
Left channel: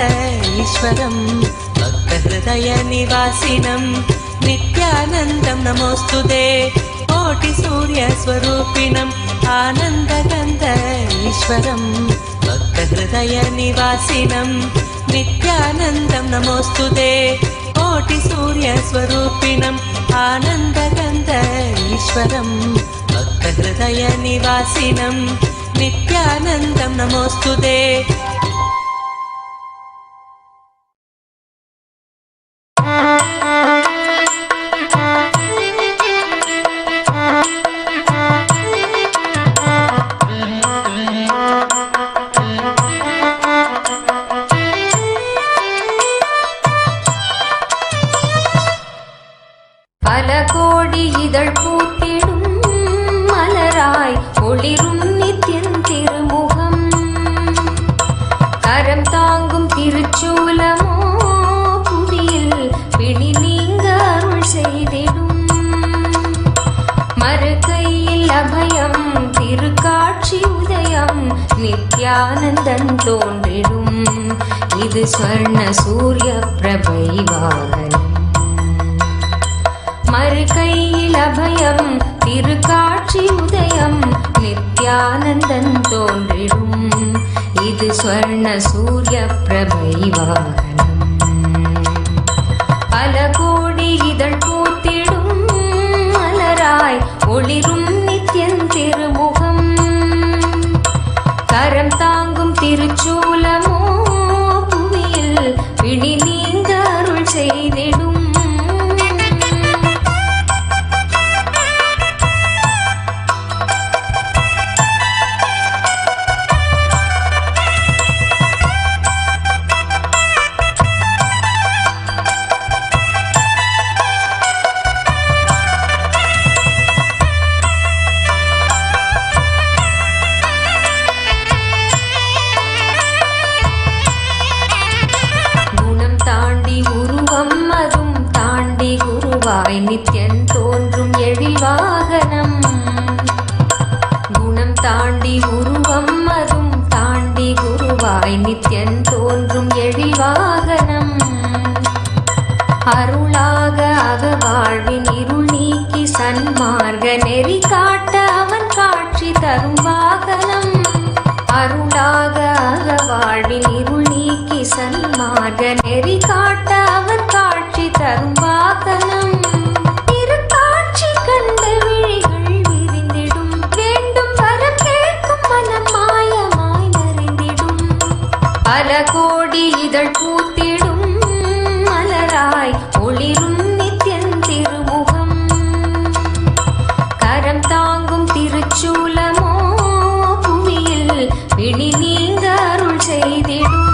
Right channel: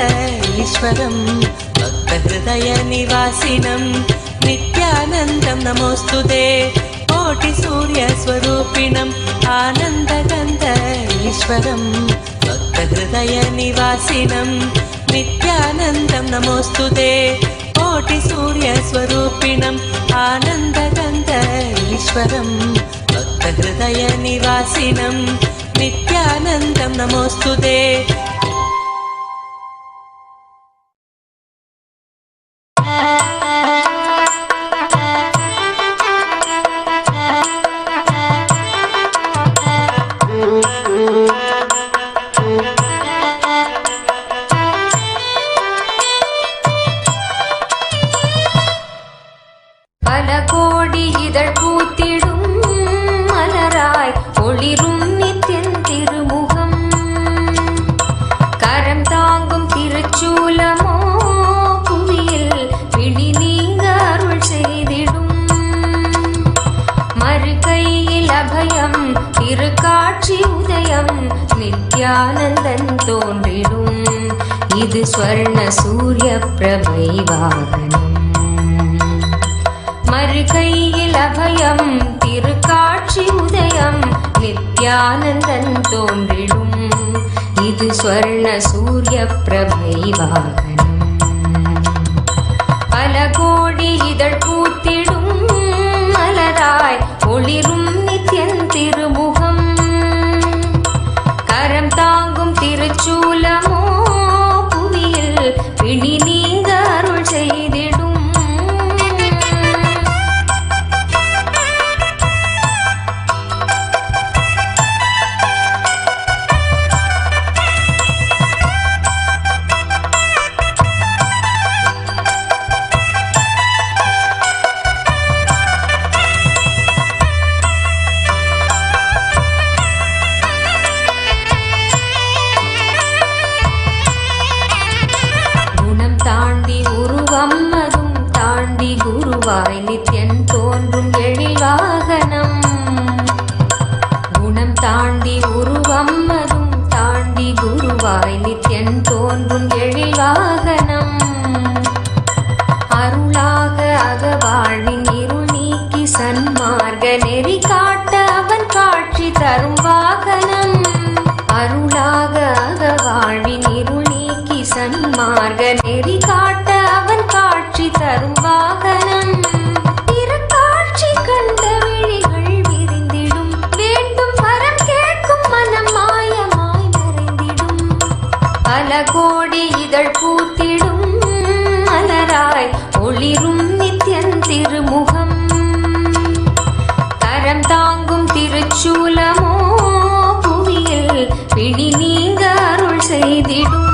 ईश्वरं भक्तहृदयनिवासिनं नित्यानन्दं नमोऽस्तुते कोटिसूर्यस्वरूपिणम् आनन्दगन्ध ईश्वरं भक्तहृदयनिवासिनं नित्यानन्दं नमोऽस्तुते कोटिसूर्यस्वरूपिणम् आनन्दगन्ध ईश्वरं भक्तहृदयनिवासिनं नित्यानन्दं नमोऽस्तुते மலராய் ஒளிரும் நித்தின் திருமுகம் இது ஸ்வர்ண சூரிய பிரபை வாகனம். மறுகையில் அபயம் திருக்காட்சி உதயம் நித்யானந்தன் தோன்றிடும். இது ஸ்வர்ண சூரிய பிரபை வாகனம். பல கோடி இதழ் பூத்திடும் மலராய் ஒளிரும் நித்யன் திருமுகம். கரம் தாங்கும் திருச்சூலமோ புவியில் பிடி நீங்க அருள் செய்திடும். நித்யன் தோன்றும் எழில் வாகனம். குணம் தாண்டி உருவம் அதும் தாண்டி குருவாய் நித்யன் தோன்றும் எழில் வாகனம். அருளாக அகவாழ்வின் இருள் நீக்கி சன்மார்க்க நெறி காட்ட அவன் காட்சி தரும் வாகனம். அருளாக அகவாழ்வின் இருள் நீக்கி சன்மார்க்க நெறி காட்ட அவன் காட்சி தரும் வாகனம். திருக்காட்சி கண்ட விழிகள் விரிந்திடும். வேண்டும் வரம் கேட்கும் மனம் மாயமாய் மறைந்திடும். பல கோடி இதழ் பூத்திடும் மலராய் ஒளிரும் நித்யன் திருமுகம். கரம் தாங்கும் திருச்சூலமோ புவியில் பிடி நீங்க அருள் செய்திடும்.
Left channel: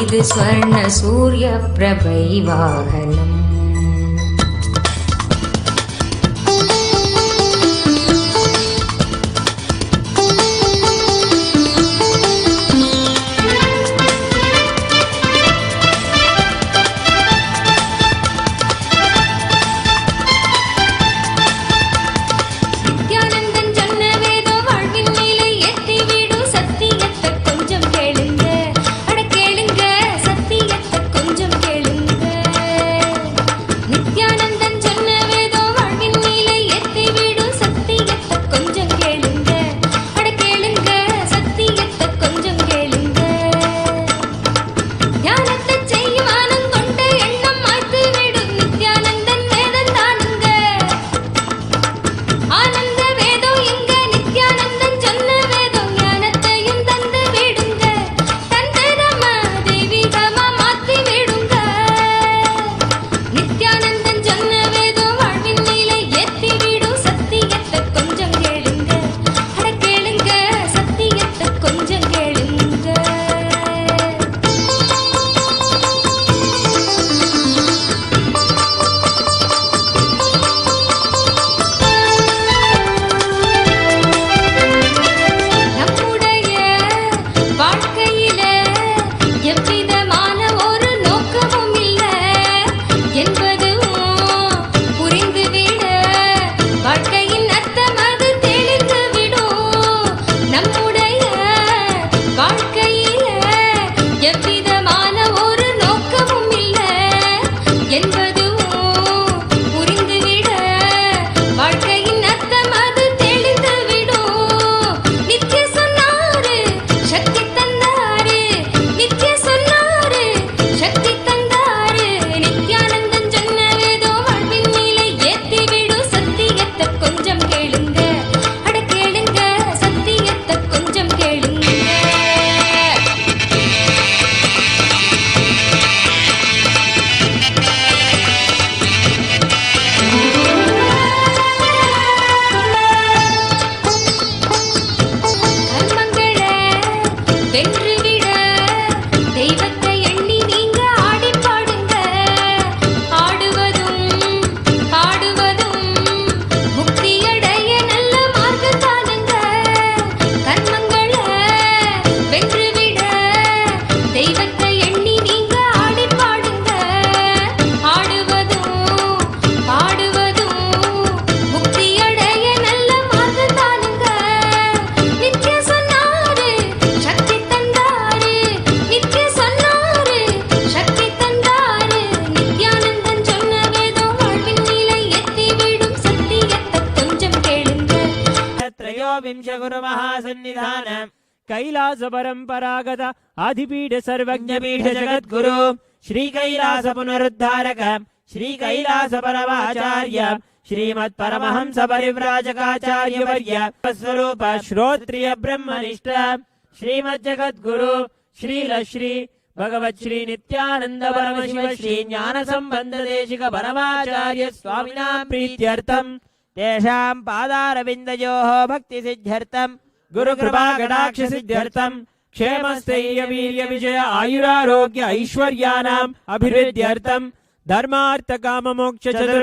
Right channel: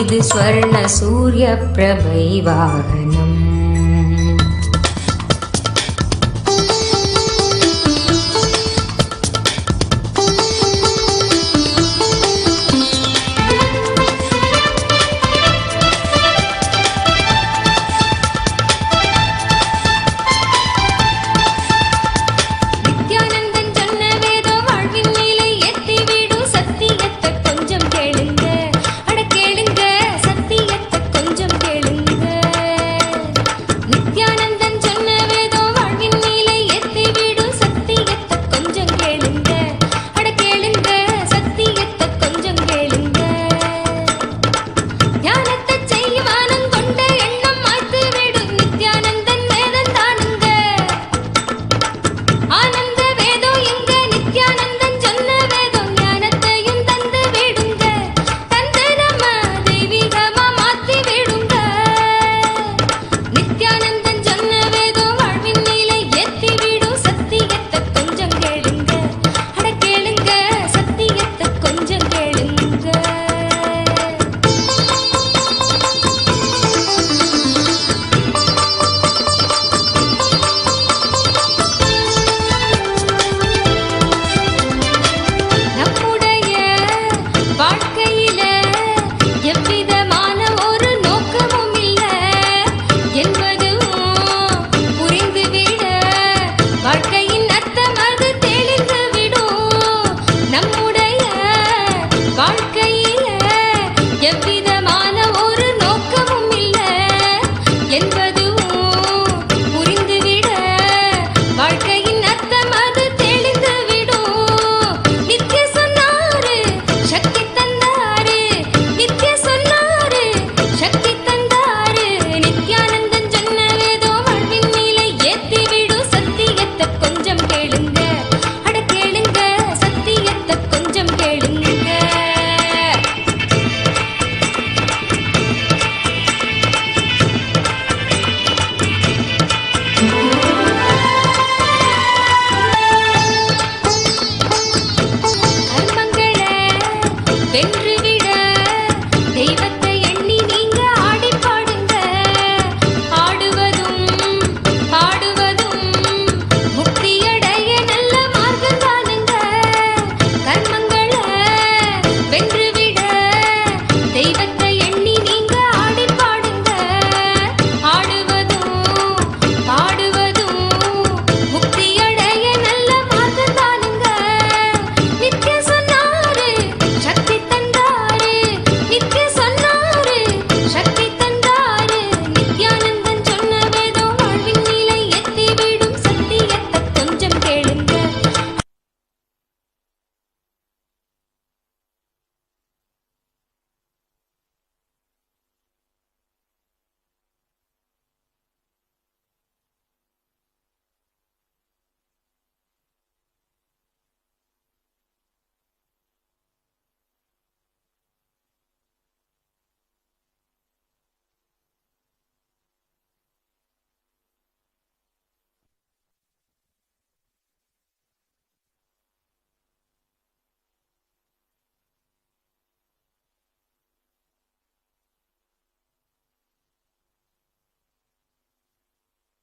இது ஸ்வர்ண சூரிய பிரபை வாகனம். வென்றுவிட தெய்வத்தை எண்ணி நீங்க ஆடி பாடுங்க. ஆடுவதும் பாடுவதும் முக்தியடைய நல்ல மார்க்கம் தானுங்க. கர்மங்களை வென்றுவிட தெய்வத்தை எண்ணி நீங்க ஆடி பாடுங்க. ஆடுவதும் பாடுவதும் முக்தியடைய நல்ல மார்க்கம் தானுங்க. நித்ய சொன்னாரு சக்தி தந்தாரு, நித்ய சொன்னாரு சக்தி தந்தாரு. நித்யானந்தன் சொன்ன வேதம் வாழ்வின் நிலை எத்திவிடும். சத்தியத்தை கொஞ்சம் கேளுங்க. त्रयोविंश गुरु महासन्निधान कैलास परंपरागत आदिपीठ सर्वज्ञपीठ जगद्गुरु श्री कैलास पुनरुद्धारक श्री कैलास परमाचार्य श्रीमत् परमहंस परिव्राजकाचार्य वर्य स्वरूप श्रोत्रिय ब्रह्मनिष्ठ श्रीमत् जगद्गुरु श्री भगवत् श्री नित्यानंद परमशिव श्री ज्ञान संबंध देशिक परमाचार्य स्वामिना प्रीत्यर्थम तेषां पादारविन्दयोः भक्ति सिद्ध्यर्थं गुरुकृपा कटाक्ष सिद्ध्यर्थं क्षेमस्थैर्य वीर्य विजय आयुरारोग्य ऐश्वर्याणाम् अभिवृद्ध्यर्थं धर्मार्थ काम मोक्ष चतुर्